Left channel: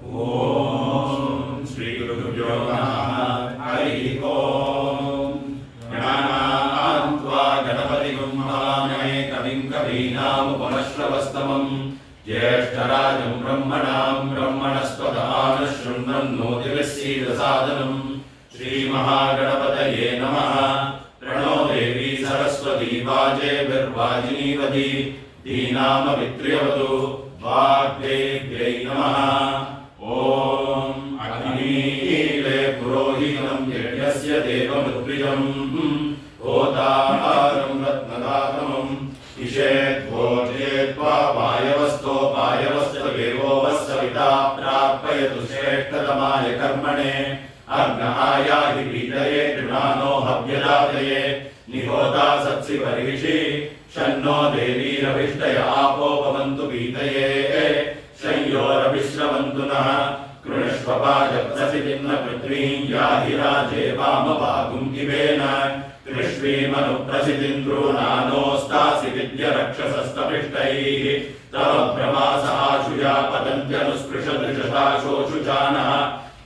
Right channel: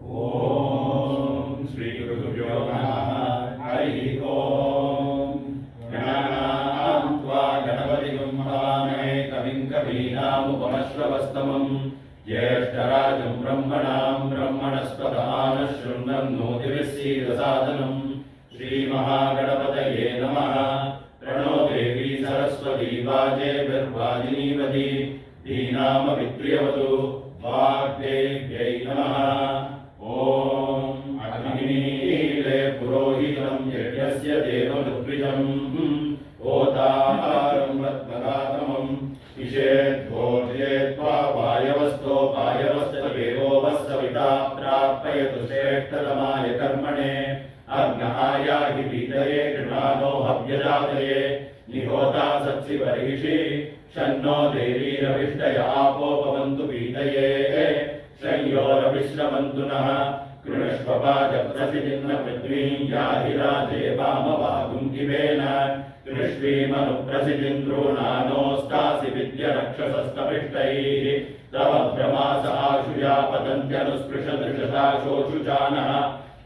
ओम श्री गुरुभ्यो नमः। हरि ओम। गणानान्त्वा गणपतिगुं महामहे कविं कवीनामुपमश्रवस्तमं ज्येष्ठराजं ब्रह्मणां ब्रह्मणस्पदानः शृण्वन्नोतिभिः सीदसादनं श्रीमहागणपतये नमः। प्रणो देवी सरस्वती वाजेभिर्वाजिनीवती धीनामवित्र्यवतु वाग्देव्यै नमः। ओम अग्निले पुरोहितं यज्ञस्य देवमुद्विजं होतारं रत्नदातमं इषेद्भोजेत्वा वायवस्तोपायवस्तदेवो वस्सविता प्रापयतु श्रेष्ठतमाय कर्मणे अग्नहायाहि पीतये कृणानो हव्यदातये निहोता सत्सि बर्हिषि शन्नो देवीरभिष्टय आपो भवन्तु पीतये शय्योरभिश्रवन्तु नः कृणुष्वपाजप्रसिद्धिं न पृथ्वीं याहि राजे वामभागुं किवेन कृष्वीमनुप्रसिद्धिं द्रोणानोस्तासि विद्यरक्षसस्तपृष्टैः तव भ्रमास आशुया पतन्त्यनुस्पृशदृशताशोषुचानः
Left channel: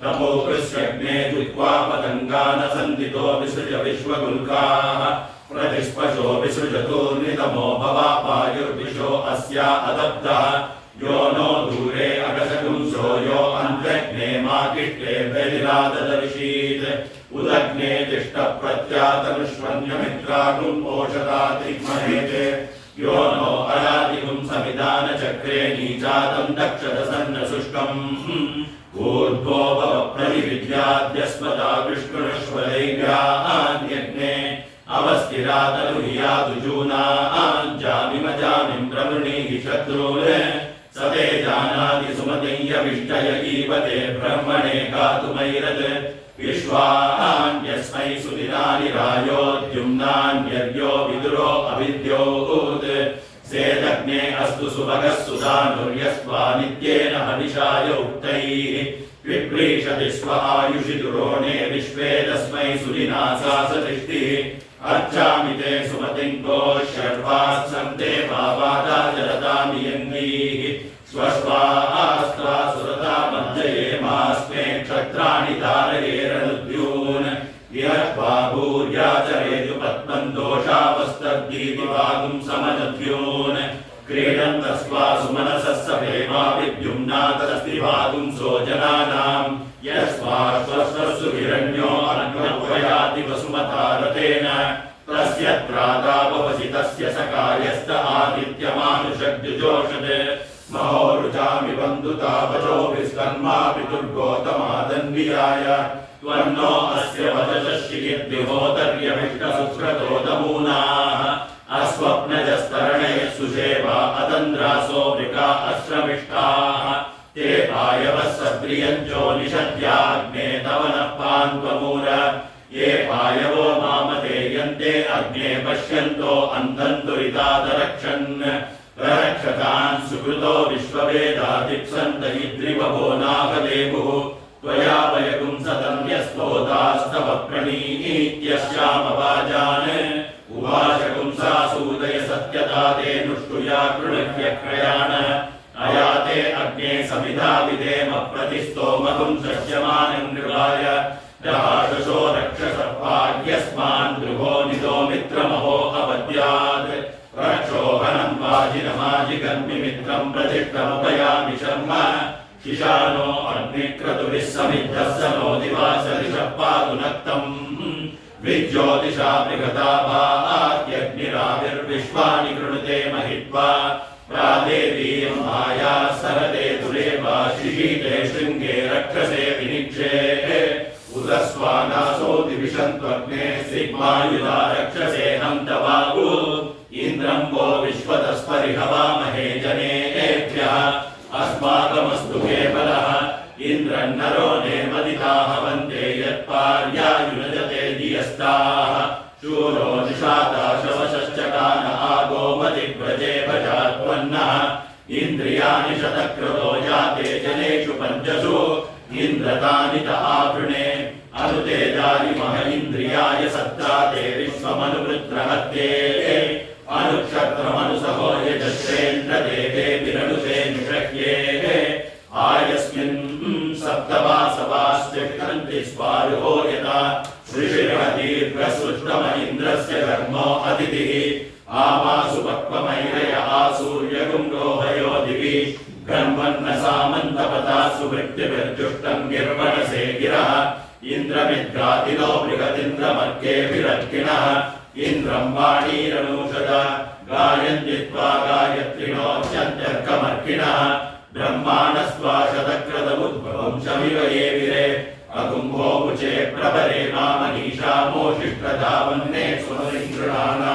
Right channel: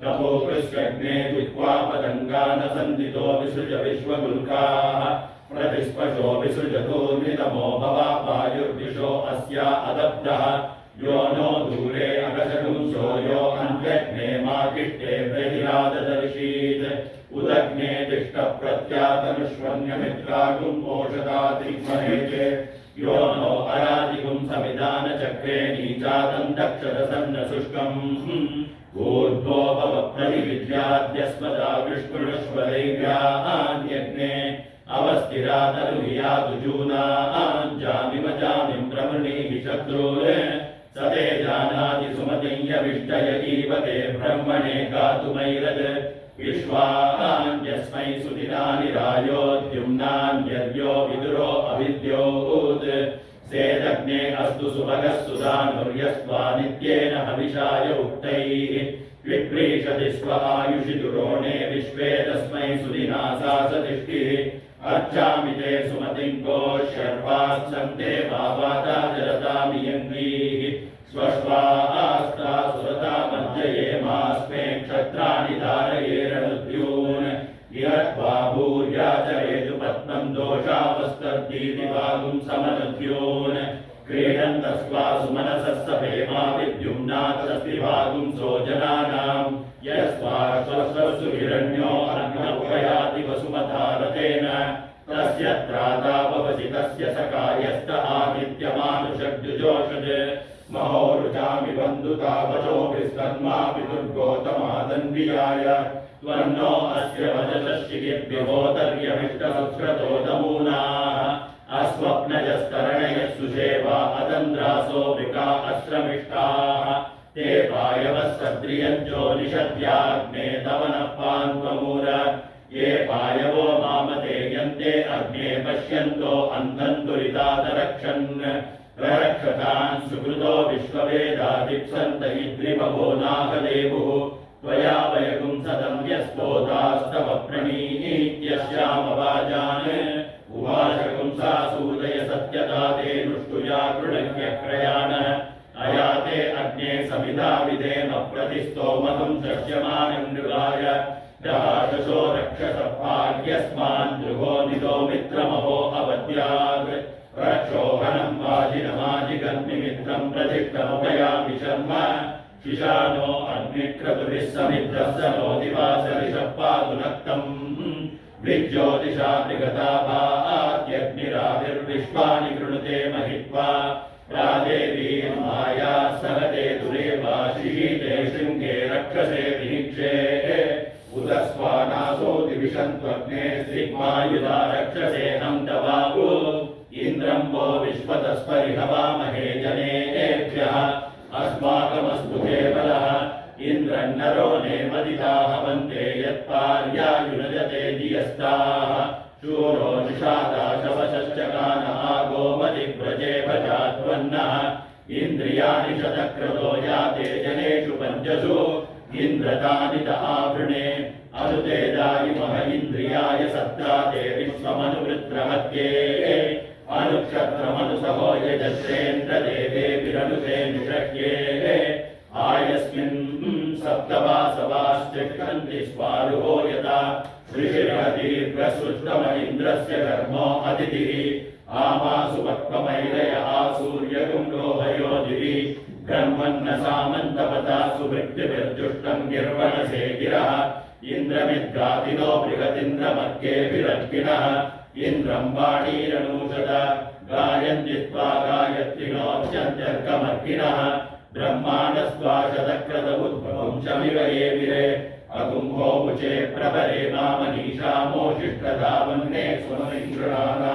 तपोकृष्यग्ने जिह्वा पतङ्गान सन्दितो विसृज विश्वगुल्काः प्रतिस्पशो विसृजतो नितमो भवापायुर्विशो अस्या अदब्धः यो नो दूरे अगसगुंसो यो अन्धग्ने माकिष्टे व्यधिराददर्शीत् उदग्ने तिष्ठप्रत्यातनुष्वन्यमित्रागुं पोषदातिग्महेते यो नो अरादिगुं समिदानचक्रे नीचादं दक्षदसन्नशुष्कम् ऊर्ध्वो भवप्रतिविद्याद्यस्मदा विष्णुष्वदैव्यान्यग्ने अवस्थिरातनुह्यातुजूनाञ्जामिमजामिं प्रवृणीहि शत्रून् स ते जानाति सुमतिं यविष्टय इव ते ब्रह्मणे गातुमैरत् विश्वान्यस्मै सुदिनानि रायोद्युम्नान्यर्यो विदुरो अविद्योत् सेदग्ने अस्तु सुभगः सुधानुर्यस्वा नित्येन हविषाय उक्तैः विप्रीषति स्व आयुषि दुरोणे विश्वे तस्मै सुदिनासा सतिष्ठिः अर्चामि ते सुमतिं गोशर्वात्सन्ते भावादाचरतामियङ्गीः स्वश्वास्त्वा सुरता मज्जयेमास्मे क्षत्राणि धारयेरनुद्यून् विहत्वा भूर्याचरेतु पद्मं दोषावस्तद्गीतिभागुं समनद्यून् क्रीडन्तस्वा सुमनसः सभेमा विद्युम्नातस्तिभागुं सोजनानां यस्वाश्वस्वसु हिरण्यो अन्नपुरयाति वसुमतारतेन तस्य त्रादाववसि तस्य सकायस्त आदित्यमानुषग्जुजोषत् महोरुचामि बन्धुतावचो विस्तन्मा पितुर्गोतमादन्वियाय त्वन्नो अस्य वचसः शिगिर्विहोतर्यभिष्टसुक्रतो नमूनाः अस्वप्नजस्तरणयः सुषेवा अतन्द्रासो वृका अश्रमिष्टाः ते पायवः सद्रियञ्चो निषद्याग्ने तव नः पान्त्वमूर ये पायवो मामते यन्ते अग्ने पश्यन्तो अन्धन्तुरितादरक्षन् प्ररक्षतान् सुकृतो विश्ववेदादिप्सन्त इद्रिवभो नाभदेवुः त्वया वयगुं सतं यस्तोतास्तव प्रणीत्यश्यामवाजान् उवाचकुं सासूदय सत्यता ते नुष्टुया कृणह्यक्रयाण अयाते अग्ने समिधा विदेम प्रतिस्तोमकुं सह्यमानं नृगाय दहादशो रक्षसर्पाद्यस्मान् दृभो निदो मित्रमहो अवद्यात् रक्षोहनं वाजिनमाजिगर्मिमित्रं प्रतिष्ठमुपयामि शर्म शिशानो अग्निक्रतुभिः समिद्धः स नो दिवासरिषः पातु नक्तम् विज्योतिषा मृगता भाग्यग्निराविर्विश्वानि कृणुते महित्वा प्रादेवीं माया सहते दुरेवा शिशीते शृङ्गे रक्षसे विनिक्षे उदस्वानासो दिविशन्त्वग्ने सिग्मायुधा रक्षसे हन्तवागु इन्द्रं वो विश्वतस्परिहवामहे जनेभ्यः अस्माकमस्तु केवलः इन्द्रन्नरो नेमदिताः वन्दे यत्पार्यायुनजते धियस्ताः शूरो निषादाशवशश्चकान आगोमदिव्रजे भजात्वन्नः इन्द्रियाणि शतक्रतो याते जनेषु पञ्चसु इन्द्रतानि त आवृणे अनुते दारिमह इन्द्रियाय सत्ताते विश्वमनुवृत्रहत्ये अनुक्षत्रमनुसहो यजस्रेन्द्रदेवे विरनुते निषह्ये आयस्मिन् गायन्ति स्वारुहो यथा ऋषिः दीर्घसृष्टम इन्द्रस्य कर्मो अतिथिः आमासु पक्वमैरयः सूर्यगुं रोहयो दिवि गन्वन्न सामन्तपता सुवृत्तिभिर्जुष्टं गिर्वणसे गिरः इन्द्रमिद्गातिलो बृहदिन्द्रमर्केभिरर्किणः इन्द्रं वाणीरनूषद गायन्ति त्वा गायत्रिणोऽत्यन्त्यर्कमर्किणः ब्रह्माणस्त्वा शतक्रतमुद्भवं शमिव ये विरे अकुम्भो मुचे प्रभरे मामनीषामोषिष्टधावन्ने स्वनिगृणाना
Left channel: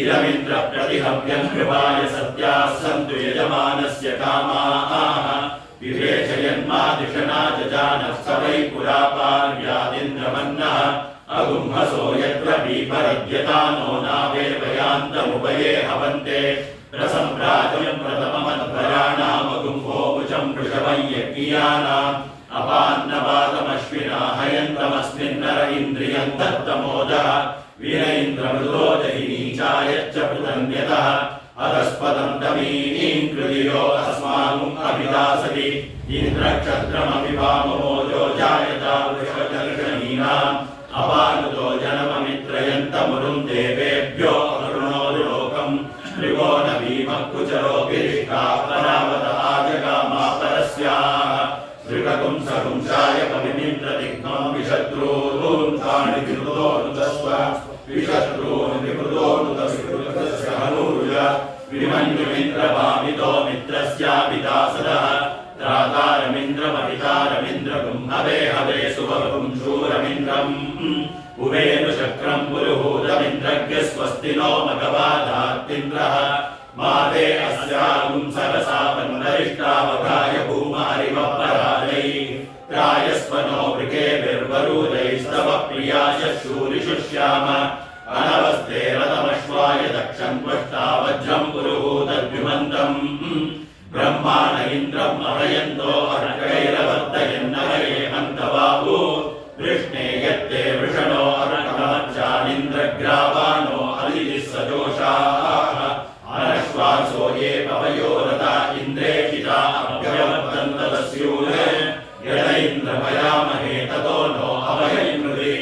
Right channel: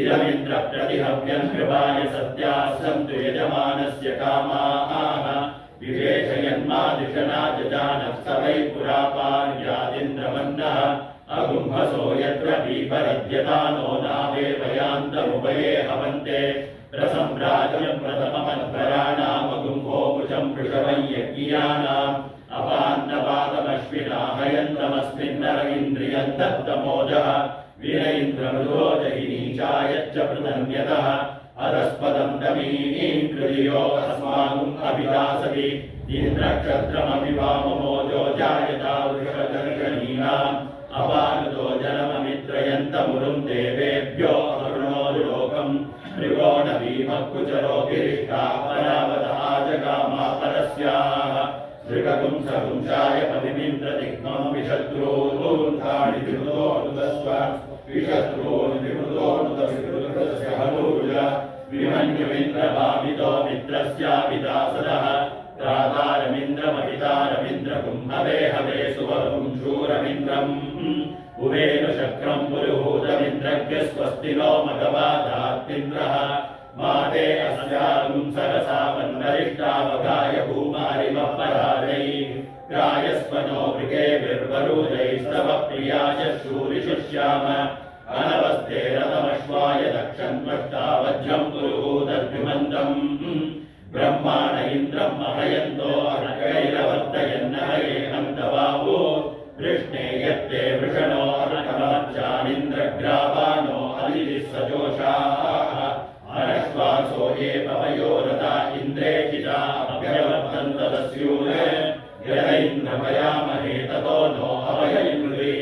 इदमिन्द्र प्रतिहव्यं कृपाय सत्याः सन्तु यजमानस्य कामाः विवेचयन्मादिशना जजानः स वै पुरा पार्यादिन्द्रमन्नः अगुम्हसो यत्र बीभरद्यतानो नावेवयान्तमुभये हवन्ते प्रसम्प्राजं प्रथममध्वराणामगुम्भो मुचं वृषभं यज्ञियानाम् अपान्नवातमश्विना हयन्तमस्मिन्नर इन्द्रियं दत्तमोदः वीर इन्द्रमृदो जहिनीचायच्च पृतन्यतः अधस्पदं तमीनीं कृतियो अस्माकम् अभिदासति इन्द्रक्षत्रमपि वाममोजो जायता वृषभदर्शनीनाम् अपानुतो जनममित्रयन्तमुरुं देवेभ्यो अरुणोरुलोकम् त्रिकोणभीमकुचरोऽभिरिष्टा परावत आजगामा परस्याः दृगपुंसपुंसाय कविमिन्द्रदिग्मं विशत्रून् तानि विमृतोऽनुदस्व विशत्रून् विमृतोऽनुदस्य हनूरुज विमन्युमिन्द्रभामितो मित्रस्याभिदासदः त्रातारमिन्द्रमभितारमिन्द्रकुम्भवे हवे सुवपुं शूरमिन्द्रम् उवेनुशक्रं पुरुहूतमिन्द्रज्ञ स्वस्ति नो मघवादात्मिन्द्रः माते अस्यागुं सरसा वन्दरिष्टावगाय भूमारिमपराजै प्रायस्वनो वृकेभिर्वरूदैस्तव प्रियाय शूरिषुष्याम अनवस्ते रथमश्वाय दक्षन्वष्टा वज्रं पुरुहूतद्युमन्तम् ब्रह्माण इन्द्रम् अहयन्तो अर्कैरवर्तयन्नहयेमन्तबाहु वृष्णे यत्ते वृषणो अर्कमच्चानिन्द्रग्रावानो अदितिः सजोषाः अनश्वासो ये पवयो रता इन्द्रेषिता अभ्यवर्तन्त तस्यूले यद इन्द्रमयामहे ततो नो अभयैमृदि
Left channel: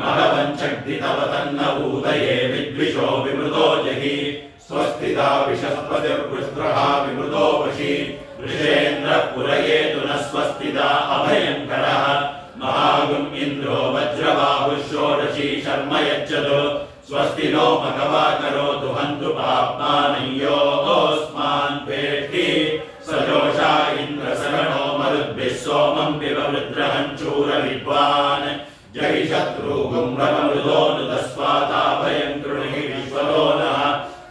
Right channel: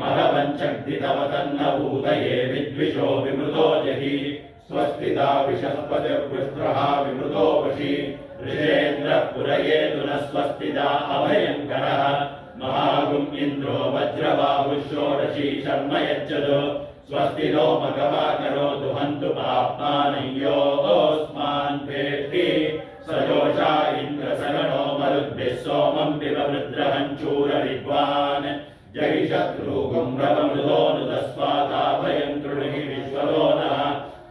मघवञ्चग्धितवतन्न भूतये विद्विषो विमृतो जहि स्वस्तिदा विषस्पतिर्वृष्ट्रः विमृतो वशी वृषेन्द्रः पुरयेतु न स्वस्तिदा अभयङ्करः महागुम् इन्द्रो वज्रबाहुः षोडशी शर्म यच्छतु स्वस्ति नो मघवा करोतु हन्तु पाप्मानयोऽस्मान् वेष्टि सजोषा इन्द्रसरणो मरुद्भिः सोमं विववृद्रहञ्चूरविद्वान् जहि शत्रुगुम्भवमृदोऽनुदस्वादाभयं कृणुहि विश्वतो नः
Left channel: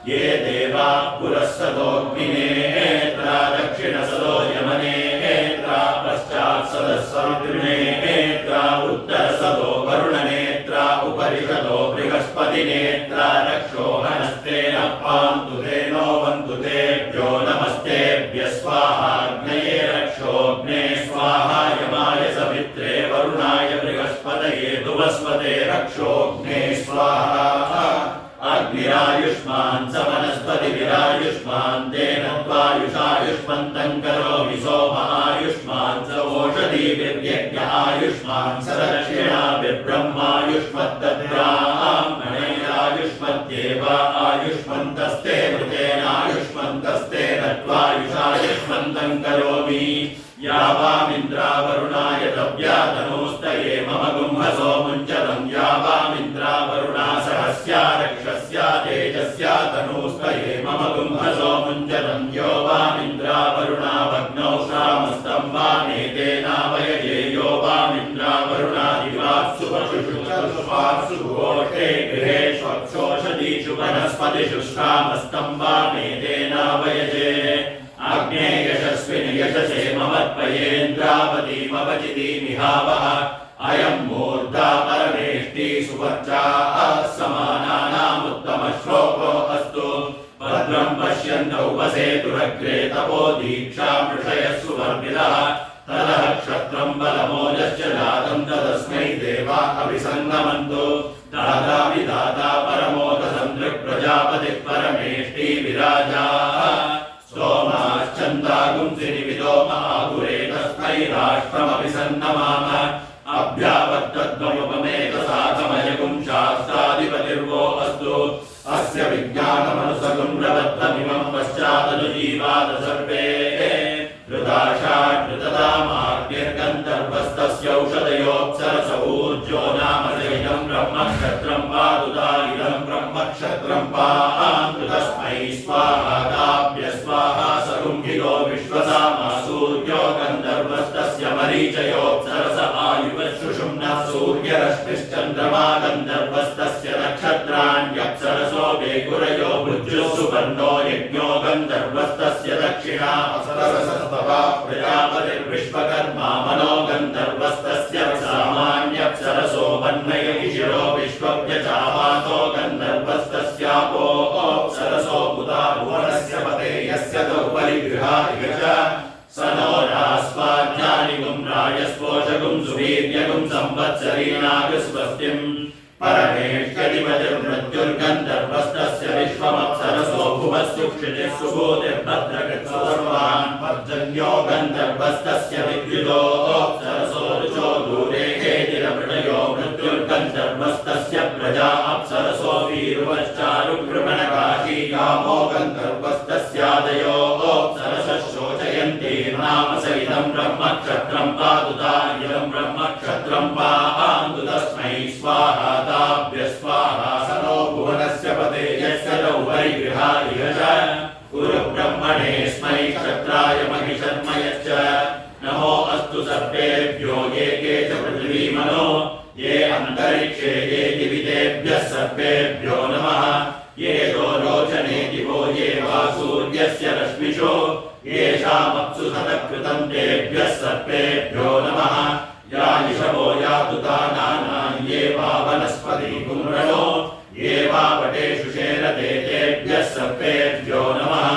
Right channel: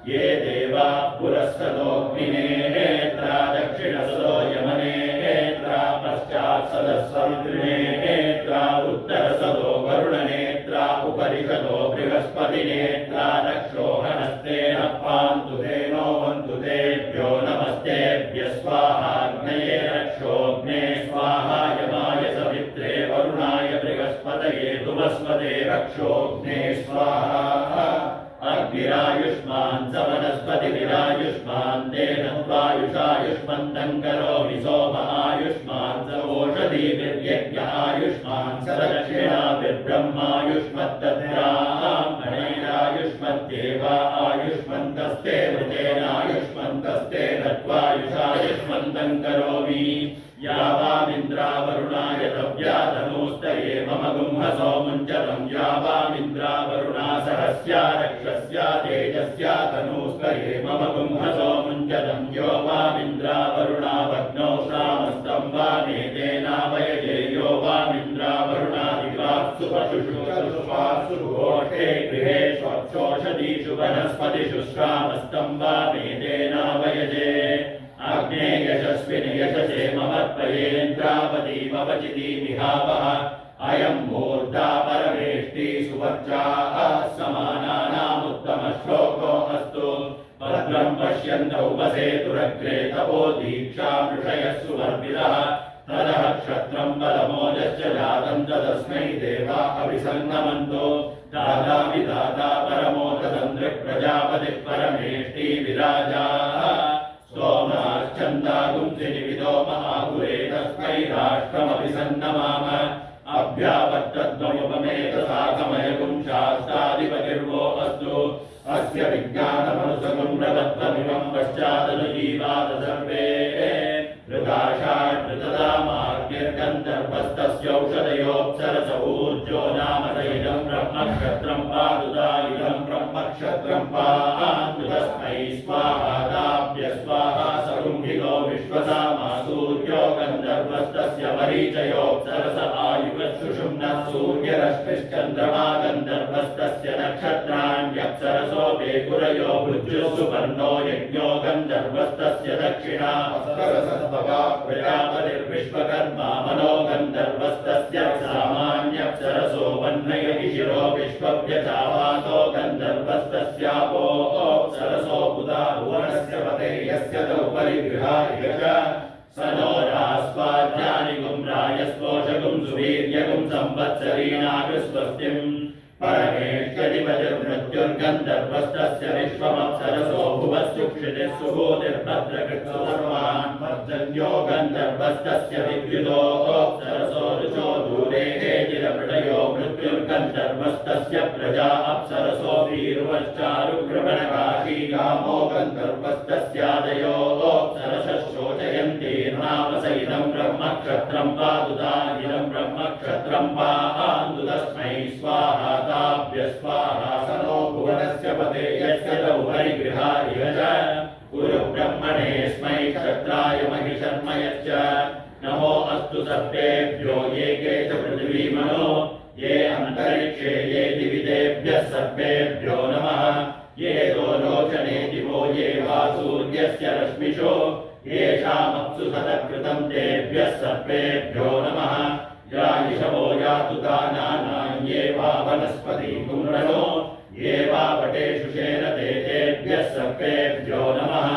ये देवा पुरःसदोऽग्निनेत्रा दक्षिणसदो यमनेत्रा पश्चात् सदस्सवितृनेत्रा उत्तरसदो वरुणनेत्रा उपरिषदो बृहस्पतिनेत्रा रक्षोहनस्तेन पान्तु धेनो वन्तु तेभ्यो नमस्तेभ्यः स्वाहाग्नये रक्षोऽग्ने स्वाहा यमाय सवित्रे वरुणाय बृहस्पतये तुवस्पते रक्षोऽग्ने स्वाहा अग्निरायुष्मान् स वनस्पतिभिरायुष्मान् तेन त्वायुषायुष्मन्तं करोमि सोमायुष्मान् स ओषधीभिर्यज्ञ आयुष्मान् स दक्षिणाभिर्ब्रह्मायुष्मत्तद्ब्राह्मणैरायुष्मद्देव आयुष्मन्तस्ते मृतेनायुष्मन्तस्तेन त्वायुषायुष्मन्तं करोमि यावामिन्द्रावरुणाय तव्यातनोस्तये मम गुम्हसो मुञ्चतं यावामिन्द्रावरुणा सहस्या रक्षस्या तेजस्या तनूस्तये मम गुम्हसो मुञ्चतं यो वामिन्द्रावरुणा भग्नौ श्रामस्तं वामेतेनावयये यो वामिन्द्रावरुणादिवात्सु पशुषु घोषे गृहेष्वक्षोषधीषु वनस्पतिषु श्रामस्तं वामेतेनावयजे अग्ने यशस्विनि यशसे ममर्पयेन्द्रावतीमवचितीमिहावः अयं मूर्धा परमेष्टि सुवर्चाः समानानामुत्तमश्लोको अस्तु भद्रं पश्यन्तौ वसेतुरग्रे तपो दीक्षा मृषयः सुवर्विदः ततः क्षत्रं बलमोजश्च जातं तदस्मै देवा अभिसङ्गमन्तो दाता विधाता परमोदसन्दृक्प्रजापतिः परमेष्टि विराजाः सोमाश्चन्दागुंसि निविदो महागुरे तस्मै राष्ट्रमभिसन्नमाम अभ्यावर्तद्वमुपमेतसाकमयगुं शास्त्राधिपतिर्वो अस्तु अस्य विज्ञानमनुसगं प्रबद्धमिमं पश्चादनुजीवाद सर्वे ऋताशाकृतदामार्ग्यर्गन्धर्वस्तस्यौषधयोऽप्सरस ऊर्जो नाम इदं ब्रह्मक्षत्रं पादुता इदं ब्रह्मक्षत्रं पान्तु तस्मै स्वाहादाभ्य स्वाहा सरुङ्गिलो विश्वसामा सूर्यो गन्धर्वस्तस्य मरीचयोऽप्सरस आयुवशुषुम्नः सूर्यरश्मिश्चन्द्रमा गन्धर्वस्तस्य नक्षत्राण्यप्सरसो वेकुरयो भुज्युः सुपर्णो यज्ञो गन्धर्वस्तस्य दक्षिणा अप्सरसस्तवा प्रजापतिर्विश्वकर्मा मनो गन्धर्वस्तस्य सामान्यप्सरसो वह्नयशिरो विश्वव्यचावातो गन्धर्वस्तस्यापो अप्सरसो बुधा भुवनस्य पते यस्य दौपरिगृहा इह च स नो रास्वाद्यानिगुं रायस्पोषगुं सुवीर्यगुं संवत्सरीनागस्वस्तिम् परमेष्यधिपतिर्मृत्युर्गन्धर्वस्तस्य विश्वमप्सरसो भुवस्सुक्षितिः सुबोधिर्भद्रकृत्सु सर्वान् पर्जन्यो गन्धर्वस्तस्य विद्युतो अप्सरसो ऋचो दूरे हेतिरमृतयो मृत्युर्गन्धर्वस्तस्य प्रजा अप्सरसो वीरुवश्चारुकृमणकाशी कामो गन्धर्वस्तस्यादयो अप्सरसः शोचयन्तीर्नाम स इदं ब्रह्मक्षत्रं पादुता इदं ब्रह्मक्षत्रं पान्तु तस्मै स्वाहा ताभ्य स्वाहा स नो भुवनस्य पते यस्य दौपरिगृहा इह च गुरु ब्रह्मणे स्मै क्षत्राय महिषर्म यश्च नमो अस्तु सर्वेभ्यो ये के च पृथिवीमनो ये अन्तरिक्षे ये दिवितेभ्यः सर्वेभ्यो नमः ये लोचने दिवो ये वा सूर्यस्य रश्मिषो येषामप्सु सतकृतं तेभ्यः सर्वेभ्यो नमः यायिषवो यातु दानानां ये वा वनस्पति कुम्रणो ये वा वटेषु शेरते तेभ्यः सर्वेभ्यो नमः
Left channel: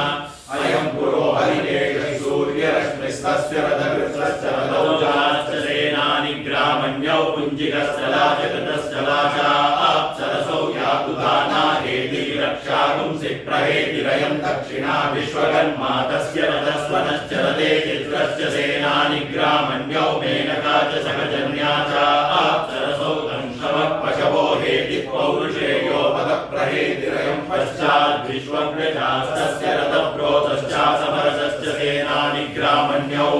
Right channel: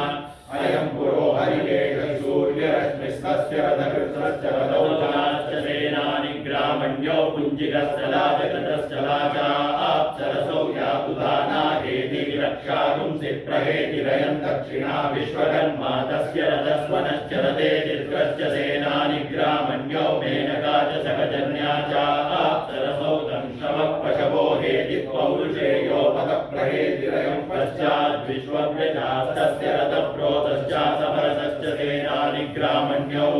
अयं पुरो हरिकेश सूर्यरश्मिस्तस्य रथकृतस्य रथौजाश्च सेनानि ग्रामण्यौ पुञ्जिकस्थलाजगतस्थलाचाप्सरसौ यातु दाना हेति रक्षागुंसि प्रहेतिरयं दक्षिणा विश्वकर्मा तस्य रथस्वनश्च रथे चित्रश्च सेनानि ग्रामण्यौ मेनका च सकजन्या चाप्सरसौ दंशवः पशवो हेति पौरुषेयो पदप्रहेतिरयं पश्चाद्विश्वव्यजास्तस्य रथप्रोतश्चासमरसश्च सेनानि ग्रामण्यौ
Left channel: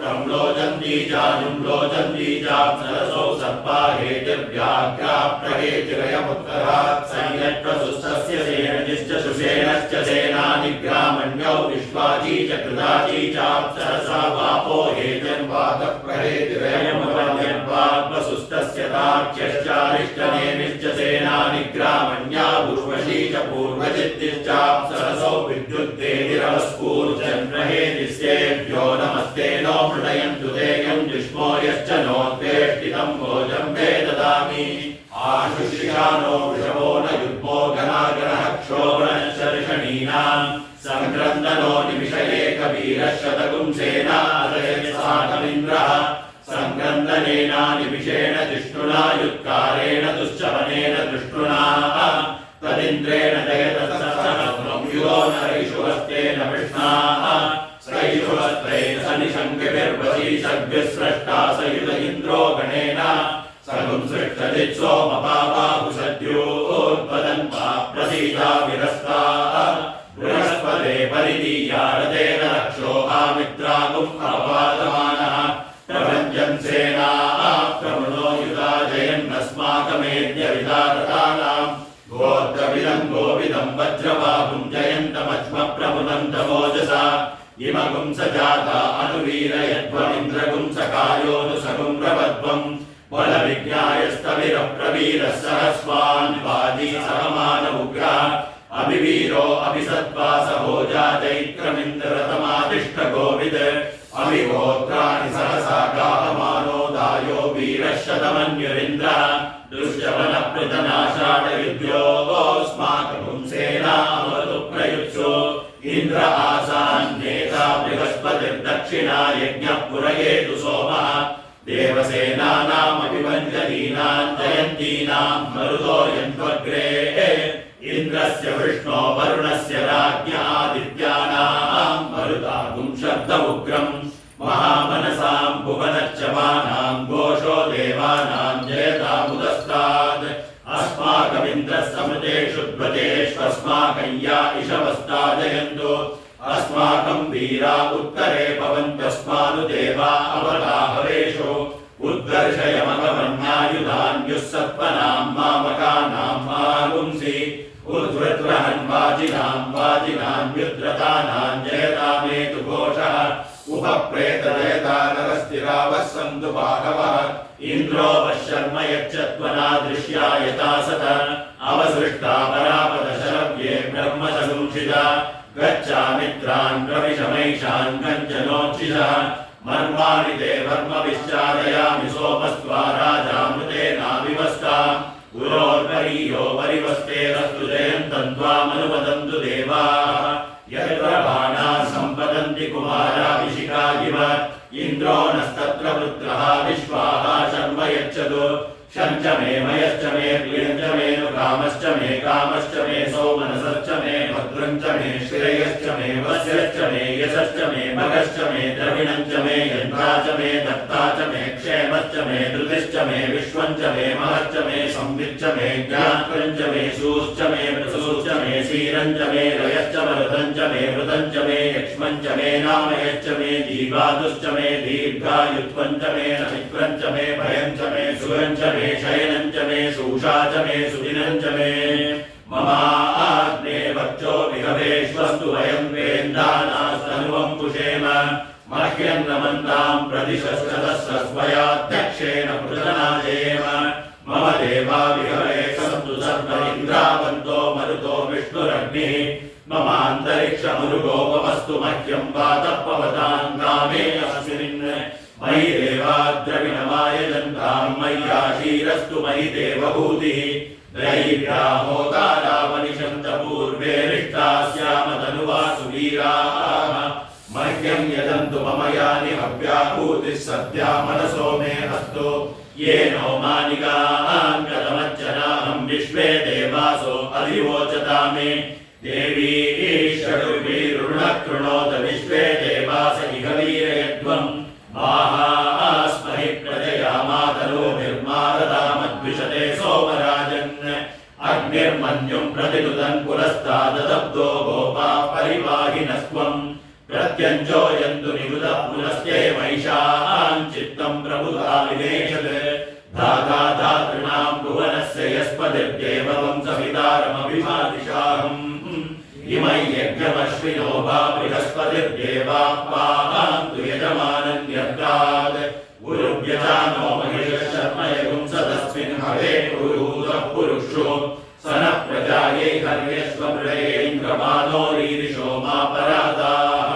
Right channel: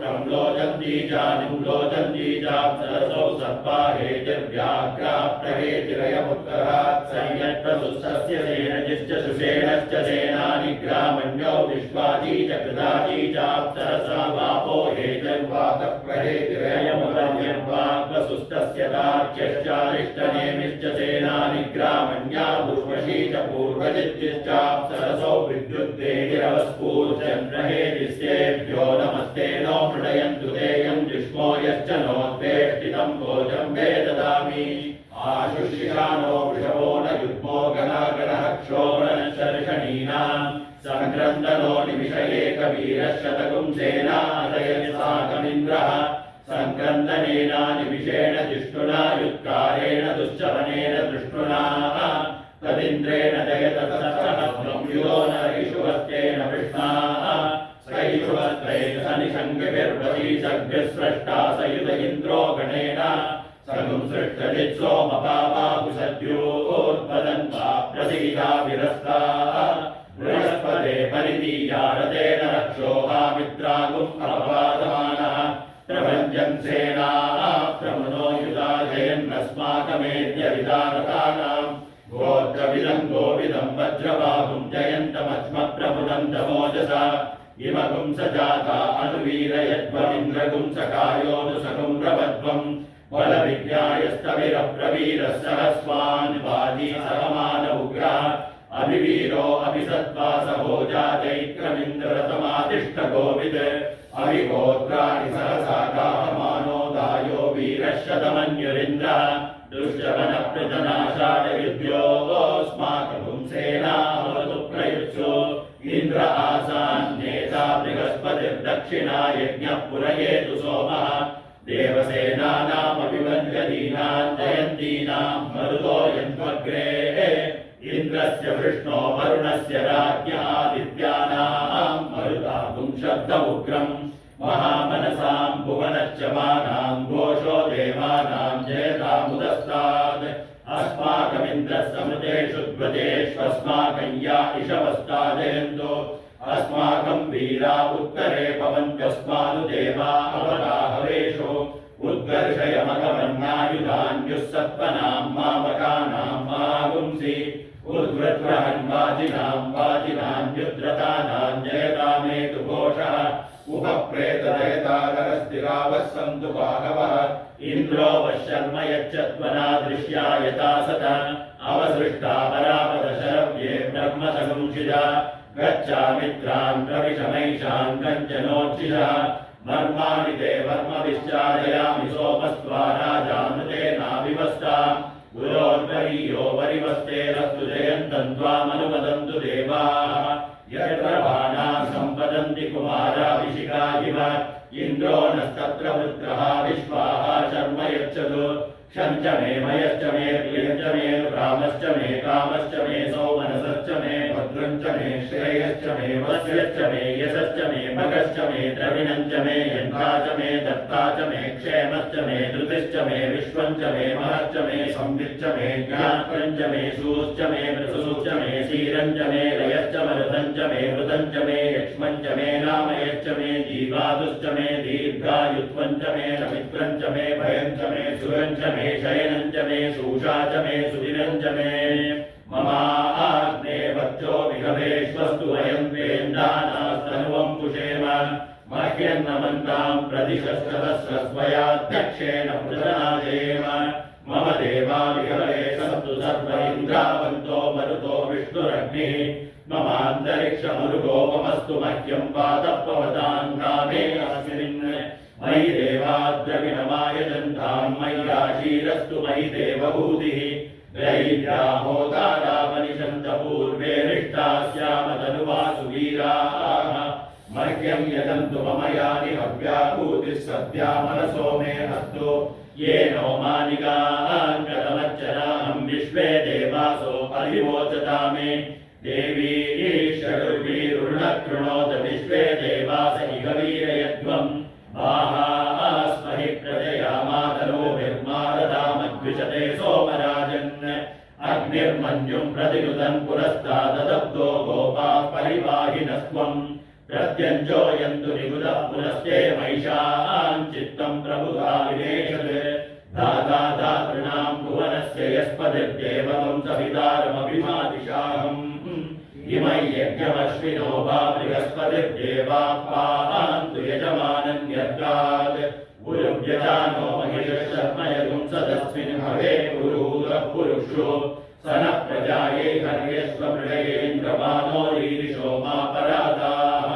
प्रम्लोचन्ती जानुं लोचन्ती चाप्सरसौ सर्पा हेतिर्व्याघ्रा प्रहेतिरयमुत्तरात् संयट्प्रसुस्तस्य सेनजिश्च सुषेणश्च सेनानि ग्रामण्यौ विश्वाजी च कृताजी चाप्सरसा वापो हेतिर्वातप्रहेतिरयमुपन्यद्वाग्वसुस्तस्य तार्क्यश्चारिष्टनेमिश्च सेनानि ग्रामण्या उर्वशी च पूर्वजिद्दिश्चाप्सरसौ विद्युद्देतिरवस्फूर्जन्रहेतिस्तेभ्यो नमस्ते नो मृडयन्तु तेयं जुष्मो यश्च नोद्वेष्टितं भोजं वे ददामि आशुषिषानो वृषभो न युग्मो गणागणः क्षोभणशर्षणीनां सङ्क्रन्दनो निमिषयेकवीरः शतगुं सेनादयसाकमिन्द्रः सङ्क्रन्दनेना निमिषेण जिष्णुना युत्कारेण दुश्चवनेन दृष्टुना तदिन्द्रेण जयतसहस्रमुयो नरैषुवस्तेन विष्णाः सैषुवस्त्रैर्निशङ्किभिर्वशीसर्भिस्रष्टा सयुत इन्द्रो गणेन सगुं सृष्टजित्सोमपापाकुशद्योर्पदन्वा प्रसीदा विरस्ताः बृहस्पते परिदीया रथेन रक्षोहामित्रागुम् अपवादमानः प्रभञ्जन् सेनाः प्रमुनो युधाजयन्नस्माकमेद्य विदारतानां गोत्रविदं गोविदं वज्रबाहुं जयन्तमज्म प्रमुनन्तमोजसा इमगुं स जाता अनुवीरयध्वमिन्द्रगुं सकायोऽनुसगुं रवध्वम् बलविज्ञायस्तविरप्रवीरः सहस्वान् वाजी सहमान उग्रः अभिवीरो अभिसत्त्वासहोजा चैत्रमिन्द्रतमातिष्ठ गोविद अभिगोत्राणि सहसा गाहमानो दायो वीरः शतमन्युरिन्द्रः दुष्यवनप्रजनाषाढयुध्योऽस्माकं सेनामवतु प्रयुत्सु इन्द्र आसान्नेता बृहस्पतिर्दक्षिणा यज्ञः पुरयेतु सोमः देवसेनानामभिवञ्जतीनां जयन्तीनां मरुतो यन्त्वग्रे इन्द्रस्य विष्णो वरुणस्य राज्ञादित्यानां मरुतागुं शब्दमुग्रम् महामनसां भुवनच्चवानां घोषो देवा इन्द्रस्समृतेषु ध्वजेष्वस्माकं या इषवस्ताजयन्तु अस्माकं वीरा उत्तरे भवन्त्यस्मानुदेवा अवगाहवेषु उद्वर्षयमगमन्नायुधान्युः सत्त्वनां मामकानां मागुंसि उद्वृत्रहन् वाजिनान्युद्रतानां जयतामेतु घोषः उपप्रेतजयतारस्तिरावः सन्तु बाहवः इन्द्रो वशर्म यच्चत्वनादृश्या यथा सत अवसृष्टा परापदशरव्ये ब्रह्मसंशिजा गच्छामित्रान् प्रविशमैषान् कञ्चनोच्छिषः मर्माणि ते वर्मविश्चारयामि सोमस्त्वा राजामृतेनाविवस्ता गुरोर्वरीयो वरिवस्तेरस्तु जयन्तम् त्वामनुवदन्तु देवाः यत्र बाणाः सम्पतन्ति कुमाराभिषिका इव इन्द्रो नस्तत्र वृत्रः विश्वाः शर्म यच्छतु शञ्च मे मयश्च मे प्रियञ्च मे कामश्च मे सौमनसश्च मे भद्रञ्च मे श्रेयश्च मे वस्यश्च मे यशश्च मे भगश्च मे द्रविणञ्च मे यन्त्रा च मे दत्ता च मे क्षेमश्च मे धृतिश्च मे विश्वञ्च मे महश्च मे संविच्च मे ज्ञात्रञ्च मे सूश्च मे प्रसूश्च मे सीरञ्च मे रयश्च मरुदञ्च मे मृतञ्च मे यक्ष्मञ्च मे नामयश्च मे जीवादुश्च मे दीर्घायुत्वञ्च मे रविक्रञ्च मे भयञ्च मे सुरञ्च मे शयनञ्च मे शूषा च मे सुदिनञ्च मे ममाग्ने वक्षो विहवेश्वस्तु वयं वेन्दानास्तनुवं पुषेम मह्यं नमन्तां प्रतिशस्त्रदस्रस्वयाध्यक्षेण पृतनाजेम मम देवा विहवे सन्तु सर्व इन्द्रावन्तो मरुतो विष्णुरग्निः ममान्तरिक्षमरुगोपमस्तु मह्यं वातपवतां कामे अस्मिन् मयि देवाद्रविणमायजन्तां मय्याशीरस्तु मयि देवभूतिः दैव्या होतारावनिषन्त पूर्वे रिष्टाः स्याम तनुवासु वीराः मह्यं यजन्तु मम यानि हव्याभूतिः सद्या मनसो मे अस्तु येनो मानिकाङ्गतमच्चनाहं विश्वे देवासो अधिवोचता मे देवी षडुर्वीरुणकृणोत विश्वे देवास इह वीरयध्वम् माहास्महि प्रजया मातरोभिर्मारदामद्विषते सोमराजन् अग्निर्मन्युं प्रतिनुदन् पुरस्ताददब्दो गोपाः परिवाहिनस्त्वम् प्रत्यञ्जोयन्तु निरुदः पुनस्ते महिषान् चित्तं प्रबुधा विनेशत् धाता धातॄणां भुवनस्य यस्पतिर्देवं सवितारमभिमादिशाहम् इमै यज्ञमश्विनो वा बृहस्पतिर्देवाः पान्तु यजमानन्यर्गात् गुरुव्यजानो महिषशर्मयगुं सदस्मिन् हवे पुरुहूतः पुरुषो सनः प्रजायै हर्यश्वमृडयेन्द्रमानो रीरिषो मापरादाः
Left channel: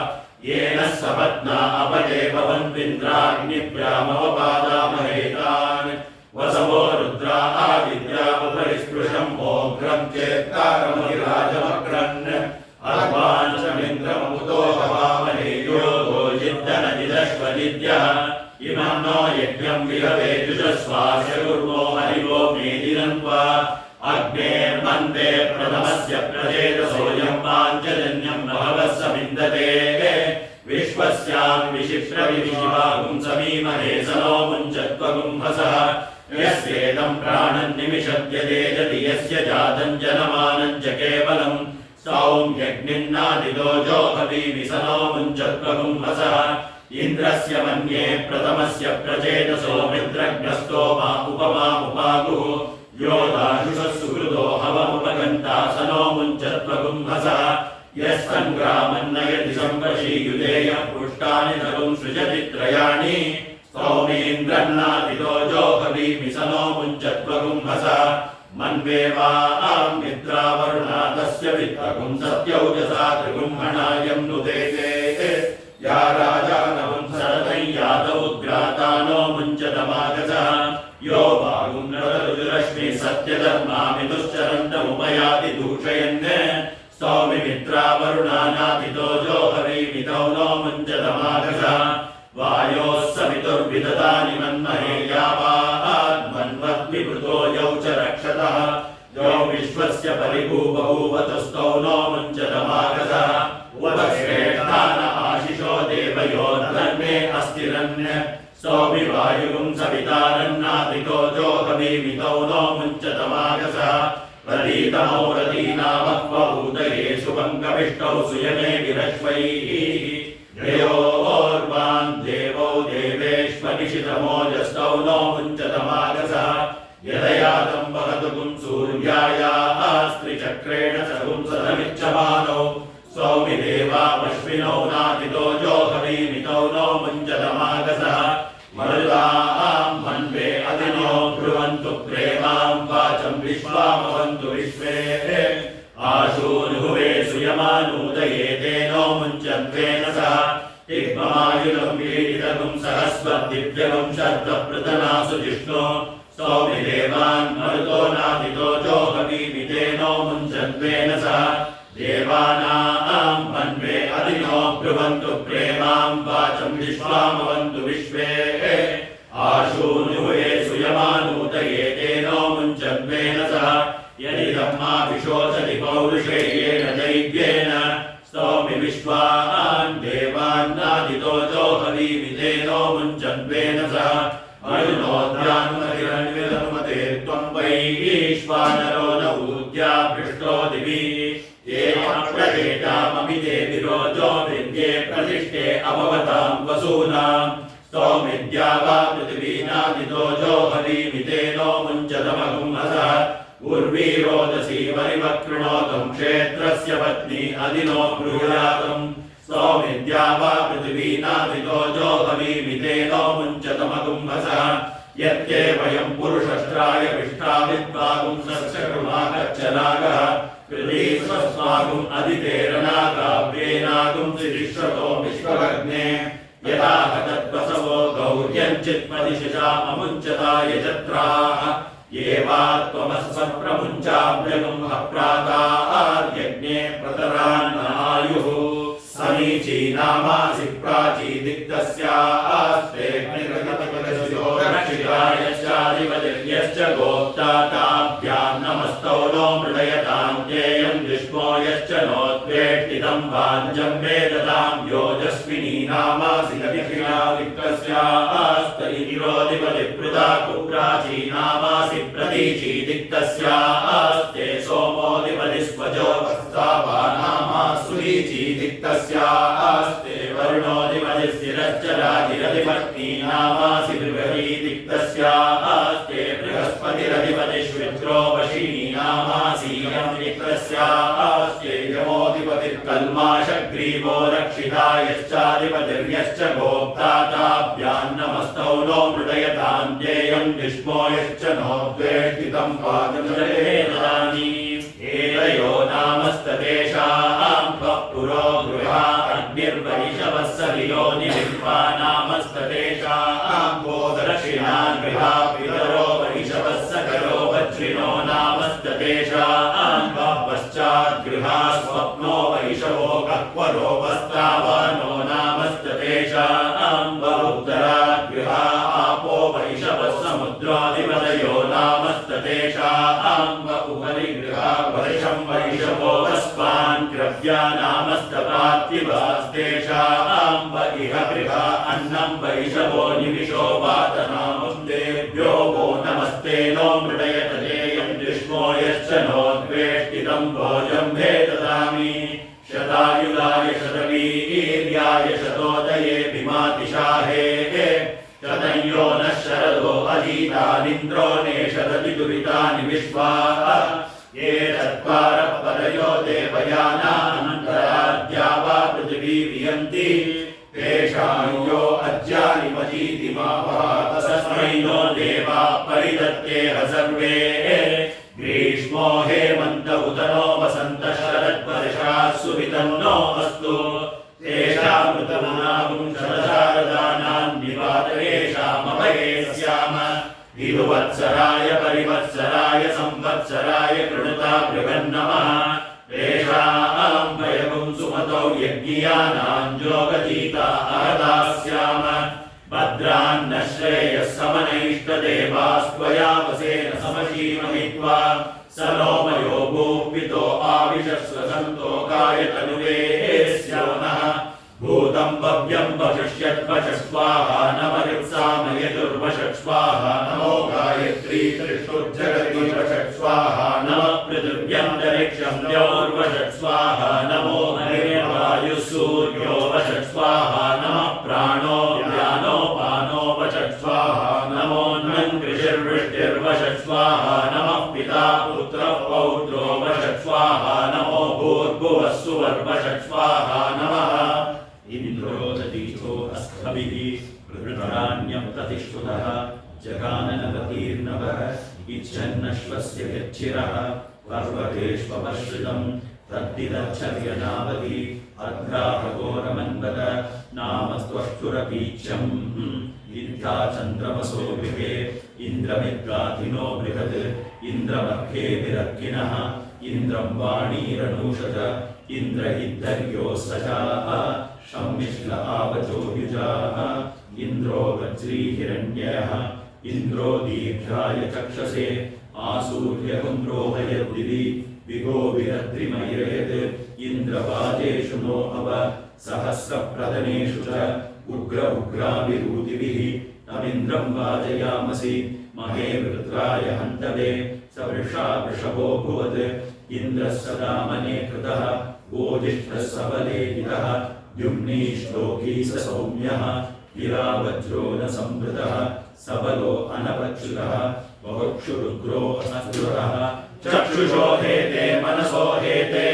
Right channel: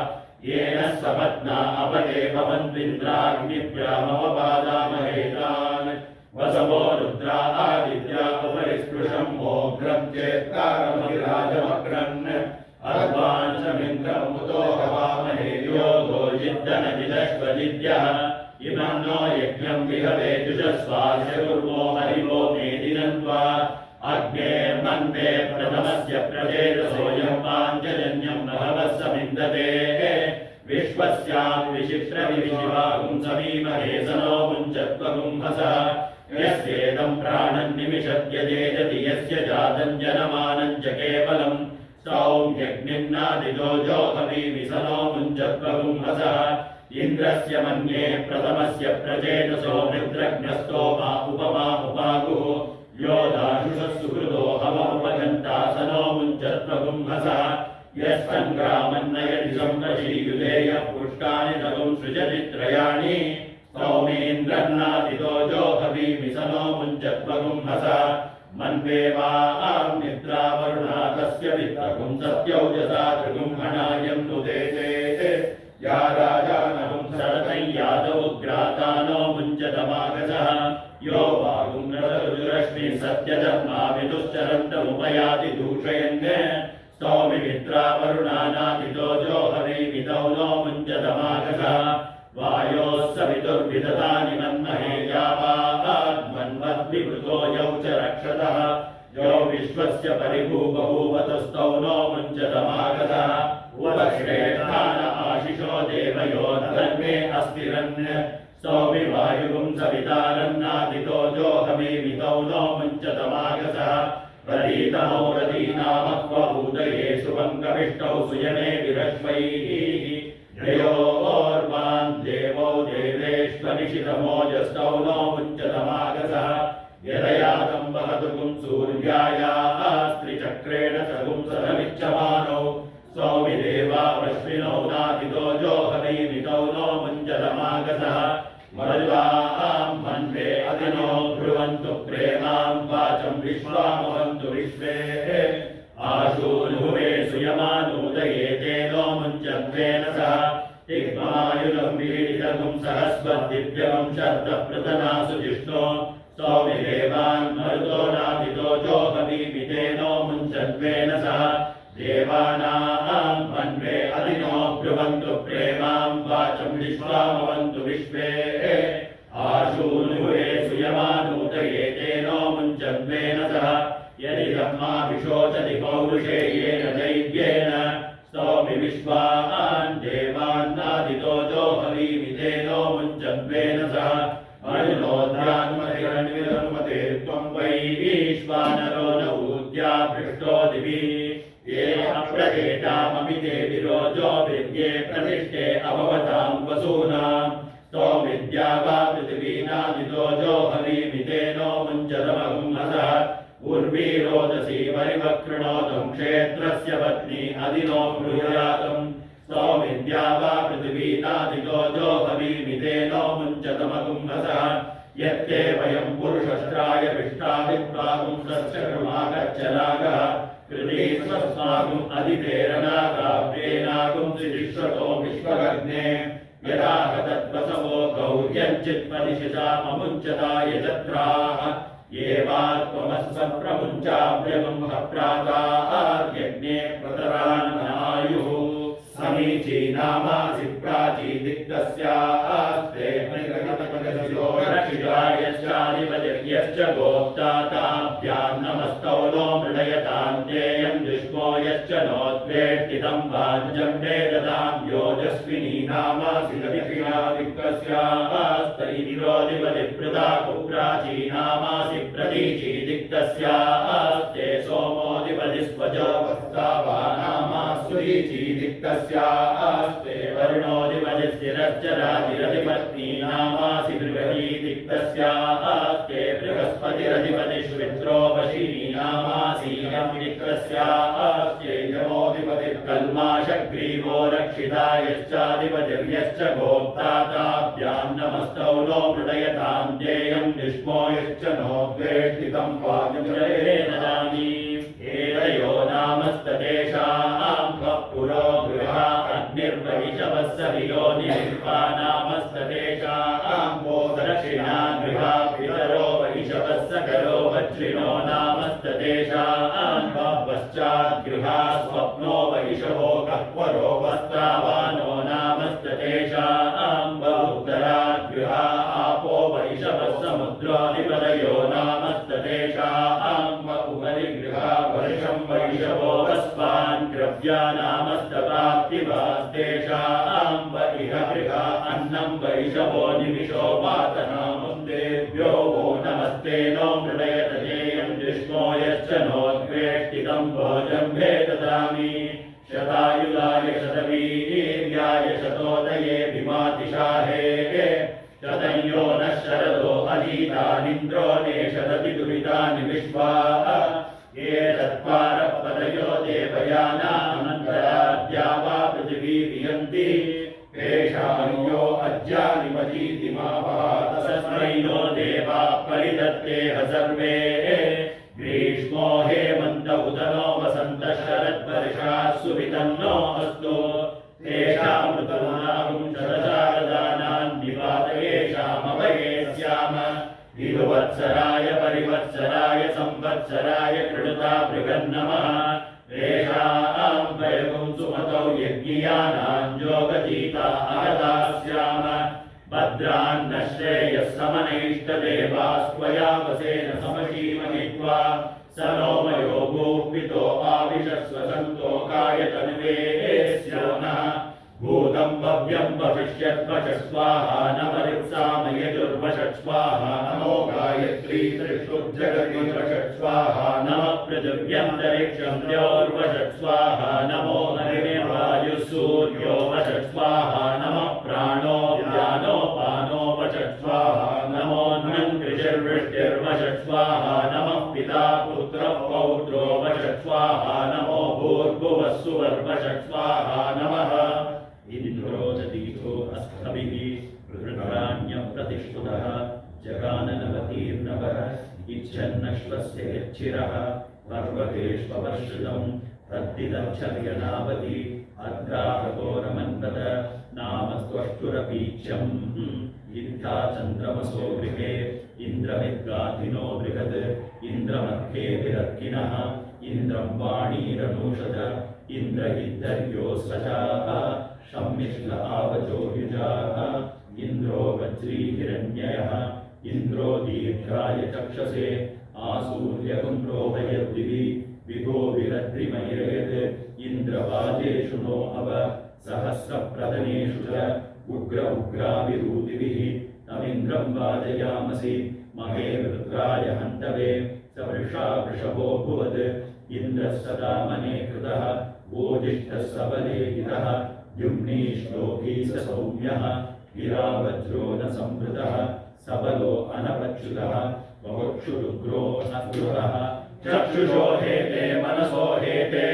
येन सपत्ना अपये भवन्विन्द्राग्निभ्यामवपादामहेतान् वसवो रुद्रा आदिद्यामुपरिस्पृशम् ओघ्रं चेत्कारमधिराजमक्रन् अर्वाञ्चमिन्द्रममुतो हवामहे योगो जिद्दनजिदश्वजिद्यः इमं नो यज्ञं विहवे जुषस्वास्य कुर्मो हरिवो मेदिनन्त्वा अग्नेर्मन्ते प्रथमस्य प्रजेतसोऽयं पाञ्चजन्यं बहवः समिन्दते विश्वस्यां विशिप्रविशिवागुं समीमहे सनो मुञ्चत्वगुंहसः यस्येदं प्राणं निमिषद्यदेजति यस्य जातं जनमानं च केवलं सौम्यग्निन्नादितो जोहवीमि सनो मुञ्चत्वगुंहसः इन्द्रस्य मन्ये प्रथमस्य प्रचेतसो मित्रग्नस्तो मा उपमामुपागुः यो दाशुषः सुहृदो हवमुपगन्ता सनो मुञ्चत्वगुंहसः यस्सङ्ग्रामन्नयति संवशीयुधेयः पुष्टानि नगुं सृजति त्रयाणि सौमेन्द्रन्नादितो जोहवीमि सनो मुञ्चत्वगुंहसः मन्वेवां निद्रावरुणा तस्य वित्तगुं सत्यौजसा त्रिगुंहणायं नुदेते या राजानवं सरतं यादौ ग्रातानो मुञ्चतमागसः यो वागुं सत्यधर्मामितुश्चरन्तमुपयाति दूषयन् स्तौमिमित्रावरुणानादितो जोहवीमितौ नो मुञ्चतमागसः वायोः सवितुर्विदधानि मन्महे यावान्वद्विवृतो यौ च रक्षतः यो विश्वस्य परिभूबभूवतुस्तौ नो मुञ्चतमागसः उपश्रेष्ठान आशिषो देवयोर्धर्मे अस्तिरन् सौमिवायुगुं सवितारन्नादितो जोहवीमितौ नो मुञ्चतमागसः प्रीतमो रतीनामक्वभूतये सुपङ्कविष्टौ सुयने विरश्वैः त्रयोर्वान् देवौ देवेष्वनिशितमोजस्तौ नो मुञ्चतमागसः यदयातं वहतु पुं सूर्यायाः स्त्रिचक्रेण सहुं सदमिच्छमानौ सौमि देवामश्विनौ नातितो जोहवीमितौ नो मुञ्चतमागसः मरुतां मन्वे अदिनो ब्रुवन्तु प्रेमां वाचं विश्वामवन्तु विश्वे आशूनुहुवे सुयमानूदये तेनो मुञ्चन्त्वेन सह तिग्मायुलं वीडितगुं सहस्वद्दिव्यगुं शब्दप्रतनासु जिष्णो सौमि देवान् मरुतो नादितो जोहवीमितेनो मुञ्चन्त्वेन सह देवानां मन्वे अदिनो ब्रुवन्तु प्रेमां वाचं विश्वामवन्तु विश्वे आशूनुहुवे सुयमानूदये तेनो मुञ्चन्त्वेन सह यदिदं माभिशोचति पौरुषेयेन दैव्येन स्तौमि विश्वान् देवान्नादितो जोहवीमितेनो मुञ्चन्त्वेन सह अयुनोद्यानुमतिरन्विरनुमते त्वं वैश्वानरो न ऊद्या पृष्ठो दिवि येनप्रदेशाममिते विरोजो विद्ये प्रतिष्ठे अभवतां वसूनां स्तौमिद्या वा पृथिवीनादितो जोहवीमितेनो मुञ्चतमगुंहसः उर्वी रोदसी परिवक्तृणोतं क्षेत्रस्य पत्नी अदिनो ब्रूयातं स्तौमिद्या वा पृथिवीनादितो जोहवीमितेनो मुञ्चतमगुंहसः यत्ते वयं पुरुषष्ट्राय विष्टाविद्वागुंसस्य कृमाकच्चनागः कृतीस्वस्मागुम् अदितेरनागाभ्येनागुं सिरिश्वतो विश्वभग्ने यदा हतद्वसवो गौर्यञ्चित्पदिशिषाममुञ्चताय चत्राः ये वा त्वमस्वप्रमुञ्चाभ्यगुं हप्रातार्यज्ञे प्रतरान्नायुः समीची नामासि प्राची दिक्तस्यास्ते रक्षितायश्चाधिपतिर्यश्च गोप्ता ताभ्यां नमस्तौ नो मृदयतां ज्ञेयं युष्मो यश्च नोद्वेष्टितं वाञ्छं वेदतां योजस्विनी नामासि रविक्रिया दिक्तस्यास्तैतिरोधिपतिप्रदा कुप्राची नामासि प्रतीची दिक्तस्यास्ते सोमोधिपति स्वजो वस्तावा नामासुरीची दिक्तस्यास्ते वरुणोधिपति स्थिरश्च राजिरधिपत्नी नामासि बृहती दिक्तस्यास्ते बृहस्पतिरधिपतिष्वित्रो वशिनी नामासि यं दिक्तस्यास्ते यमोधिपतिर्कल्माषग्रीवो रक्षितायश्चाधिपतिर्यश्च गोप्ता ताभ्यां नमस्तौ नो मृदयतां ज्ञेयं युष्मो यश्च नोद्वेष्टितं पादं ददामि एतयो नामस्ततेषां पुरो गृहा अग्निर्वहिषवस्सवियो निविद्वा नामस्ततेषां गोदक्षिणा गृहा पितरो वहिषवस्सकरो वज्रिनो नामस्ततेषां पश्चाद्गृहा स्वप्नो वैषवो कक्वरो वस्तावानो नामस्ततेषां उत्तराद्गृहा आपो वैषवस्समुद्राधिपतयो नामस्ततेषां उपरि गृहा वर्षं वैषवो वस्वान् क्रव्या नामस्तपार्थिवास्तेषां इह गृहा अन्नं वैषवो निविशो वातनामुस्तेभ्यो वो नमस्ते नो मृडयत देयं जुष्मो यश्च नोद्वेष्टितं भोजं भेददामि शतायुगाय शतवीर्याय शतोदये भीमातिशाहे शतयो नः शरदो अधीतानिन्द्रो नेषदति दुरितानि विश्वा ये तत्पारपदयो देवयानानन्तराद्या वा पृथिवी वियन्ति तेषां यो अज्यानि मजीति मा तस्मै नो देवा परिदत्तेह सर्वे ग्रीष्मो हेमन्त उत नो वसन्तः शरद्वर्षाः सुवितन्नो अस्तु तेषामृतमनागुं शरशारदानां निवातयेषामभये स्याम विदुवत्सराय परिवत्सराय संवत्सराय कृणुता बृहन्नमः तेषां वयगुं सुमतौ यज्ञियानां जोगजीता अहदा स्याम भद्रान्न श्रेयः समनैष्टदेवास्त्वया वसेन समशीमहित्वा स नोमयो भूपितो आविशस्वसन्तो कायतनुवे स्यो नः भूतं भव्यं भविष्यद्वशस्वाहा नमरित्सामयजुर्वशस्वाहा नमो गायत्री त्रिष्टुर्जगति वशस्वाहा नमः पृथिव्यं ऋषिर्वृष्टिर्वषट् स्वाहा नमः पिता पुत्रः पौत्रो वषट् स्वाहा नमो भूर्भुवः सुवर्वषट् स्वाहा नमः इन्द्रो ददीतो अस्त्रभिः वृत्राण्यं प्रतिष्ठुतः जगाननवतीर्नवः इच्छन्नश्वस्य यच्चिरः पर्वतेष्वपश्रितं तद्दिदच्छर्यनावति अर्घाघोरमन्वद नाम त्वष्टुरपीच्यम् इत्था चन्द्रमसो गृहे इन्द्रमिद्गाधिनो बृहत् इन्द्रमर्घे विरर्किणः इन्द्रं वाणीरनूषज इन्द्रहिद्धर्यो सजाः शम्मिश्ल आवचो युजाः इन्द्रो वज्रीहिरण्ययः इन्द्रो दीर्घाय चक्षसे आसूर्यकुन्द्रोहयद्दिवि विगो विरद्रिमयेत् इन्द्रवाजेषु नो अव सहस्रप्रदनेषु च उग्र उग्राभिरूतिभिः तमिन्द्रं वाजयामसि महे वृत्राय हन्तवे स वृषा वृषभो भुवत् इन्द्रः सदा मने कृतः गोजिष्ठः सबलेहितः द्युम्नी श्लोकी स सौम्यः गिरा वज्रो न संवृतः सबलो अनवच्युतः बहुक्षुरुद्रो असकृतः चक्षुषो हेते मनसो हेते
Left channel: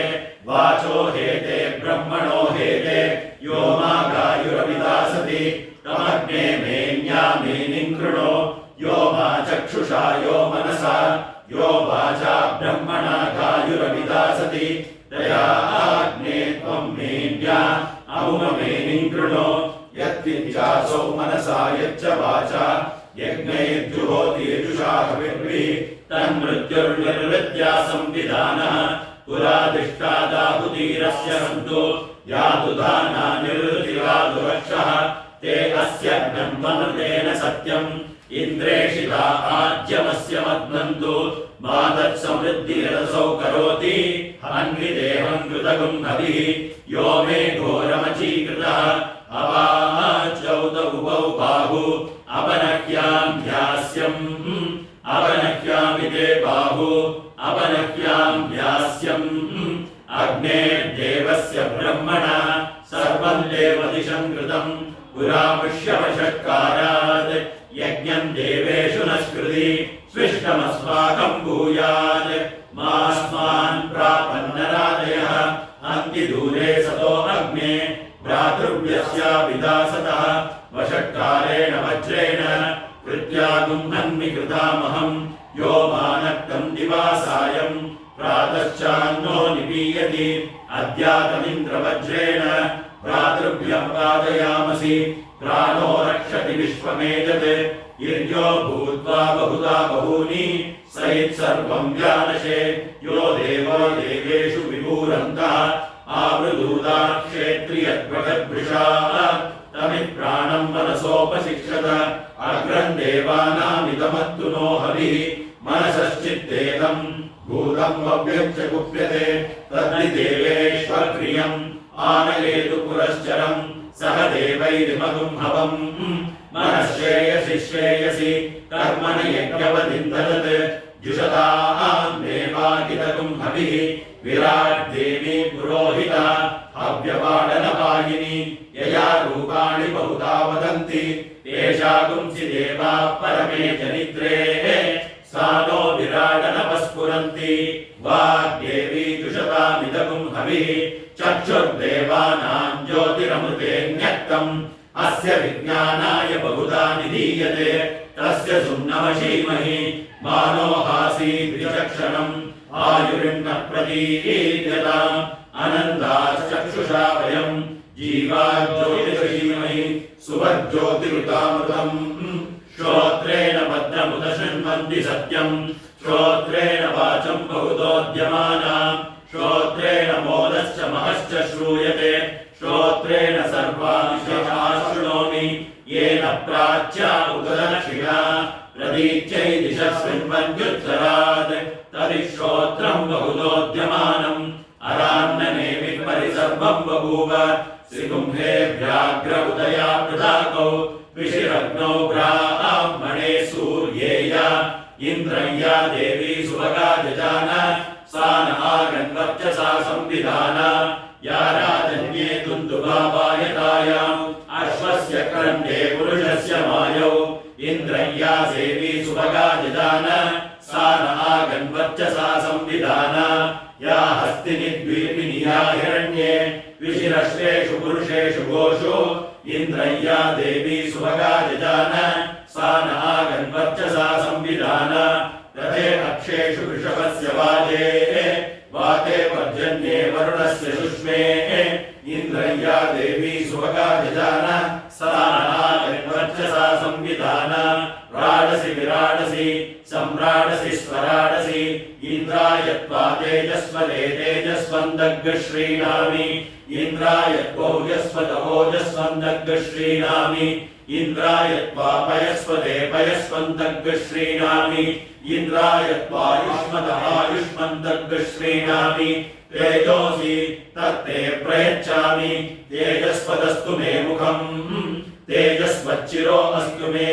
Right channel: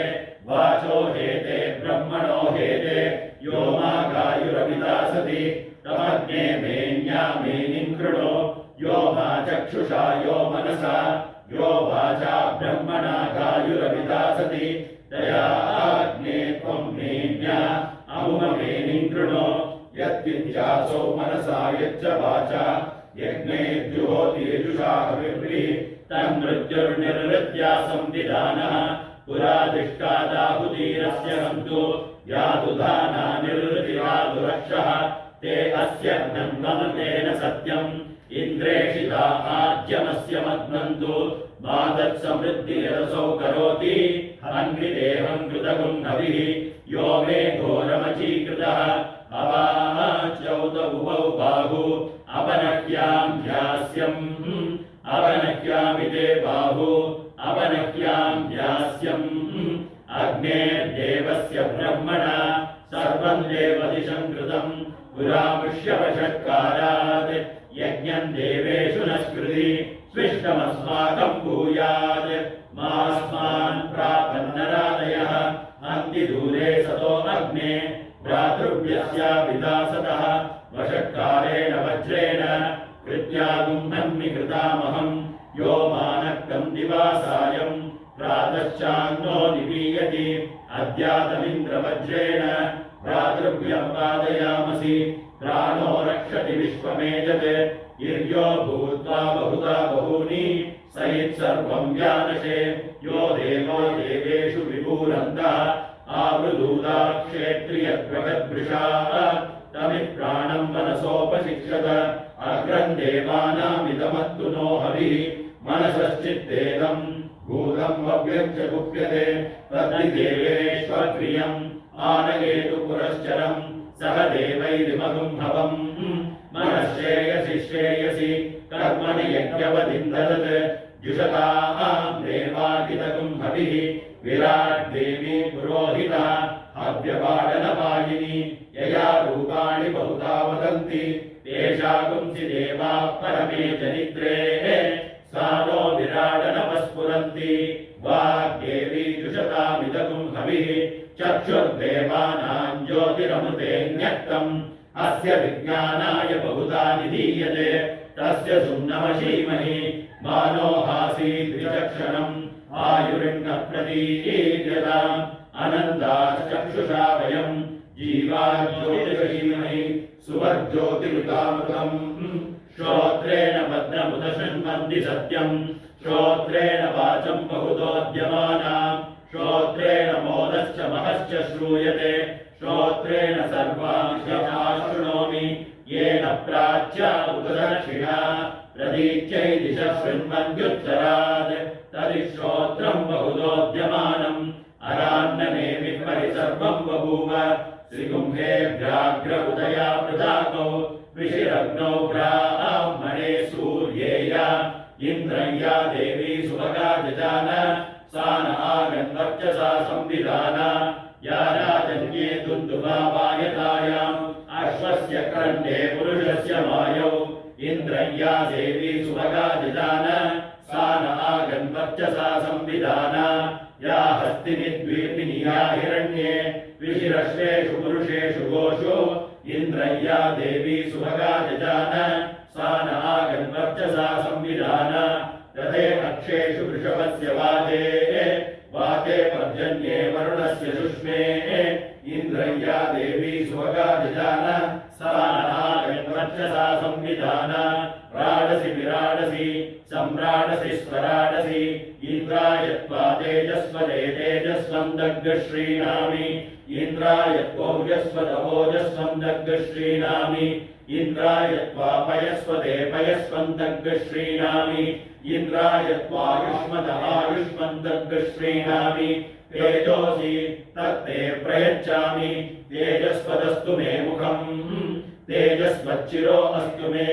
वाचो हेते ब्रह्मणो हेते यो मागायुरविदासति तमग्ने मेन्यामेनिं कृणो यो मा चक्षुषा यो मनसा यो वाचा ब्रह्मणा गायुरविदासति तया अग्ने त्वं मेन्या अमुमेनिं कृणो यद्विचासौ मनसा यच्च वाचा यज्ञैर्जुहोतिर्जुषा हविर्भिः तन्मृत्युर्निर्वृत्या संविधानः पुरादिष्टादाहुतीरस्य सन्तु यादुधाना निर्वृतिरादुरक्षः ते अस्य ज्ञन्वनुतेन सत्यम् इन्द्रेषिता आज्यमस्य मग्नन्तु मातत्समृद्धिरसौ करोति अन्विदेहं कृतगुं हविः यो मे घोरमचीकृतः अवाच्यौतौ बाहु अपनह्यां ध्यास्यम् अपनह्यामिते बाहु अपनह्यां ध्यास्यम् अग्नेर्देवस्य ब्रह्मणा सर्वं देवदिशं कृतं पुरामुष्यवषट्कारात् यज्ञं देवेषु नष्कृति स्विष्टमस्माकं भूयात् मास्मान् प्रापन्नरादयः अन्ति दूरे सतो अग्ने भ्रातृव्यस्याभिदासतः वषट्कारेण वज्रेण कृत्यागुम्हन्मि कृतामहं यो मानक्तं दिवासायं प्रातश्चान्नो निपीयति अद्यातमिन्द्रवज्रेण भ्रातृभ्यं वादयामसि प्राणो रक्षति विश्वमेजत् इर्यो भूत्वा बहुधा बहूनि सयित्सर्वं व्यानशे यो देवो देवेषु विभूरन्तः आवृदूता क्षेत्रियद्वगद्वृषा तमित्प्राणं मनसोपशिक्षत अग्रं देवानामिदमत्तु नो हविः मनसश्चित्तेदं भूतं भव्यं च गुप्यते तद्धि देवेष्वक्रियम् आनयेतु पुरश्चरं सह देवैरिमगुं हवम् मनश्रेयसि श्रेयसि कर्मण यज्ञवदिन्ददत् जुषतां देवाकितगुं हविः विराट् देवी पुरोहिता हव्यपाडनपायिनी यया रूपाणि बहुधा वदन्ति तेषा गुंसि देवाः परमे जनित्रे सा नो विराडनपस्फुरन्ति वाग्देवी जुषतामिदगुं हविः चक्षुर्देवानां ज्योतिरमृतेऽन्यक्तम् अस्य विज्ञानाय बहुधा निधीयते तस्य सुम्नमशीमहि मानो हासीद्विचक्षणम् आयुरिन्न प्रतीयताम् अनन्दाश्चक्षुषा वयम् जीवाज्योतिषीमहि सुवर्ज्योतिरुतामृतम् श्रोत्रेण भद्रमुद शृण्वन्ति सत्यम् श्रोत्रेण वाचम् बहुतोद्यमानाम् श्रोत्रेण मोदश्च महश्च श्रूयते श्रोत्रेण सर्वाणि शृणोमि येन प्राच्या उददक्षिणा प्रतीच्यै दिशः शृण्वन्त्युत्तरात् तर्हि श्रोत्रम् बहुतोद्यमानम् अरान्नने विपरिसर्वं बभूव श्रीकुम्भे व्याघ्र उदया पृथाकौ विशिरग्नौ ब्राह्मणे सूर्येया इन्द्रय्या देवी सुभगा जजान सा न आगन्वर्चसा संविधान या राजन्ये दुन्दुभावायतायाम् अश्वस्य क्रन्धे पुरुषस्य मायौ इन्द्रय्या देवी सुभगा जजान सा न आगन्वर्चसा संविधान या हस्तिनि द्वीपिनि या हिरण्ये विशिरश्रेषु पुरुषेषु गोषु इन्द्रय्या देवी सुभगा जजान सा न आगन्वर्चसा संविधान रथे अक्षेषु वृषभस्य वाते पर्जन्ये वरुणस्य शुष्मे इन्द्रय्या देवी सुभगा जजान सा न आगन्वर्चसा संविधान राडसि विराडसि सम्राडसि स्वराडसि इन्द्राय त्वा तेजस्वदे तेजस्वन्दग् श्रीणामि इन्द्राय त्वौजस्वद ओजस्वन्दग् श्रीणामि इन्द्राय त्वा पयस्वदे पयस्वन्दग् श्रीणामि इन्द्राय त्वायुष्मद आयुष्मन्दग् श्रीणामि तेजोसि तत्ते प्रयच्छामि तेजस्वदस्तु मे मुखम् तेजस्वच्चिरो अस्तु मे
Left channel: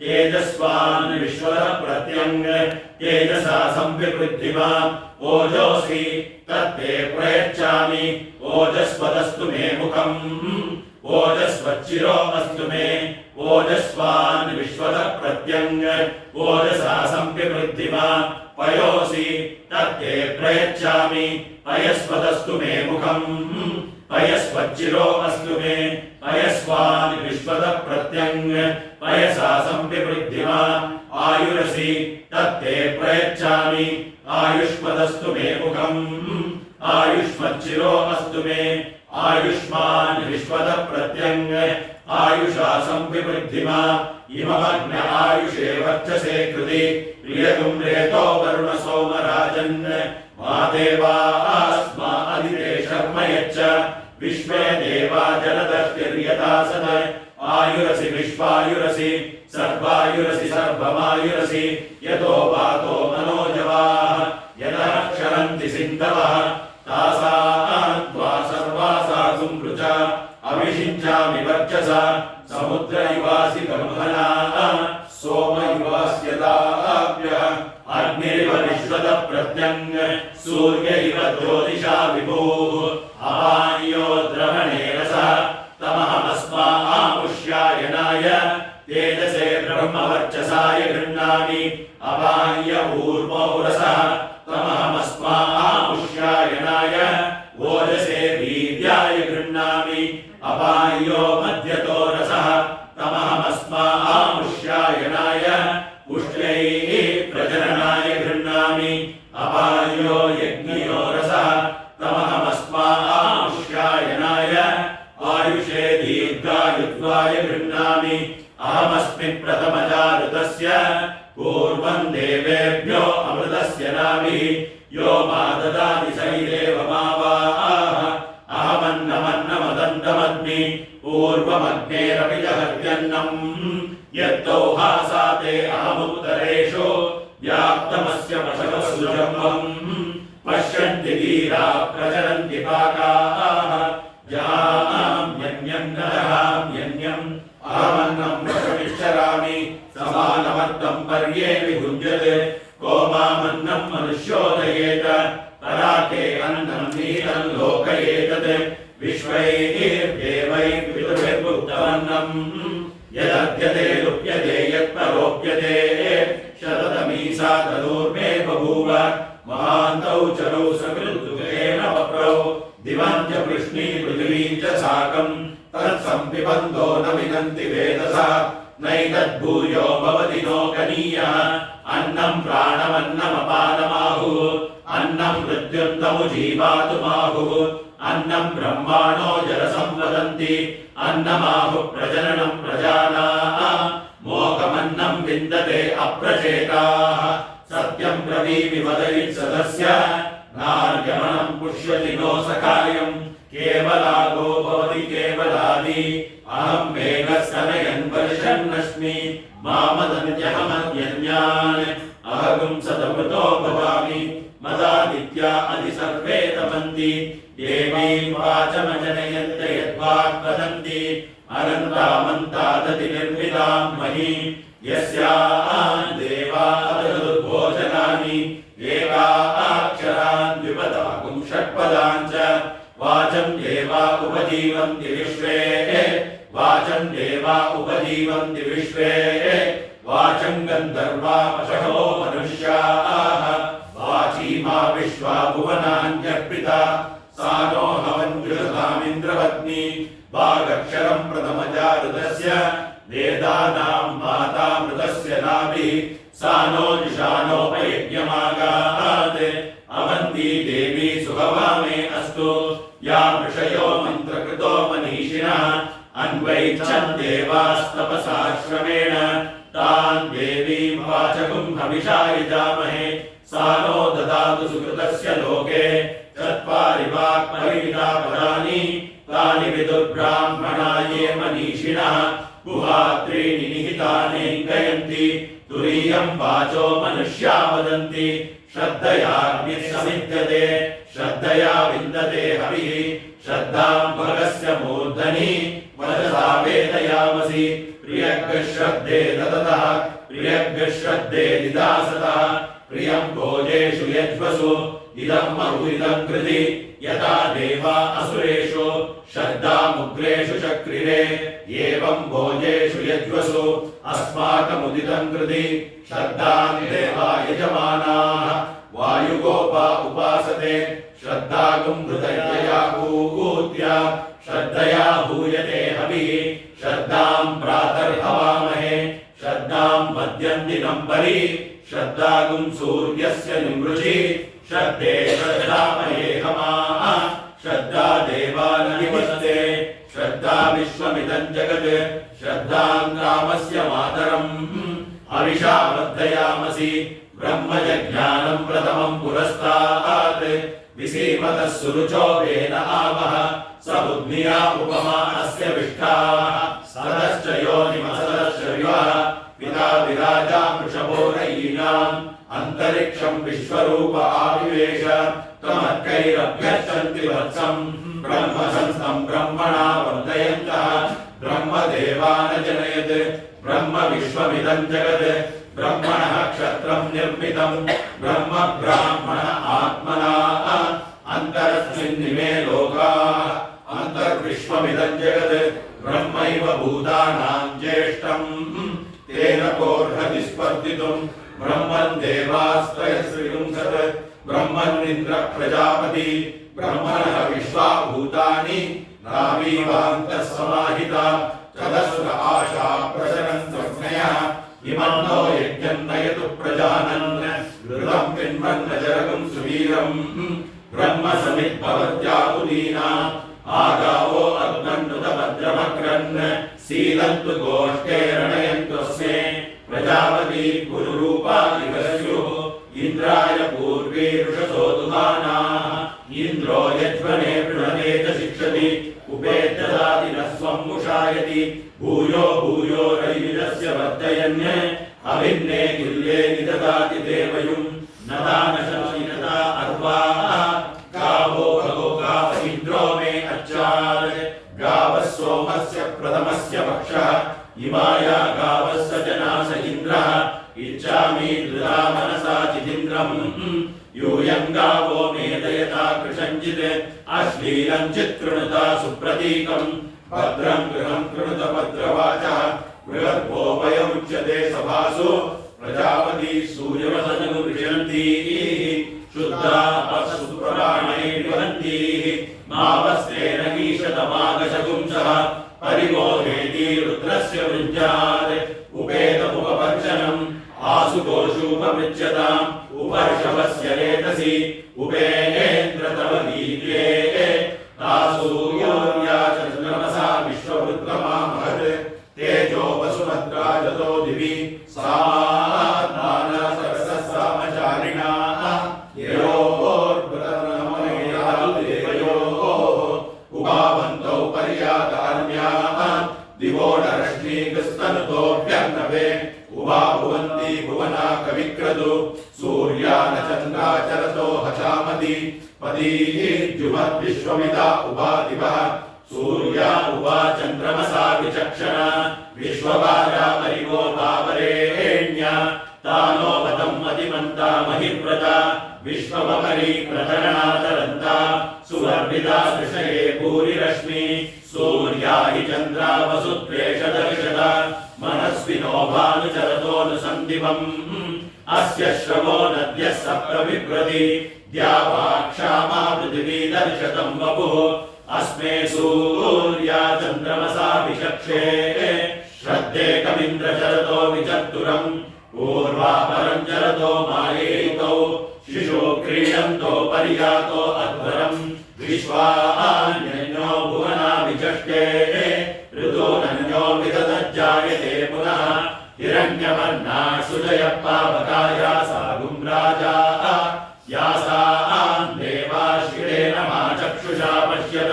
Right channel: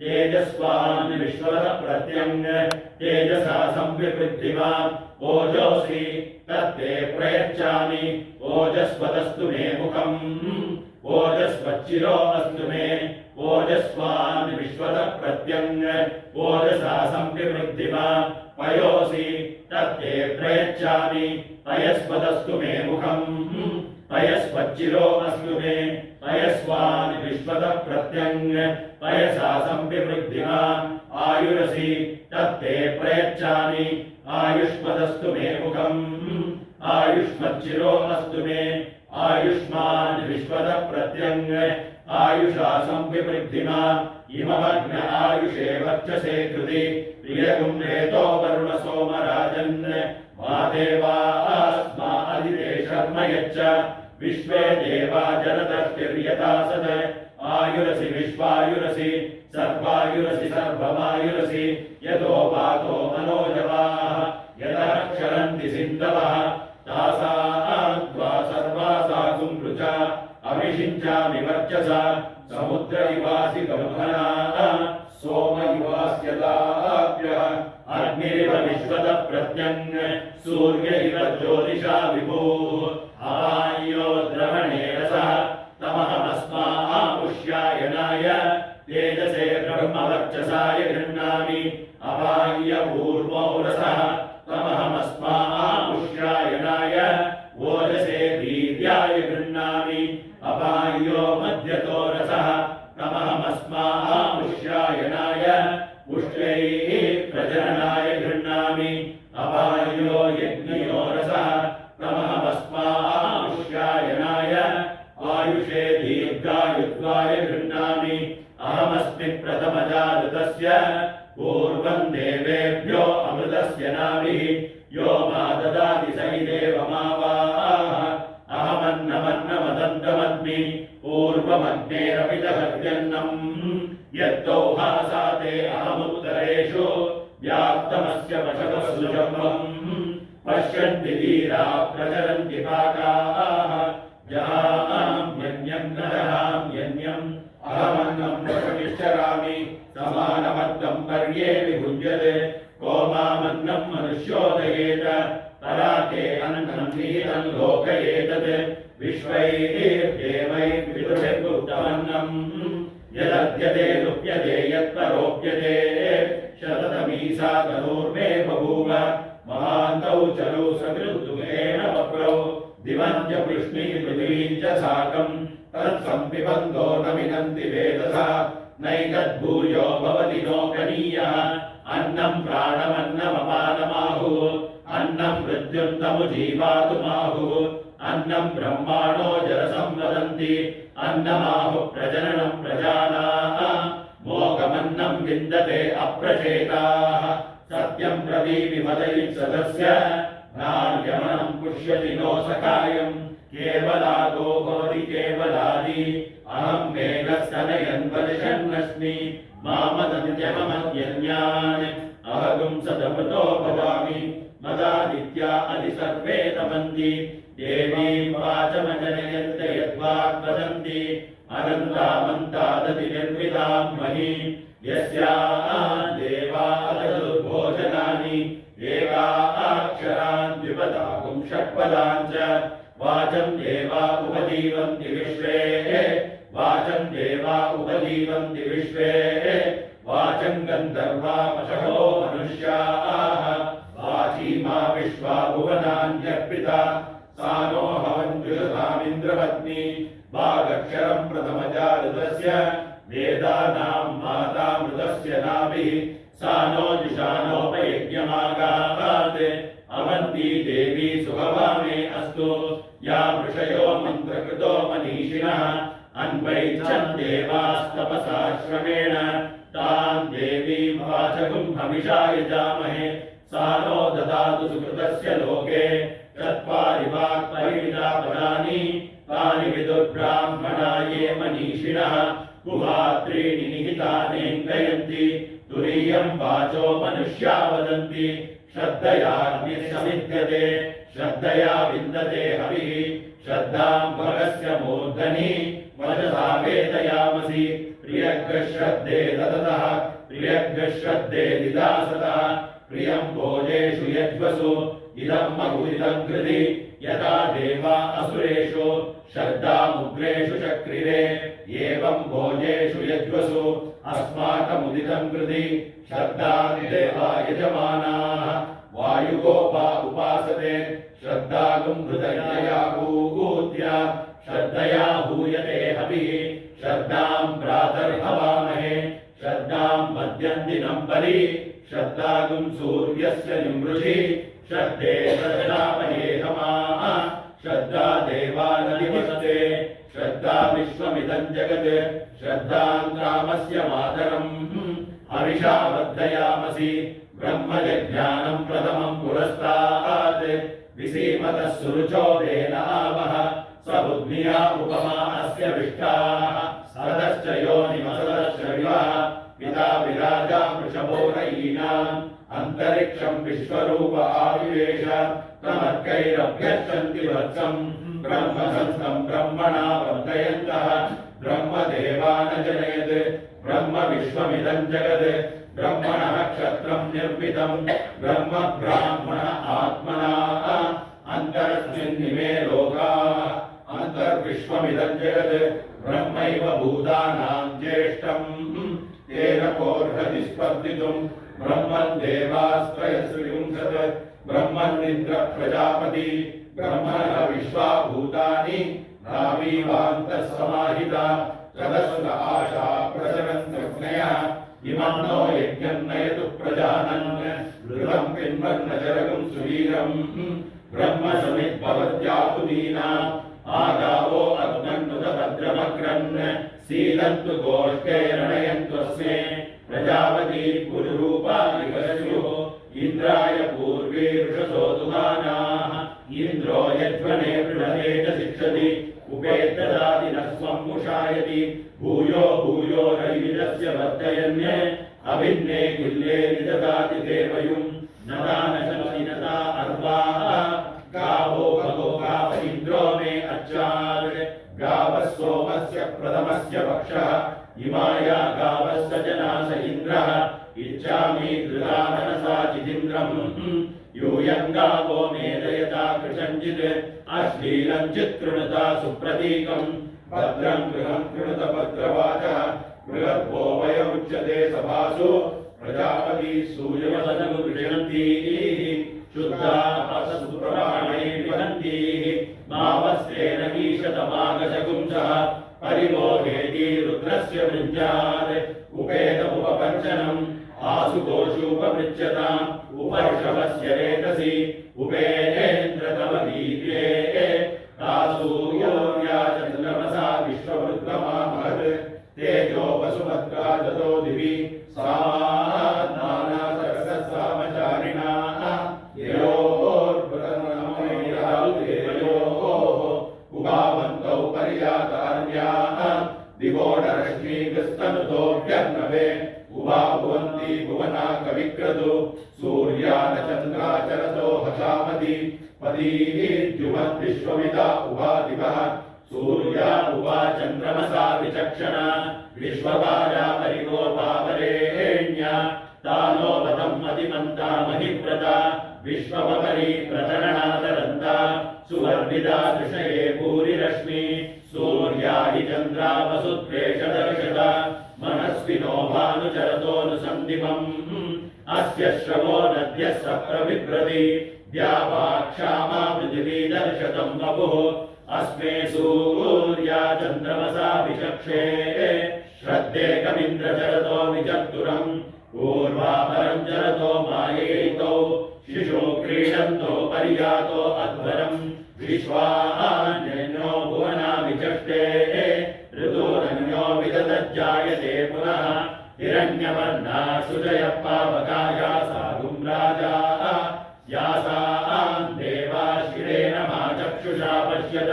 तेजस्वान् विश्वः प्रत्यङ् तेजसा संविवृद्धिमान् ओजोऽसि तत्ते प्रयच्छामि ओजस्वदस्तु मे मुखम् ओजस्वच्चिरो अस्तु मे ओजस्वान् विश्वः प्रत्यङ् ओजसा संविवृद्धिमान् पयोऽसि तत्ते प्रयच्छामि पयस्वदस्तु मे मुखम् पयस्वच्चिरो अस्तु मे पयस्वान् विश्वः प्रत्यङ् पयसा संविवृद्धिमान् आयुरसि तत्ते प्रयच्छामि आयुष्मदस्तु मे मुखम् आयुष्मच्चिरो अस्तु मे आयुष्मान् विश्वः प्रत्यङ् आयुषा संविवृद्धिमान् इममग्न आयुषे वर्चसे कृति प्रियगुं रेतो वरुण सोमराजन् मा देवास्मा अदिते शर्म यच्च विश्वे देवा जलदष्टिर्यथा सद आयुरसि विश्वायुरसि सर्वायुरसि सर्वमायुरसि यतो वातो मनोजवाः यतः क्षरन्ति सिन्धवः तासां त्वा सर्वासा सुमृचा अभिषिञ्चामि वर्चसा समुद्र इवासि ब्रह्मणा सोम इवास्यताभ्यः अग्निरिव विश्वतः प्रत्यङ् सूर्य इव ज्योतिषा विभुः अपान्यो द्रवणे रसः तमहमस्मामुष्यायनाय तेजसे ब्रह्मवर्चसाय गृह्णामि अपान्य ऊर्वो रसः तमहमस्मामुष्यायनाय ओजसे वीर्याय गृह्णामि अपान्यो मध्यतो रसः तमहमस्मामुष्यायनाय उष्ट्रैः प्रजननाय गृह्णामि अपान्यो यज्ञयो रसः तमहमस्मामुष्यायनाय आयुषे दीर्घायुत्वाय गृह्णामि अहमस्मि प्रथमजातस्य पूर्वं देवेभ्यो अमृतस्य नाभिः यो मा ददाति स एव मावाः अहमन्नमन्नमदन्तमद्मि पूर्वमग्नेरपि दहत्यन्नम् यत्तौहासाते अहमुत्तरेषु व्याप्तमस्य वशवसुजम्बम् पश्यन्ति वीरा प्रचरन्ति पाकाः जहाम्यन्यं न जहाम्यन्यम् अहमन्नं वशमिच्छरामि समानमर्दं पर्ये विभुञ्जते को मामन्नं मनुष्योदयेत पराके अन्नं नीतं लोकयेतत् विश्वैर्देवैः पितृभिर्भुक्तमन्नं यदद्यते लुप्यते यत्परोप्यते शततमीसा तनूर्मे बभूव महान्तौ चरौ सकृद्दुःखेन वप्रौ दिवं च पृश्नी पृथिवीं च साकं तत्संपिबन्धो न मिनन्ति वेदसा नैतद्भूयो भवति नोकनीयः अन्नं प्राणमन्नमपानमाहुः अन्नं मृत्युन्तमुजीवातुमाहुः अन्नं ब्रह्माणो जलसं वदन्ति अन्नमाहुः प्रजननं प्रजानाः मोघमन्नं विन्दते अप्रचेताः सत्यं ब्रवीमि वदयित्सदस्य नार्यमनं पुष्यति नो सखायं केवलागो भवति केवलादि अहं मेघस्तनयन् वर्षन्नस्मि मामदन्त्यहमन्यन्यान् अहगुं सदमृतो भवामि मदादित्या अधि सर्वे तपन्ति देवीं वाचमजनयन्त यद्वाक् वदन्ति अनन्तामन्तादति निर्मितां मही यस्यां देवा भोजनानि एकाक्षरान् द्विपदागुं षट्पदां च वाचं देवा उपजीवन्ति विश्वे वाचं देवा देवा उपजीवन्ति विश्वे वाचं गन्धर्वामशहो मनुष्याः वाचीमा विश्वा भुवनान्यर्पिता सा नो हवञ्जुषतामिन्द्रपत्नी वागक्षरं प्रथमजातस्य वेदानां मातामृतस्य नाभिः सा नो जुषानोपयज्ञमागात् अवन्ती देवी सुभवामे अस्तु या ऋषयो मन्त्रकृतो मनीषिणः अन्वैच्छन् देवास्तपसा श्रमेण तान् देवीं वाचकुं हविषा यजामहे सा नो ददातु सुकृतस्य लोके चत्वारि वाक्परिमिता पदानि तानि विदुर्ब्राह्मणा ये मनीषिणः गुहात्रीणि निहितानेऽङ्कयन्ति तुरीयं वाचो मनुष्या वदन्ति श्रद्धयाग्निः समिद्यते श्रद्धया विन्दते हविः श्रद्धां भगस्य मूर्धनि वचसा वेदयामसि प्रियग्श्रद्धे ददतः प्रियग्श्रद्धे दिदासतः प्रियं भोजेषु यज्वसु इदं महुरिदं कृति यथा देवा असुरेषु श्रद्धामुग्रेषु चक्रिरे एवं भोजेषु यज्वसु अस्माकमुदितं कृति श्रद्धां देवा यजमानाः वायुगोपा उपासते श्रद्धागुं हृदयया भूत्य श्रद्धया हूयते हविः श्रद्धां प्रातर्हवामहे श्रद्धां मध्यं दिनं परि श्रद्धागुं सूर्यस्य निमृषि श्रद्धे श्रद्धामहे हमाः श्रद्धा देवाननिवसते श्रद्धा विश्वमिदं जगत् श्रद्धां कामस्य मातरम् हविषा वर्धयामसि ब्रह्मजज्ञानं प्रथमं पुरस्तात् विसीमतः सुरुचो वेन आवः स बुद्ध्या उपमा अस्य विष्ठाः सदश्च योनिमसदश्च विवः पिता विराजा वृषभो रयीणाम् अन्तरिक्षं विश्वरूप आविवेश तमर्कैरभ्यर्चन्ति वत्सम् ब्रह्मसंस्थं ब्रह्मणा वर्धयन्तः ब्रह्मदेवानजनयत् ब्रह्म विश्वमिदं जगत् ब्रह्मणः क्षत्रं निर्मितं ब्रह्म ब्राह्मण आत्मना अन्तरस्मिन्निमे लोकाः अन्तर्विश्वमिदं जगत् ब्रह्मैव भूतानां ज्येष्ठं तेन कोऽर्हति स्पर्धितुं ब्रह्मन् देवास्त्रयस्त्रिविंशत् ब्रह्मन्निन्द्र प्रजापति ब्रह्मणः विश्वा भूतानि नावीवान्तः समाहिता चतस्र आशा प्रचरन्तज्ञयः इमं नो यज्ञं नयतु प्रजानन् घृतं पिन्वन्नजरगं सुवीरं ब्रह्म समिद्भवत्याहुतीनाम् आगावो अग्नन्नुतभद्रमक्रन् सीदन्तु गोष्ठे रणयन्तस्मे प्रजापति गुरुरूपा विकस्युः इन्द्राय पूर्वीरुषसो दुहानाः इन्द्रो यज्वने पृणते च शिक्षति उपेत्यदाति न स्वं मुषायति भूयो भूयो रैविदस्य वर्धयन् अभिन्ने किल्ये निददाति देवयुं नदा नशमिनदा अर्वाः गावो भगो गाव इन्द्रो मे अच्छात् गावः सोमस्य प्रथमस्य वक्षः इमाया गावः स जनास इन्द्रः इच्छामि धृता मनसा चिदिन्द्रम् यूयं गावो मेदयता कृशञ्चित् अश्लीलं चित्कृणुता सुप्रतीकं भद्रं गृहं कृणुत भद्रवाचः बृहद्भो वयमुच्यते सभासु प्रजापति सूर्यवसनगु विशन्ति शुद्धा सुप्राणे वहन्ति मावस्तेन ईशतमागशगुंसः परिबोधेति रुद्रस्य वृञ्जात् उपेतमुपपर्शनम् आसुकोषूपमृच्छताम् उपर्षवस्य रेतसि उपेन्द्र तव दीप्ये तासूर्या चन्द्रमसा विश्ववृत्तमा महत् तेजो वसुमत्रा जतो दिवि सामात्माना सरसः सामचारिणाः देवयोः उपावन्तौ पर्यातान्याः दिवोडरश्मीकृस्तनुतोऽभ्यर्णवे उभा भुवन्ति भुवना कविक्रतु सूर्यानचन्द्राचरतो हचामति पदीर्जुमद्विश्वमिदा उभा दिवः सूर्या उभा चन्द्रमसा विचक्षणा विश्वभारा परिवो तावरेण्या तानो वदम् मतिमन्ता महिव्रता विश्वमपरि प्रतरणातरन्ता सुवर्णिता दृशये भूरिरश्मि सूर्या हि चन्द्रा वसुत्वेषदर्श तमस्विनो भानुचरतोऽनुसन्दिवम् अस्य श्रवो नद्यः सप्रविभ्रति द्यावा क्षामा पृथिवी दर्शतं वपुः अस्मे सूर्या चन्द्रमसा विचक्षे श्रद्धेकमिन्द्रचरतो विचतुरम् पूर्वापरं चरतो मायेतौ शिशो क्रीडन्तो पर्यातो अध्वरम् विश्वान्यो भुवना विचष्टे ऋतोरन्यो विदधज्जायते पुनः हिरण्यवर्णा सुजय पावकाया सागुं राजा यासां देवाश्रियेण मा चक्षुषा पश्यत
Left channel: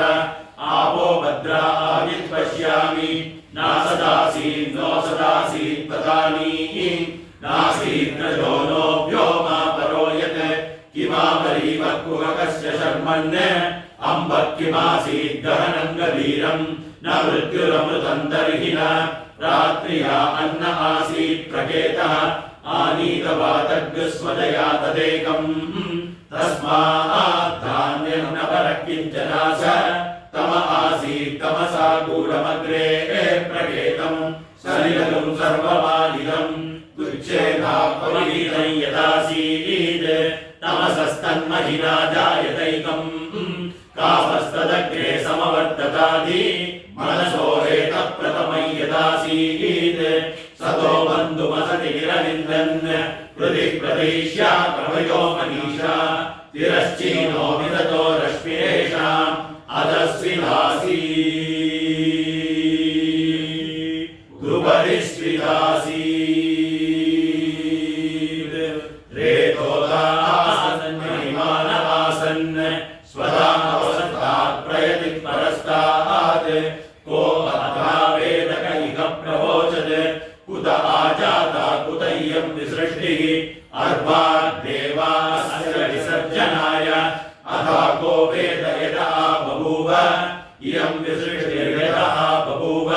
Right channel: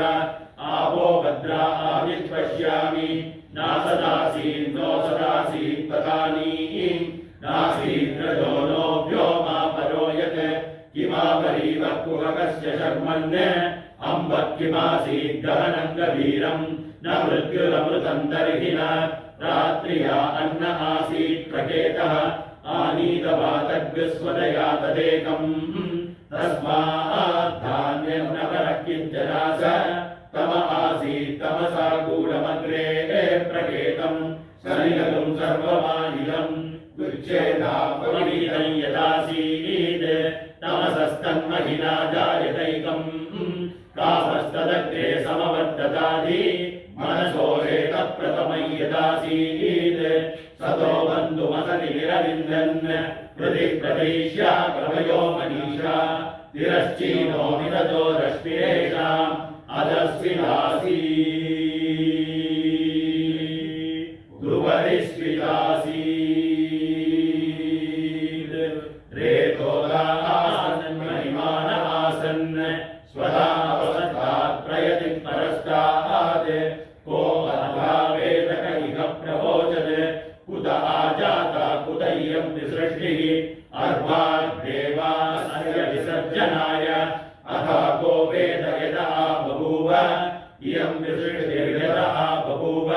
आपो भद्रा आविर्पश्यामि नासदासीन् नो सदासीत् तथानी नासीद्रजो नो व्योमा परो यत् किमावरीवः कुहकस्य शर्मन् अम्बः किमासीत् गहनं गभीरम् न मृत्युरमृतं तर्हि न रात्र्या अन्न आसीत् प्रकेतः आनीतवातग्स्वदया तदेकम् तस्मात् धान्यं न परः किञ्चनास तम आसीत् तमसा गूढमग्रे प्रकेतम् सलिलगं सर्वमानिलम् दुच्छेदापविदं यदासीत् तमसस्तन्महिना जायतैकम् कामस्तदग्रे समवर्ततादि मनसो हेतप्रथमं यदासीत् सतो बन्धुमसति निरविन्दन् हृदि प्रदेश्या प्रभयो मनीषा तिरश्चीनो विदतो रश्मिरेषाम् अधस्विदासी गुरुपरिस्विदासी रेतोदासन् महिमानवासन् स्वदावसन्तात् प्रयति परस्तात् को अथा वेदक इह प्रवोचत् कुत आजाता कुत इयं विसृष्टिः अर्वाग्देवास्य विसर्जनाय अथा को वेद यदा बभूव इयं विसृष्टिर्यदा बभूव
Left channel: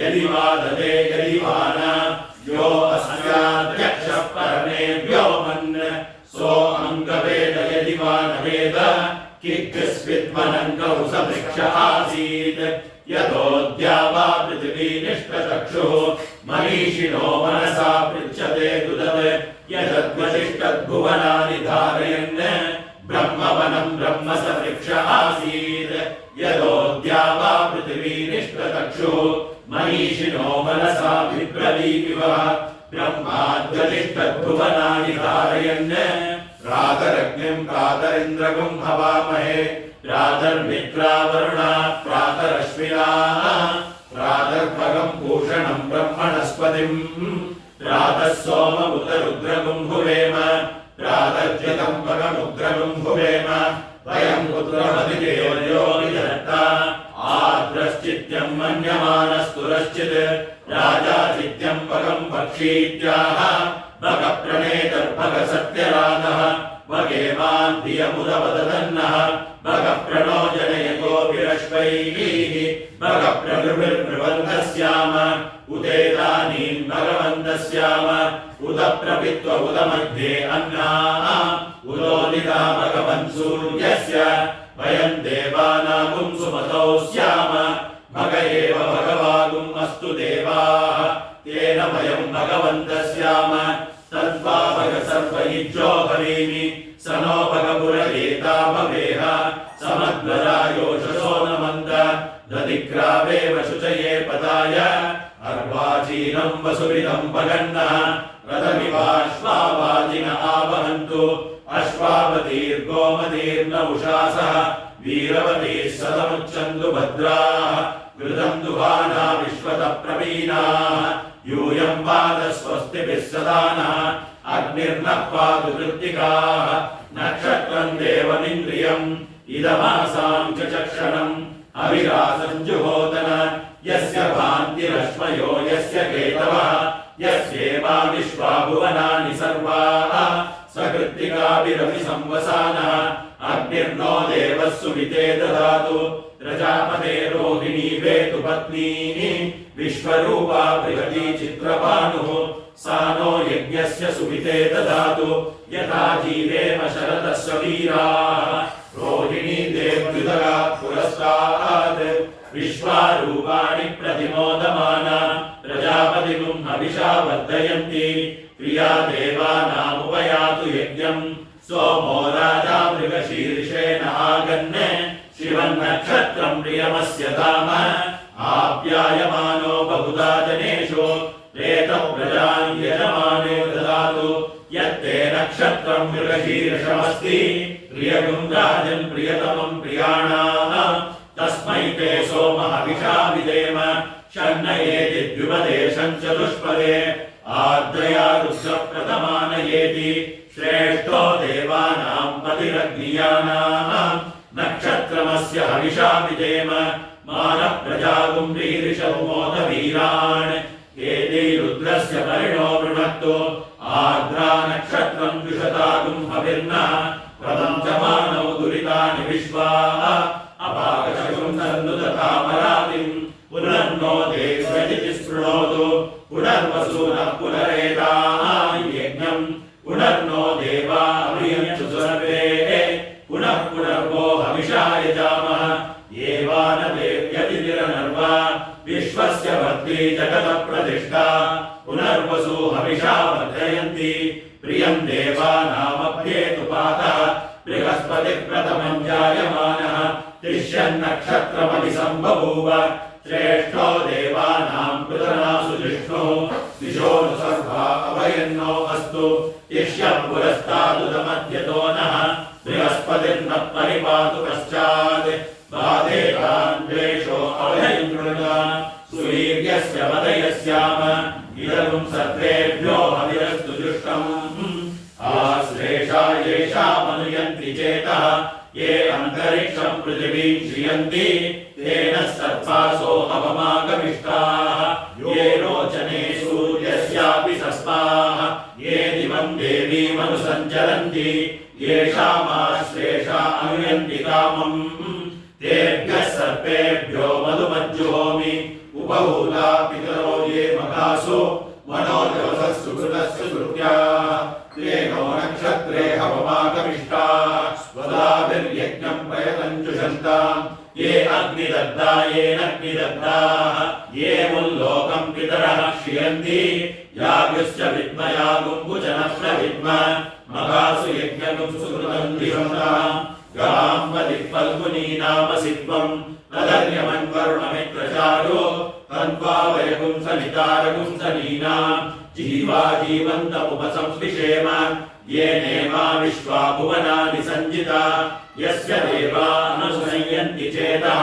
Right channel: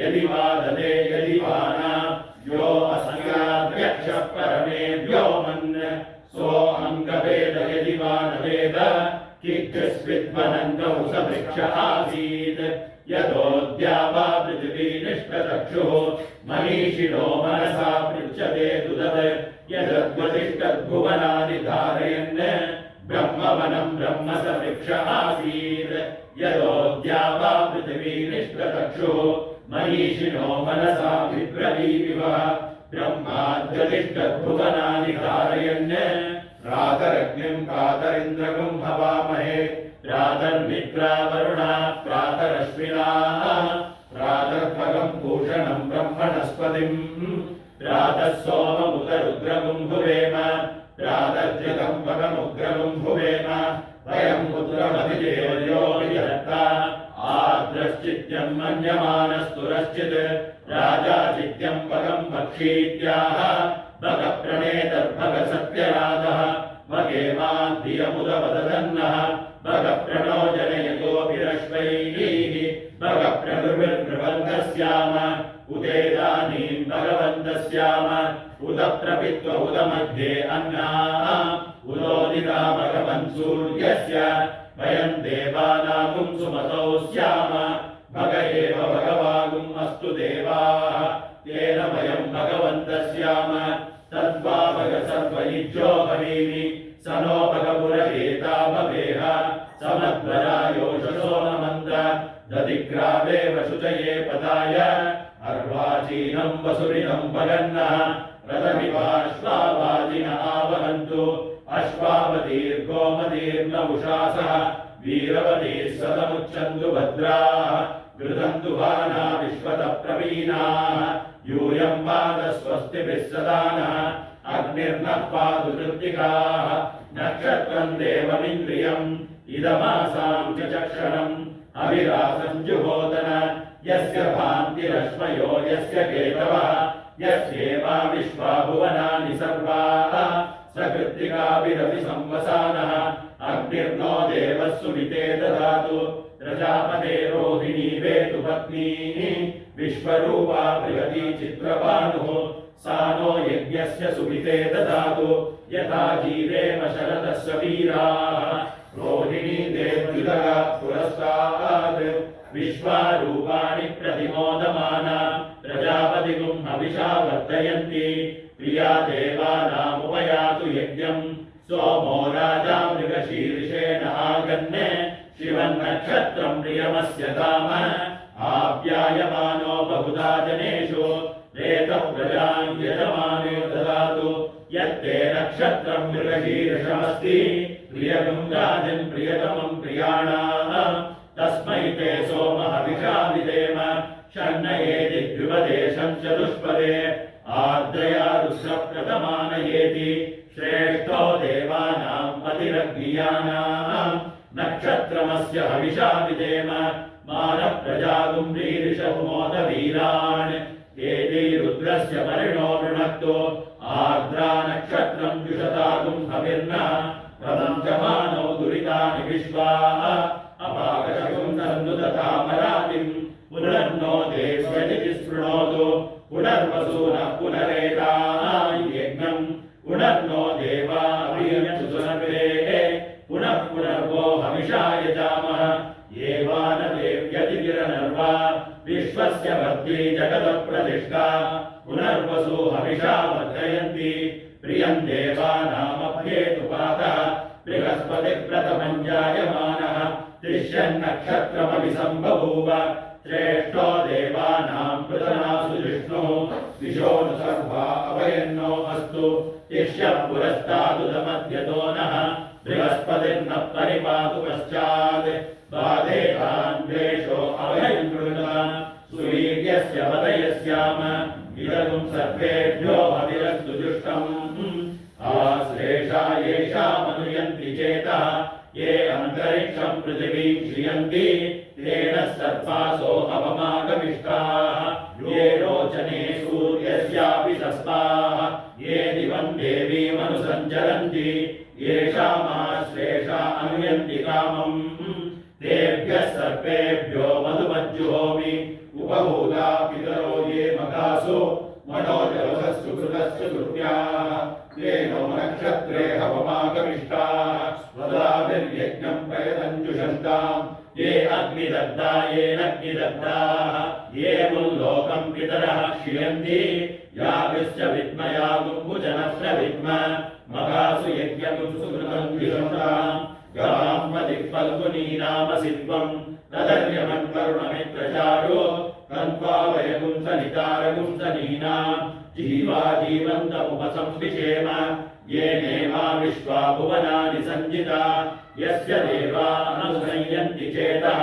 यदि वा ददे यदि वा न यो अस्याध्यक्षः परमे व्योमन् सो अङ्गवेद यदि वा न वेद किग्स्विद्वनङ्गौ सवृक्ष आसीत् यतोऽद्या वा पृथिवी निष्टचक्षुः मनीषिणो मनसा पृच्छते दुदत् यदद्वतिष्ठद्भुवनानि धारयन् ब्रह्मवनं ब्रह्म सवृक्ष आसीत् यतोऽद्या वा पृथिवी निष्टचक्षुः मनीषिणो मनसा विब्रवीविवः ब्रह्माद्वतिष्ठद्भुवनानि धारयन् प्रातरग्निं प्रातरिन्द्रगुं हवामहे प्रातर्मित्रा वरुणा प्रातरश्विना प्रातर्भगं भूषणं ब्रह्मणस्पतिं प्रातः सोममुतरुद्रगुं भुवेम प्रातर्जितं भगमुग्रगुं भुवेम वयं पुत्रमतिदेवयो विधत्ता आद्रश्चित्यं मन्यमानस्तुरश्चित् राजा चित्यं भगं भक्षीत्याह भगप्रणेतर्भग सत्यराधः भगेवां धियमुदवदन्नः भगप्रणो जनयतो विरश्वैः भगप्रगृभिर्ब्रुवन्तस्याम उदेदानीं भगवन्तस्याम उदप्रपित्व उदमध्ये अन्नाः उदोदिता भगवन् सूर्यस्य वयं देवानागुं सुमतौ स्याम भग एव भगवागुम् अस्तु देवाः तेन वयं भगवन्तस्याम तद्वा भग सर्वयुज्यो भवेमि स नो भगपुरवेता भवेह समद्वरायोषसो नमन्त दधिग्रावेव शुचये पदाय अर्वाचीनं वसुविदं भगन्नः रथमिवाश्वावादिन आवहन्तु अश्वावतीर्गोमतीर्न उषासः वीरवतीः सदमुच्चन्तु भद्राः घृतं दुहाना विश्वतः प्रवीणाः यूयं पाद स्वस्तिभिः सदानः अग्निर्नः पातु कृत्तिकाः नक्षत्रं देवमिन्द्रियम् इदमासां च चक्षणम् अविरासं जुहोतन यस्य भान्तिरश्मयो यस्य केतवः यस्येवा विश्वा भुवनानि सर्वाः सकृत्तिकाभिरपि संवसानः अग्निर्नो देवः सुमिते ददातु प्रजापते रोहिणी वेतु पत्नी विश्वरूपा बृहती चित्रभानुः सा नो यज्ञस्य सुमिते ददातु यथा जीवेम शरदः वीराः रोहिणी देव्युदरात् पुरस्तात् विश्वारूपाणि प्रतिमोदमाना प्रजापतिगुं हविषा वर्धयन्ति प्रिया देवानामुपयातु यज्ञम् सोमो राजा मृगशीर्षेण आगन् शिवन्नक्षत्रम् प्रियमस्य धाम आप्यायमानो बहुधा जनेषु रेतः प्रजान् यजमाने ददातु यत्ते नक्षत्रम् मृगशीर्षमस्ति प्रियगुं राजन् प्रियतमम् प्रियाणाम् तस्मै ते सोमः हविषा विधेम शन्नयेति द्विपदेशम् चतुष्पदे आर्द्रया रुद्रप्रथमानयेति श्रेष्ठो देवानाम् पतिरग्नियानाम् नक्षत्रमस्य हविषा विधेम मानः प्रजागुं रीरिषमोदवीरान् एते रुद्रस्य परिणो वृणक्तो आर्द्रा नक्षत्रम् द्विषतागुं हविर्न प्रपञ्चमानौ दुरितानि विश्वाः अपाकशकुं तन्नुदतामरातिम् पुनर्नो देव्यजिति स्पृणोतु पुनर्वसूनः पुनरेताय यज्ञम् पुनर्नो देवा अभियन्तु सर्वे पुनः पुनर्वो हविषा यजामः येवा न देव्यतिरनर्वा विश्वस्य भक्ति जगतः प्रतिष्ठा पुनर्वसु हविषा वर्धयन्ति प्रियम् देवानामभ्येतु पातः बृहस्पतिः प्रथमम् जायमानः तिष्यन्नक्षत्रमभिसम्बभूव श्रेष्ठो देवानाम् पृतनासु जिष्णुः दिशोऽनु सर्वा अभयन्नो अस्तु तिष्यः पुरस्तादुदमध्यतो नः बृहस्पतिर्न परिपातु पश्चात् बाधेतान् द्वेषो अभयम् कृणान् सुवीर्यस्य वदयस्याम इदगुं सर्वेभ्यो हविरस्तु जुष्टम् आश्लेषा येषामनुयन्ति चेतः ये अन्तरिक्षम् पृथिवीम् श्रियन्ति तेन सर्पासो अवमागमिष्टाः ये रोचने सूर्यस्यापि सस्पाः ये दिवम् देवीमनुसञ्चरन्ति येषामाश्लेषा अनुयन्ति कामम् तेभ्यः सर्पेभ्यो मधुमज्जुहोमि उपहूला पितरो ये मघासु मनोजवसः सुकृतस्य सुकृत्याः ते नो नक्षत्रे हवमागमिष्टाः स्वदाभिर्यज्ञम् प्रयतञ्जुषन्ताम् ये अग्निदग्धा येनग्निदग्धाः ये मुल्लोकम् पितरः श्रियन्ति याज्ञस्य विद्मयागुम्बुजनः प्रविद्म मघासु यज्ञगुं सुकृतम् दिशन्ताम् गवाम्बदिक्पल्गुनी नामसि त्वम् तदर्यमन्वरुणमित्रचारो तन्त्वावयगुं सनितारगुं सनीनाम् जीवा जीवन्तमुपसंविषेम ये नेमा विश्वा भुवनानि सञ्जिता यस्य देवानुसंयन्ति चेतः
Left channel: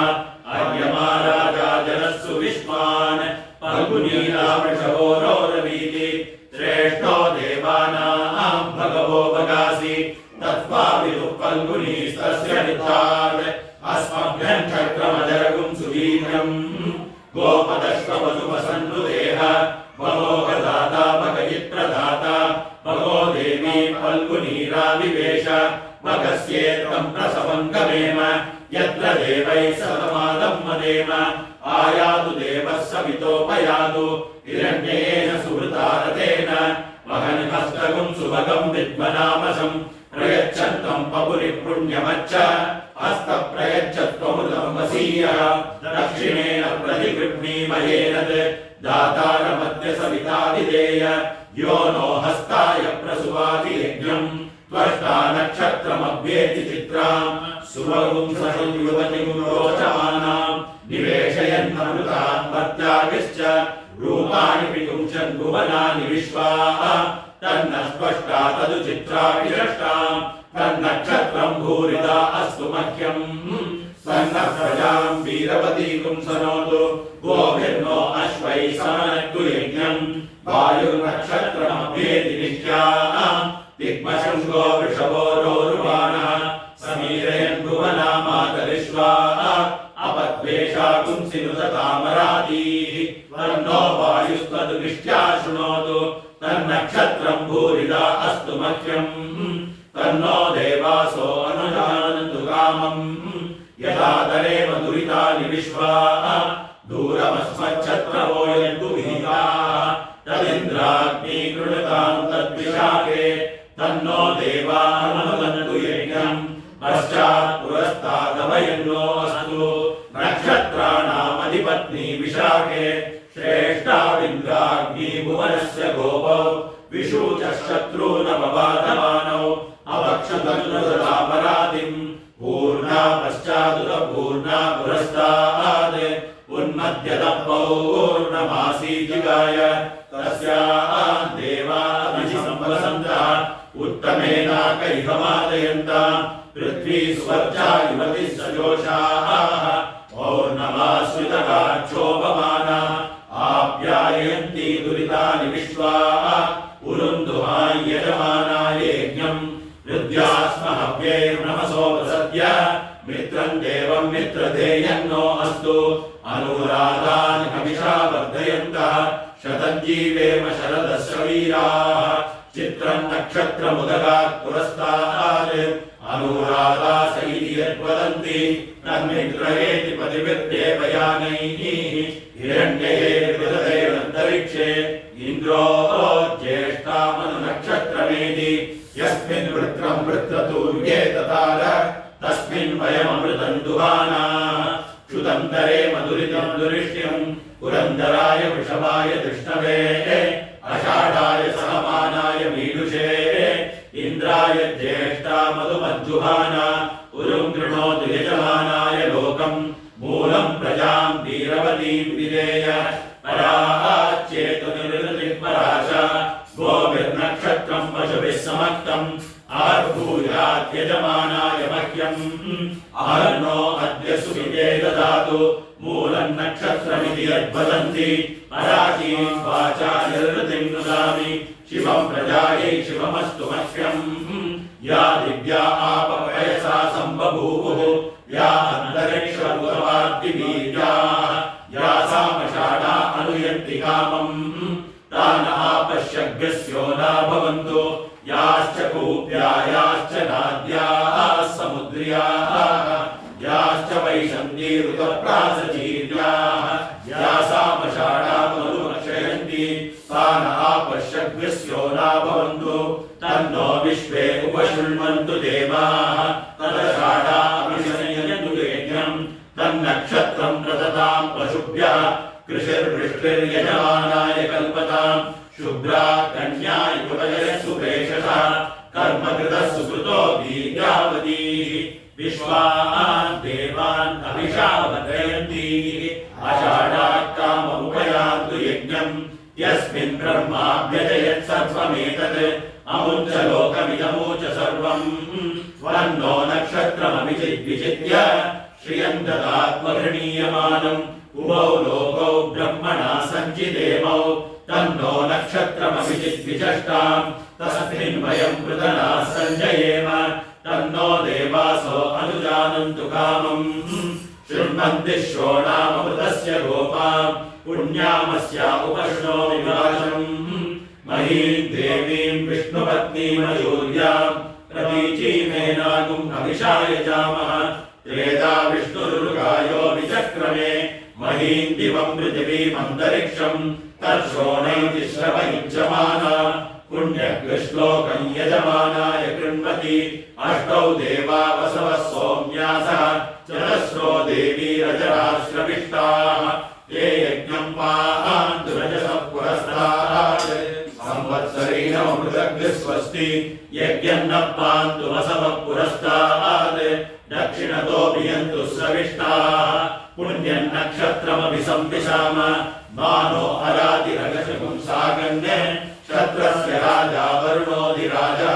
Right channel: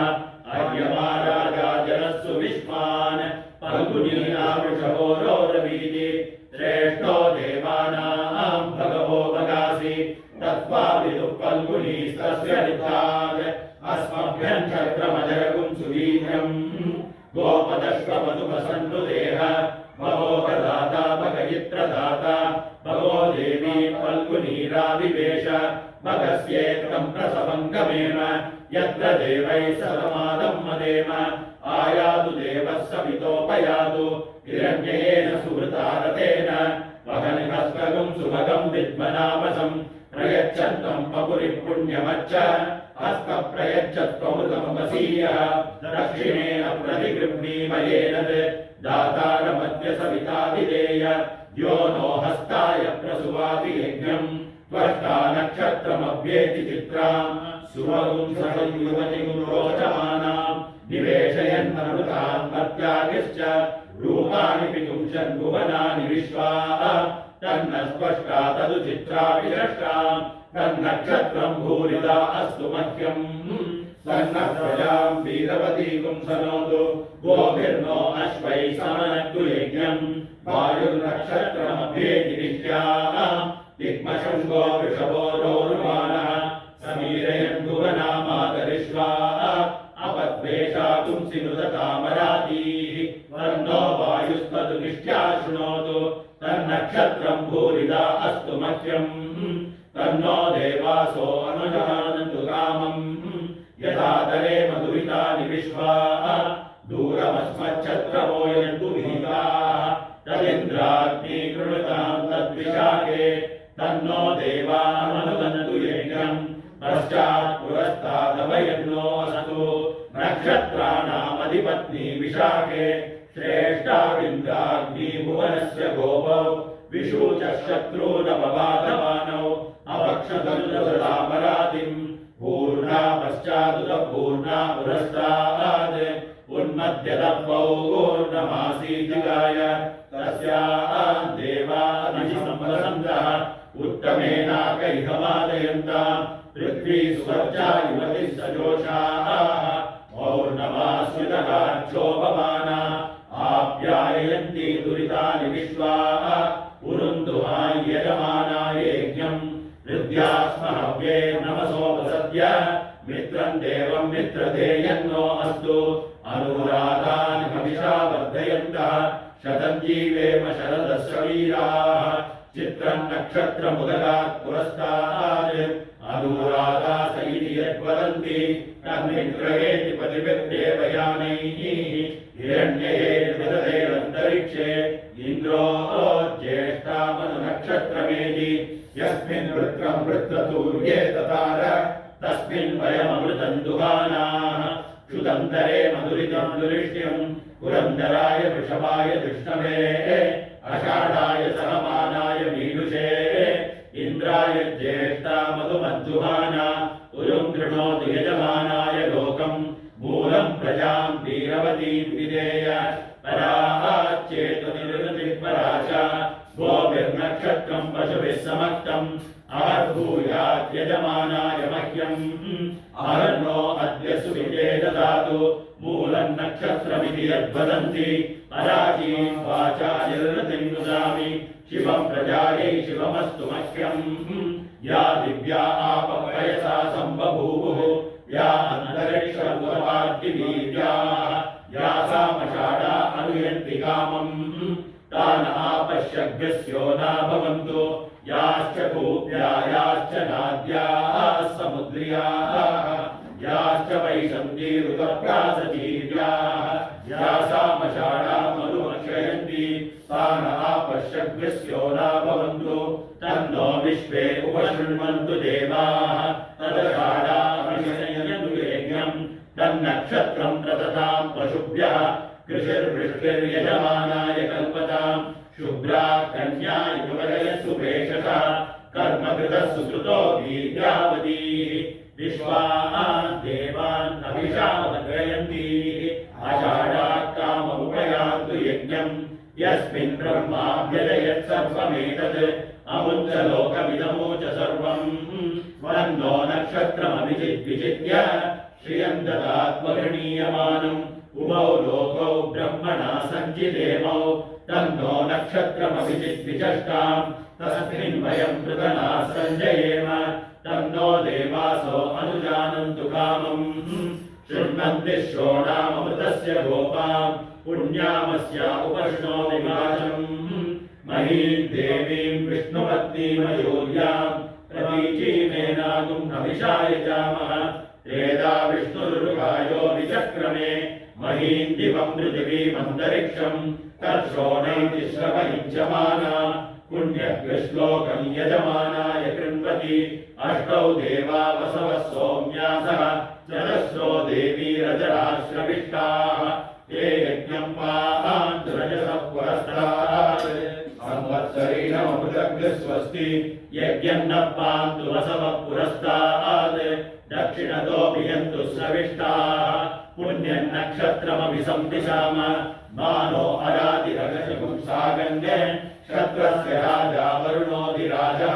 अर्यमा राजा जनस्सु विश्वान् फल्गुनीना वृषभो रोरवीति श्रेष्ठो देवानाम् भगवो भगासि तत्त्वाविदुः फल्गुनीस्तस्य निधात् अस्मभ्यम् चक्रमजरगुं सुवीर्यम् गोपदश्ववसुपसन्नुदेह भगोपदाता भगयित्रदाता भगो देवी फल्गुनीराविवेश भगस्येत्तम् प्रसवम् गमेम यत्र देवैः सतमादम् मदेम आयातु देवः सवितोपयातु हिरण्येन सुहृता रथेन वहन् हस्तगुं सुभगम् विद्मनामसम् प्रयच्छन्तम् पपुरि पुण्यमच्च हस्तप्रयच्छत्वमृतम् वसीयः दक्षिणेन प्रतिगृह्णीमयेन दातारमद्य सविता विधेय यो नो हस्ताय प्रसुवाति यज्ञम् त्वष्टा नक्षत्रमभ्येति चित्राम् सुभगुं संयुवतिगुं रोचमानाम् निवेशयन्नमृतान् मर्त्यागिश्च रूपाणि पिपुंसन् भुवनानि विश्वाः तन्न स्पष्टा तदु चित्रा विरष्टाम् तन्नक्षत्रम् भूरिदा अस्तु मह्यम् तन्न प्रजाम् वीरवतीगुं सनोतु गोभिर्नो अश्वैः समनक्तु यज्ञम् वायुर्नक्षत्रमभ्येति नित्याम् दिग्मशङ्गो वृषभो रोरुमानः समीरयन् भुवनामातरिष्वा अपद्वेषा कुंसि नुततामरातीः तन्नो वायुस्तदु निष्ट्या शृणोतु तन्नक्षत्रम् भूरिदा अस्तु मह्यम् तन्नो देवासो अनुजानन्तु कामम् यथा तरेम दुरितानि विश्वा दूरमस्मच्छत्रवो यन्तु विहिताः तदिन्द्राग्नि कृणुताम् तद्विशाखे तन्नो देवानुगन्तु यज्ञम् पश्चात् पुरस्तादभयन्नो अस्तु नक्षत्राणाम् पत्नी विशाखे श्रेष्ठाविन्द्राग्नी भुवनस्य गोपौ विशूचः शत्रूनपबाधमानौ अवक्षतन्नदरामरादिम् पूर्णा पश्चादुरपूर्णा पुरस्ताद् उन्मध्यतः पौर्णमासी जिगाय तस्यां देवाभिसंवसन्तः उत्तमेनाकैकमादयन्ताम् पृथ्वी स्वर्जा युवतिः सजोषाः पौर्णमास्युतः क्षोभमाना आप्यायन्ति दुरितानि विश्वा उरुन्दुहाय यजमानाय यज्ञम् हृद्यास्महव्यैर्नमसोपसद्य मित्रम् देवम् मित्रधेयन्नो अस्तु अनुराधान् कविषा वर्धयन्तः शतं जीवेम शरदस्य वीराः चित्रम् नक्षत्रमुदगात् पुरस्तात् अनुराधास इति यद्वदन्ति तन्मित्रयेति पतिभिर्देवयानैः हिरण्ययैर्विदधैरन्तरिक्षे इन्द्रो ज्येष्ठामनुनक्षत्रमेति यस्मिन् वृत्रम् वृत्रतूर्ये ततार तस्मिन् वयममृतम् दुहानाः क्षुतन्तरे मधुरितम् दुरिष्ट्यम् पुरन्दराय वृषभाय कृष्णवे अषाढाय सहमानाय मीनुषे इन्द्राय ज्येष्ठा मधुमज्जुहाना उरुम् कृणोतु यजमानाय लोकम् मूलम् प्रजाम् वीरवतीम् विधेय पराच्चेतु निरृतिपराच गोभिर्नक्षत्रम् पशुभिः समक्तम् आर्भूयात् यजमानाय मह्यम् आर्नो अद्य सुविदे ददातु मूलम् नक्षत्रमिति यद्वदन्ति पराचीम् वाचा निरृतिम् ददामि शिवम् प्रजायै शिवमस्तु मह्यम् या दिव्या आपपयसा सम्बभूवुः या अन्तरिक्षभूतवाद्दिवीर्याः या सामषाढा अनुयन्ति कामम् तान् आपश्यभ्यस्योना भवन्तु याश्च कूप्या याश्च नाद्याः समुद्र्याः याश्च वैशन्तीरुतप्रासजीर्याः या सामषाढा मधुमक्षयन्ति तान् आपश्यभ्यस्योना भवन्तु तन्नो विश्वे उपशृण्वन्तु देवाः तदषाढाभिषयन्तु यज्ञम् तन्नक्षत्रम् प्रददाम् पशुभ्यः कृषिर्वृष्टिर्यजमानाय कल्पताम् शुभ्रा कन्या युवजः सुप्रेषसः कर्मकृतः सुकृतो दीर्घावतीः विश्वान् देवान् अभिषा वर्धयन्ति आषाढात् काममुपयान्तु यज्ञम् यस्मिन् ब्रह्माभ्यजयत् सर्वमेतत् अमुञ्च लोकमिदमूच सर्वम् वन्नो नक्षत्रमभिजिद्विजित्य श्रियम् ददात्मगृणीयमानम् उभौ लोकौ ब्रह्मणा सञ्चिदेमौ तन्नो नक्षत्रमभिजिद्विचष्टाम् तस्मिन् वयम् पृतना सञ्जयेम तन्नो देवासो अनुजानन्तु कामम् शृण्वन्ति श्रोणामृतस्य गोपाम् पुण्यामस्या उपष्णो विभाजम् महीम् देवीम् विष्णुपत्नीमयूर्याम् प्रतीचीमेनागुम् अभिषाय जामः त्रेधा विष्णुरुगायो विचक्रमे महीम् दिवम् पृथिवीमन्तरिक्षम् तत्श्रोणैति श्रवयुज्यमाना पुण्यकृश्लोकम् यजमानाय कृण्वति अष्टौ देवा वसवः सोम्यासः चतस्रो देवी रजराश्रविष्टाः ये यज्ञम् पान्तु रजसः पुरस्तात् संवत्सरेणमृतग्निः स्वस्ति यज्ञम् न पान्तु वसवः पुरस्तात् दक्षिणतो भियन्तु स्रविष्टाः पुण्यम् नक्षत्रमभिसंविशाम मानो अरातिरगशकुम् सागन्य क्षत्रस्य राजा वरुणोऽधिराजः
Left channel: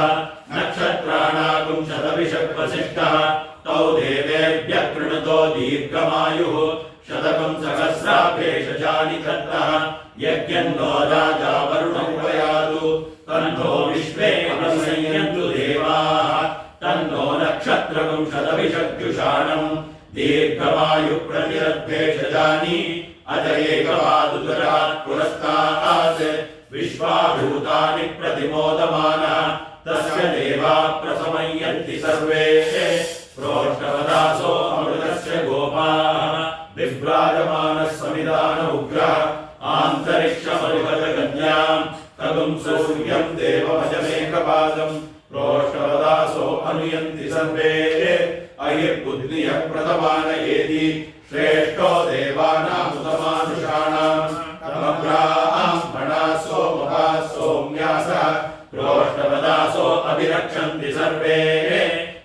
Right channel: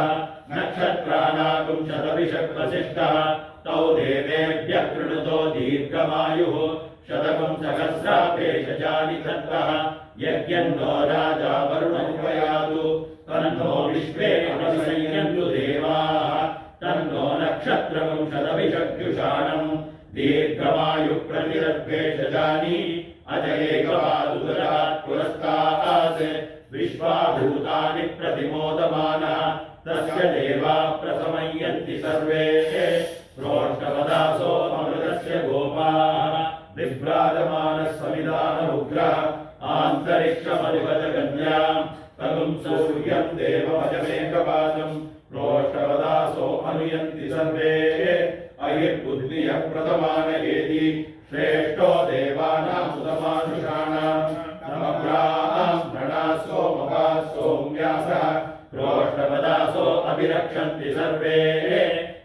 नक्षत्राणाकुम् शतविषक्वसिष्ठः तौ देवेभ्यः कृणुतो दीर्घमायुः शतकम् सहस्राभेषजानि दत्तः यज्ञम् नो राजा वरुणमुपयातु तन्नो विश्वे अभिसंयन्तु देवाः तन्नो नक्षत्रकम् शतविषद्युषाणम् दीर्घमायुप्रतिरद्भेषजानि अजयेकपादुदरात् पुरस्तात् विश्वाभूतानि प्रतिमोदमानः तस्य देवा प्रसमयन्ति सर्वे प्रोष्ठवदासो अमृतस्य गोपाः विभ्राजमानः समिधान उग्रः आन्तरिक्षमरुहजगन्याम् तगुम् सूर्यम् देवभजमेकपादम् प्रोष्ठवदासो अनुयन्ति सर्वे अयिर्बुद्धियः प्रथमानयेति श्रेष्ठो देवानामुतमा व्यासः प्रोष्ठपदासो अभिरक्षन्ति सर्वे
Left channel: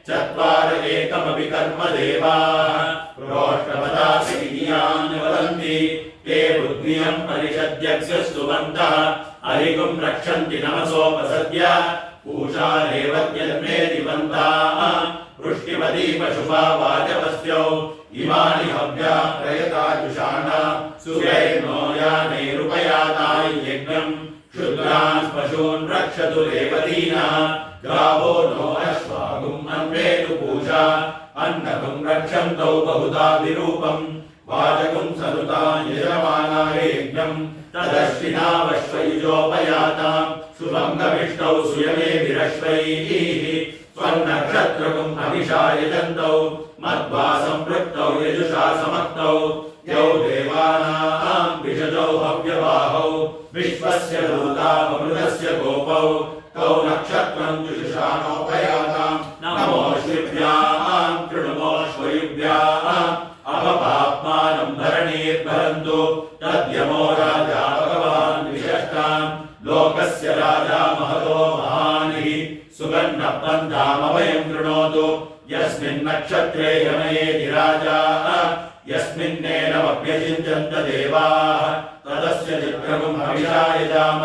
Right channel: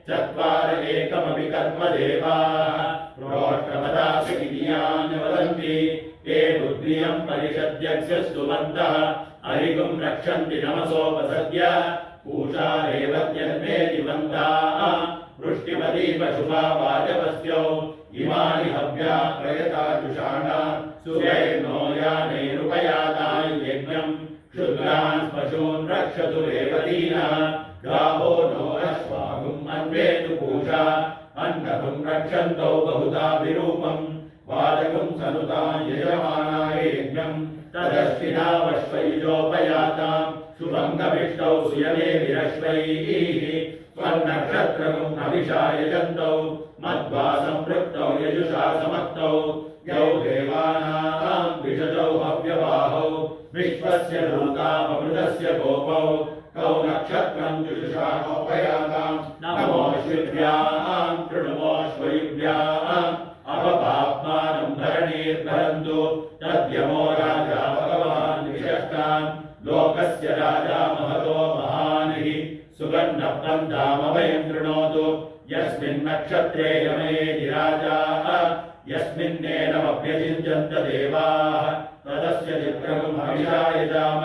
चत्वार एकमपि कर्म देवाः प्रोष्ठपदासि विधियान् वदन्ति ते बुद्धियं परिषद्यस्य स्तुवन्तः अरिगुं रक्षन्ति नमसोपसद्य पूषा रेवत्यन्मे दिवन्ताः वृष्टिमती पशुपा वाजपस्यौ इमानि हव्या प्रयताजुषाणा सुरैर्नो यानैरुपयाताय यज्ञम् क्षुद्रान् पशून् रक्षतु रेवतीनः गावो नो अश्वागुम् अन्वेतु पूषा अन्नगुम् रक्षन्तौ बहुधा विरूपम् वाजगुम् सनुता यजमानाय यज्ञम् तदश्विनावश्वयुजोपयाताम् शुभङ्गमिष्टौ सुयमे विरश्वैः स्वन्नक्षत्रगुम् हविषा यजन्तौ मध्वा सम्पृक्तौ यजुषा समक्तौ यौ देवानाम् विषजौ हव्यवाहौ विश्वस्य दूतामृतस्य गोपौ तौ नक्षत्रम् जुषाणोपयाताम् नमोऽश्विभ्याम् कृणुमोऽश्वयुभ्याम् अपपाप्मानम् धरणीर्भरन्तु तद्यमो राजा भगवान् विशष्टाम् लोकस्य राजा महतो महानिः सुगन्धपन्थामभयम् कृणोतु यस्मिन् नक्षत्रे यमयेति राजा यस्मिन्नेनमभ्यचिन्त्यन्त देवाः तदस्य चित्रगुम् हविषा यजाम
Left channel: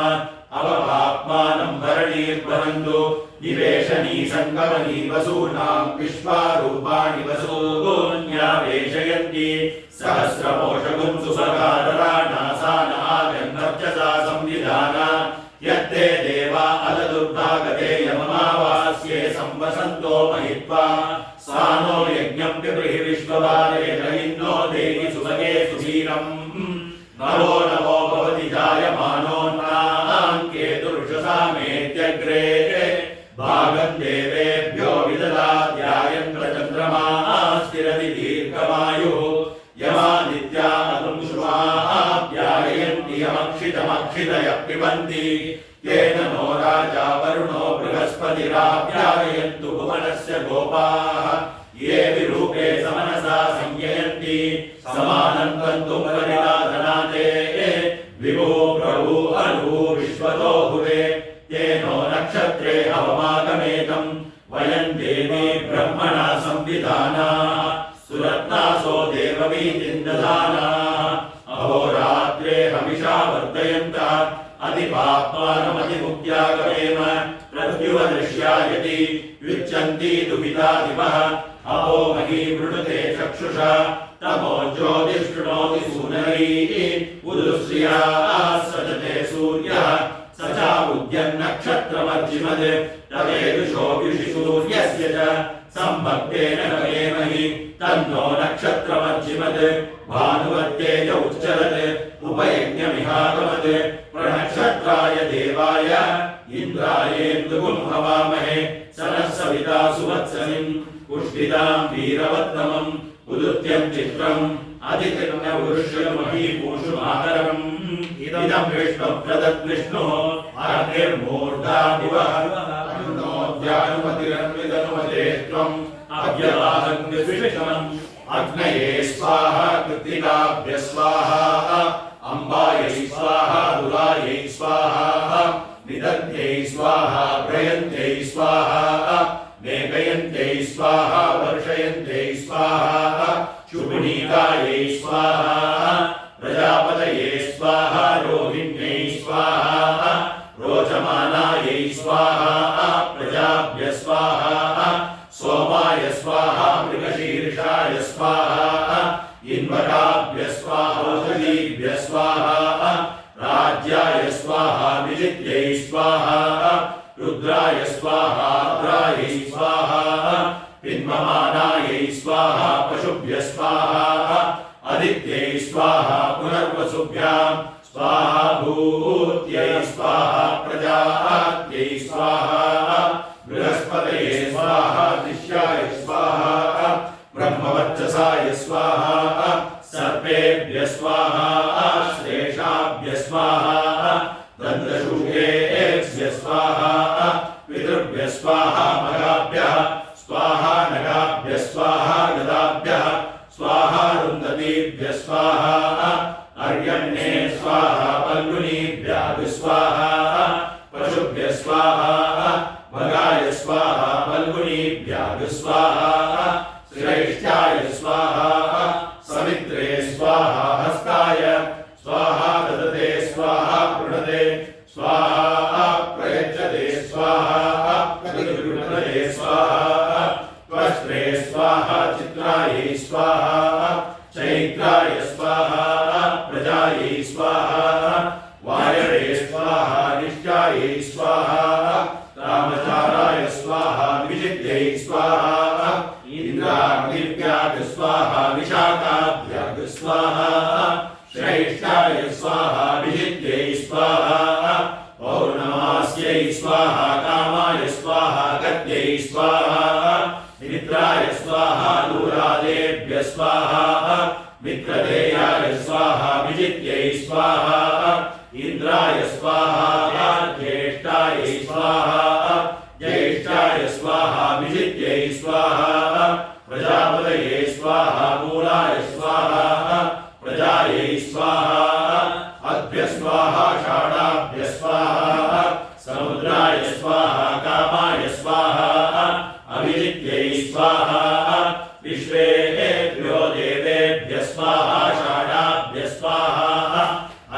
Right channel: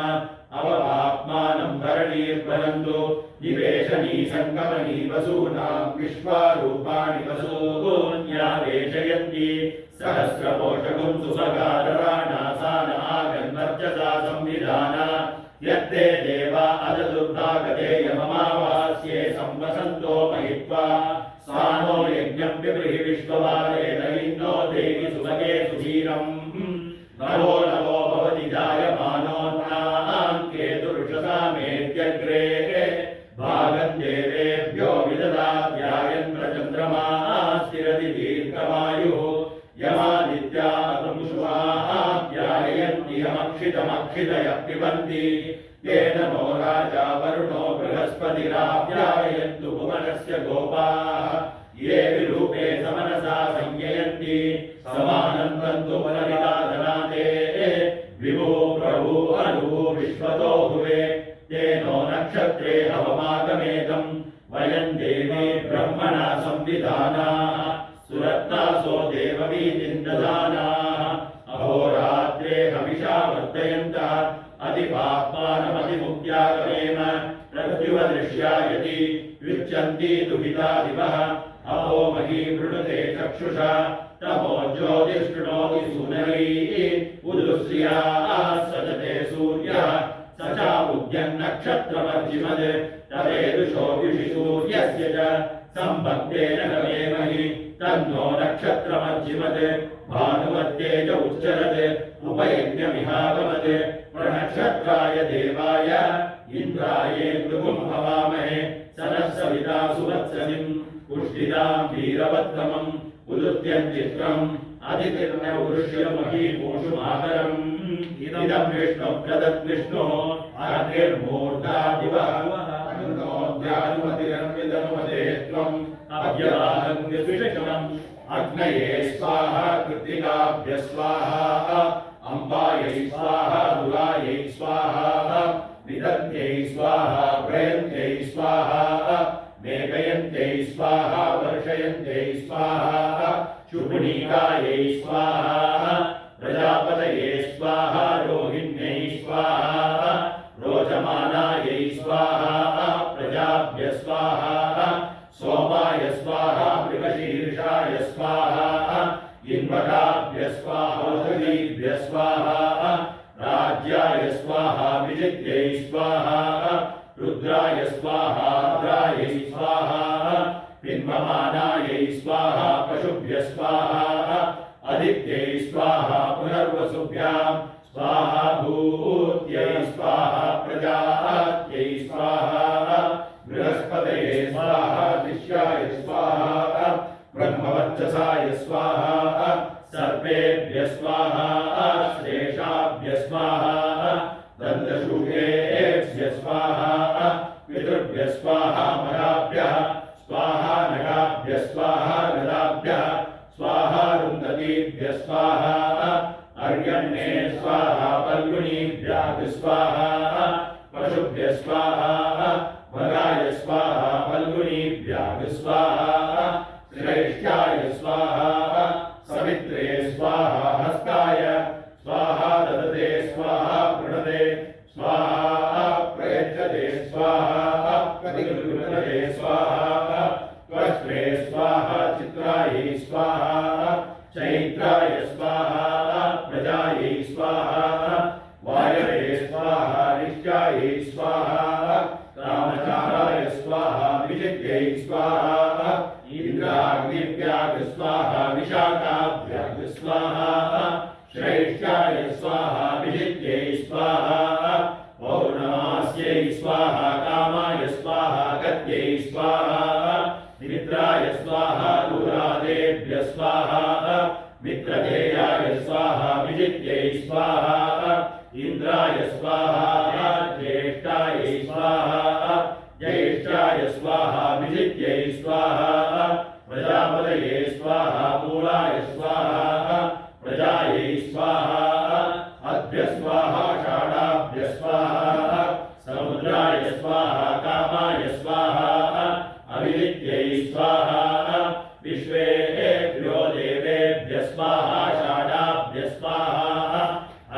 अवपाप्मानम् भरणीर्भरन्तु निवेशनी सङ्गमनी वसूनाम् विश्वारूपाणि वसून्यावेशयन्ति सहस्रपोषगुम् सुसगारराणासानागन्वर्चसा संविधाना यत्ते देवा अददुर्भागते यममावास्ये संवसन्तो महित्वा सानो यज्ञम् पिबृहि विश्ववारेण इन्दो देहि सुभगे सुधीरम् नवो नवो भवति जायमानोन्नाम् केतुरुषसामेत्यग्रे भागम् देवेभ्यो विददात्यायन्द्रचन्द्रमा स्थिरति दीर्घमायुः यमादित्या शुभाप्यायन्ति यमक्षितमक्षितयः पिबन्ति तेन नो राजा वरुणो बृहस्पतिराप्यायन्तु भुवनस्य गोपाः ये विरूपे समनसा संययन्ति समानन्दन्तु परिदाधनाते विभो प्रभु अनु विश्वतो हुवे तेनो नक्षत्रे हवमागमेतम् वयम् देवी ब्रह्मणा संविधानाः सुरत्नासो देववीतिम् दधानाः अहोरात्रे हविषा वर्धयन्तः अधिपाप्मानमधिमुक्त्यागमेम प्रत्युवदृश्यायति युच्यन्ति दुहिता दिवः अहो मही वृणुते चक्षुषा तमो ज्योतिष्कृणोति सूनरीः उदुश्रियाः सजते सूर्यः स चाबुध्यन्नक्षत्रमर्जिमद् तदेदुषो व्युषि सूर्यस्य च सम्भक्तेन नवेमहि तन्नो नक्षत्रमर्जिमद् भानुवत्तेज उच्चरत् उपयज्ञमिहागमत् प्रणक्षत्राय देवाय इन्द्रायेन्दुगुम् हवामहे सनः सविता सुवत्सलिम् पुष्टिताम् वीरवत्तमम् उदुत्यम् चित्रम् अधितिर्न उरुष्यमहीपूषुमाहरम् इदम् विष्णुप्रदद्विष्णुः अर्धिर्मूर्धा दिवः अनुनोद्यानुमतिरन्विदनुमते त्वम् अव्यवाहङ्गस्विषमम् अग्नये स्वाहा कृत्तिकाभ्य स्वाहा अम्बायै स्वाहा दुरायै स्वाहा निदन्त्यै स्वाहा प्रयन्त्यै स्वाहा मेघयन्त्यै स्वाहा वर्षयन्त्यै स्वाहा शुभनीकायै स्वाहा प्रजापतये स्वाहा रोहिण्यै स्वाहा रोचमानायै स्वाहा प्रजाभ्य स्वाहा सोमाय स्वाहा मृगशीर्षाय स्वाहा इन्वराभ्य स्वाहा औषधीभ्य स्वाहा राज्याय स्वाहा विजित्यै स्वाहा रुद्राय स्वाहा रुद्रायै स्वाहा पिन्वमानायै स्वाहा पशुभ्य स्वाहा आदित्यै स्वाहा पुनर्वसुभ्याम् स्वाहा भूत्यै स्वाहा प्रजात्यै स्वाहा बृहस्पतये स्वाहा दिश्याय स्वाहा ब्रह्मवर्चसाय स्वाहा सर्पेभ्य स्वाहा श्रेषाभ्य स्वाहा दन्तशूकेभ्य स्वाहा पितृभ्य स्वाहा मगाभ्यः स्वाहा नगाभ्य स्वाहा गदाभ्यः स्वाहा रुन्धतीभ्य स्वाहा अर्यण्ये स्वाहा पल्गुनीभ्यः स्वाहा पशुभ्यः स्वाहा भगाय स्वाहा फल्गुनीभ्यः स्वाहा श्रेष्ठाय स्वाहा सवित्रे स्वाहा हस्ताय स्वाहा ददते स्वाहा प्रणते स्वाहा प्रयच्छते स्वाहा प्रतिगृह्णते स्वाहा त्वष्ट्रे स्वाहा चित्रायै स्वाहा चैत्राय स्वाहा प्रजायै स्वाहा वायवे स्वाहा निष्ठायै स्वाहा कामचाराय स्वाहा विजित्यै स्वाहा इन्द्राग्निभ्यः स्वाहा विशाखाभ्यः स्वाहा श्रेष्ठाय स्वाहा विजित्यै स्वाहा पौर्णमास्यै स्वाहा कामाय स्वाहा गत्यै स्वाहा मित्राय स्वाहा दूरादेभ्यः स्वाहा मित्रदेयाय स्वाहा विजित्यै स्वाहा इन्द्राय स्वाहा ज्येष्ठाय स्वाहा ज्येष्ठाय स्वाहा विजित्यै स्वाहा प्रजापतये स्वाहा मूलाय स्वाहा प्रजायै स्वाहा अभ्य स्वाहा षाडाभ्य स्वाहा समुद्राय स्वाहा कामाय स्वाहा अभिजित्यै स्वाहा विश्वेभ्यो देवेभ्यः स्वाहा षाडाभ्य स्वाहा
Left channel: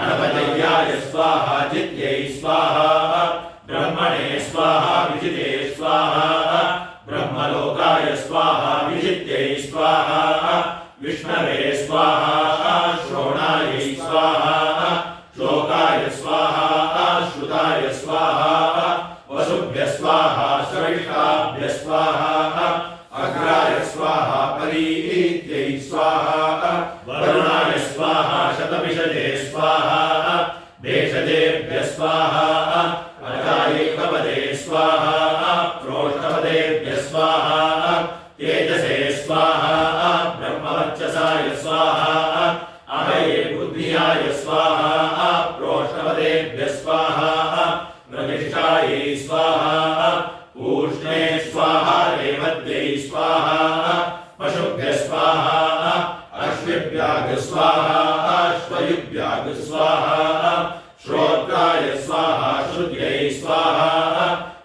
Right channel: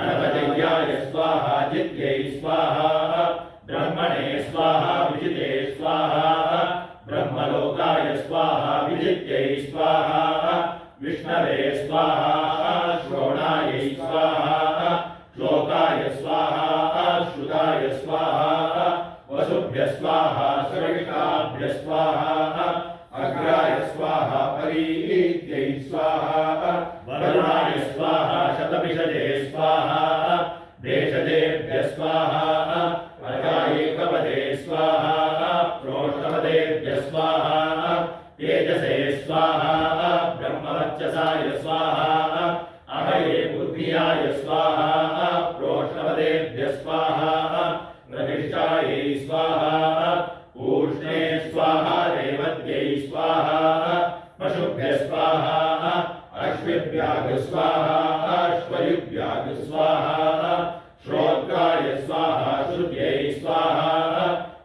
अनपजय्याय स्वाहा जित्यै स्वाहा ब्रह्मणे स्वाहा विजिते स्वाहा ब्रह्मलोकाय स्वाहा विजित्यै स्वाहा विष्णवे स्वाहा श्रोणायै स्वाहा श्लोकाय स्वाहा श्रुताय स्वाहा वसुभ्यः स्वाहा श्रेष्ठाभ्यः स्वाहा अग्राय स्वाहा परीत्यै स्वाहा वरुणाय स्वाहा शतभिषजे स्वाहा भेषजेभ्यः स्वाहा अजायैकपदे स्वाहा प्रोष्ठपदेभ्यः स्वाहा तेजसे स्वाहा ब्रह्मवर्चसाय स्वाहा अहये बुद्धियाय स्वाहा प्रोष्ठपदेभ्यः स्वाहा प्रतिष्ठायै स्वाहा पूष्णे स्वाहा रेवत्यै स्वाहा पशुभ्यः स्वाहा अश्विभ्यः स्वाहा अश्वयुभ्यः स्वाहा श्रोत्राय स्वाहा श्रुत्यै स्वाहा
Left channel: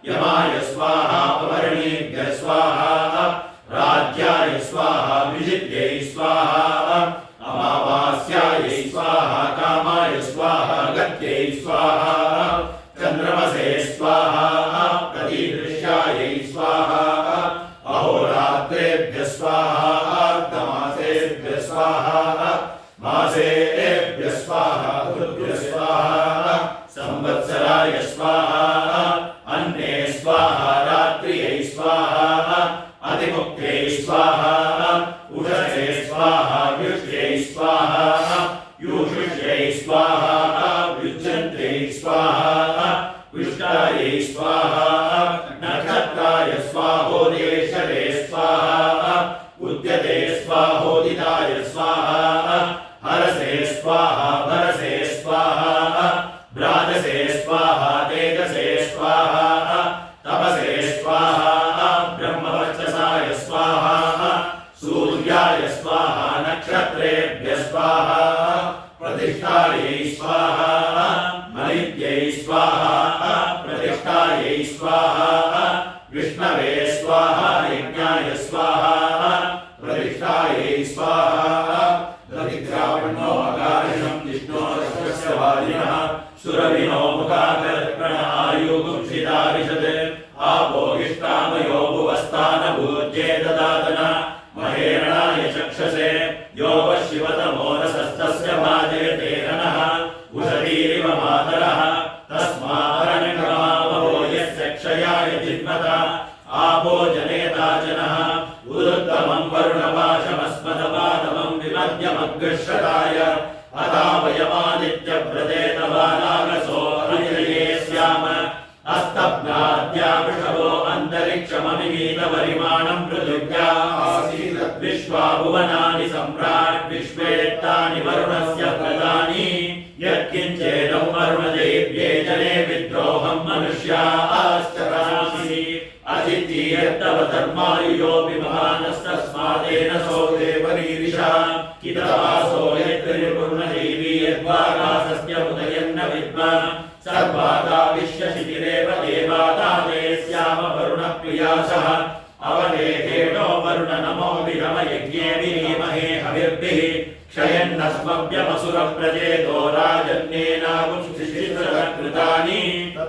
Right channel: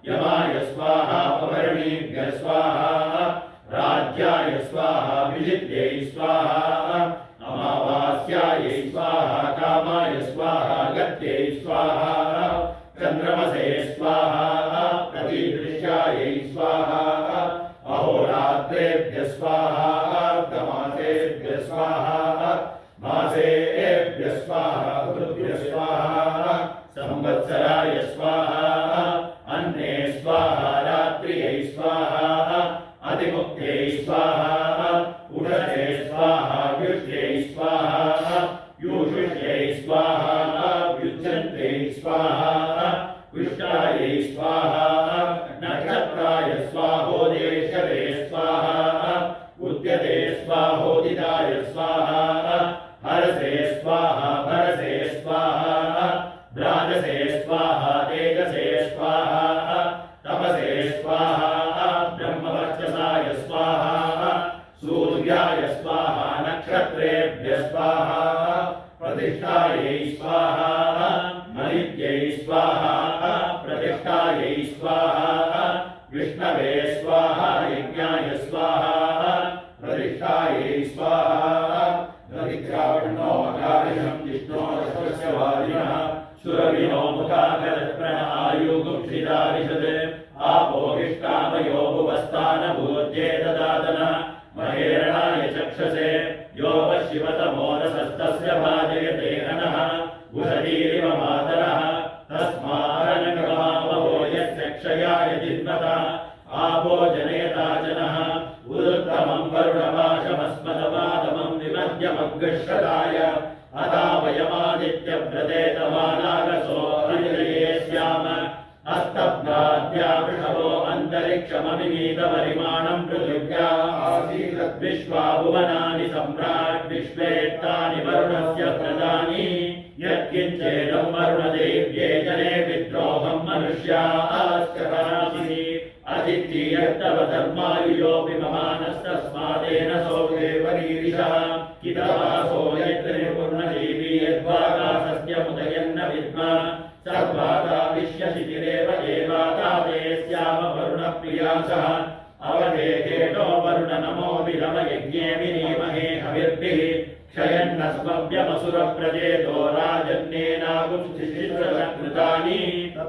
यमाय स्वाहा पवर्णेभ्यः स्वाहा राज्याय स्वाहा विजित्यै स्वाहा अमावास्यायै स्वाहा कामाय स्वाहा गत्यै स्वाहा चन्द्रमसे स्वाहा प्रतिदृश्यायै स्वाहा अहोरात्रेभ्यः स्वाहा अर्धमासेभ्यः स्वाहा मासेभ्यः स्वाहा ऋतुभ्यः स्वाहा संवत्सराय स्वाहा अन्ने स्वाहा रात्र्यै स्वाहा अधिमुक्त्यै स्वाहा उषसे स्वाहा व्युष्यै स्वाहा यूषुष्यै स्वाहा व्युज्यन्त्यै स्वाहा विष्टायै स्वाहा नक्षत्राय स्वाहोदेशरे स्वाहा उद्यते स्वाहोदिताय स्वाहा हरसे स्वाहा भरसे स्वाहा भ्राजसे स्वाहा तेजसे स्वाहा तपसे स्वाहा ब्रह्मवर्चसाय स्वाहा सूर्याय स्वाहा नक्षत्रेभ्यः स्वाहा प्रतिष्ठायै स्वाहा मलित्यै स्वाहा प्रतिष्ठायै स्वाहा विष्णवे स्वाहा यज्ञाय स्वाहा प्रतिष्ठायै स्वाहा दधिग्रावणो अकारिणं विष्णो रक्षस्य वादिनः सुरविनो मुखाकरत्रण आयुगुंसितारिषत् आपो इष्टामयो भुवस्तानभूज्ये ददातन महेरणाय चक्षसे यो वशिवतमो रसस्तस्य भाजयते नः उषतीरिव मातरः तस्मारण्यमावहो यस्य क्षयाय जिन्मता आपो जनेता जनः उदुत्तमं वरुणपाशमस्मदपादमं विमध्यमग्रश्रताय अतावयमादित्यव्रजेतवानागसो हरिणये स्याम अस्तब्धाद्या वृषभो अन्तरिक्षममिगीतपरिमाणं पृथिव्या आसीत् विश्वा भुवनानि सम्राट् विश्वेत्तानि वरुणस्य प्रदानि यत्किञ्चेदं वरुणदेव्ये जने विद्रोहं मनुष्याश्चरासि अजित्येत्तव धर्मायुयोऽपि महानस्तस्मादेन सो देवरीरिषः कितवासो यत्र निर्पुर्णदेवी यद्वागासस्य उदयन्न विद्मा सर्वादा विश्व वसः अवदेहेनो वरुण नमो विरमयज्ञे विनीमहे हविर्भिः क्षयन्नस्मभ्यमसुरप्रजेतो राजन्येनागुंसिशिश्रकृतानि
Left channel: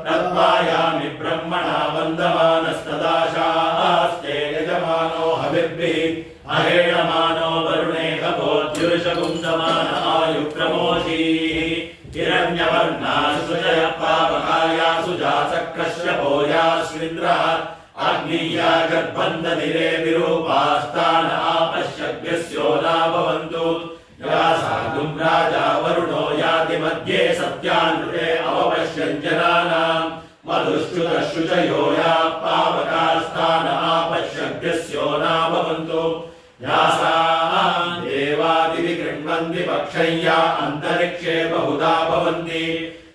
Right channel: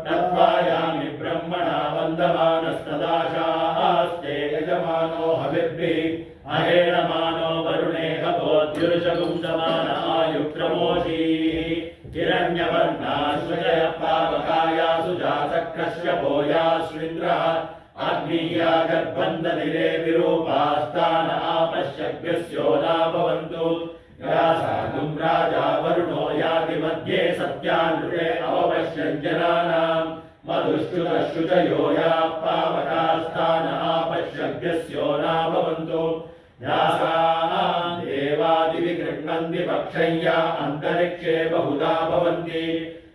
तत्पायामि ब्रह्मणा वन्दमानस्तदाशास्ते यजमानो हविर्भिः अहेणमानो वरुणेह भोज्युरुषगुंसमान आयुप्रमोषीः हिरण्यवर्णासुजय पावकायासु जातकश्यपोयाश्विन्द्रः अग्निया गर्भन्दधिरे विरूपास्तान आपश्यभ्यस्यो न भवन्तु या साधुं राजा वरुणो याति मध्ये सत्यानृते अवपश्यञ्जनानाम् मधुश्रुतशुचयो या पावकास्तान आपश्यभ्यस्यो न भवन्तु यासां देवादिविगृह्णन्ति पक्षय्या अन्तरिक्षे बहुधा भवन्ति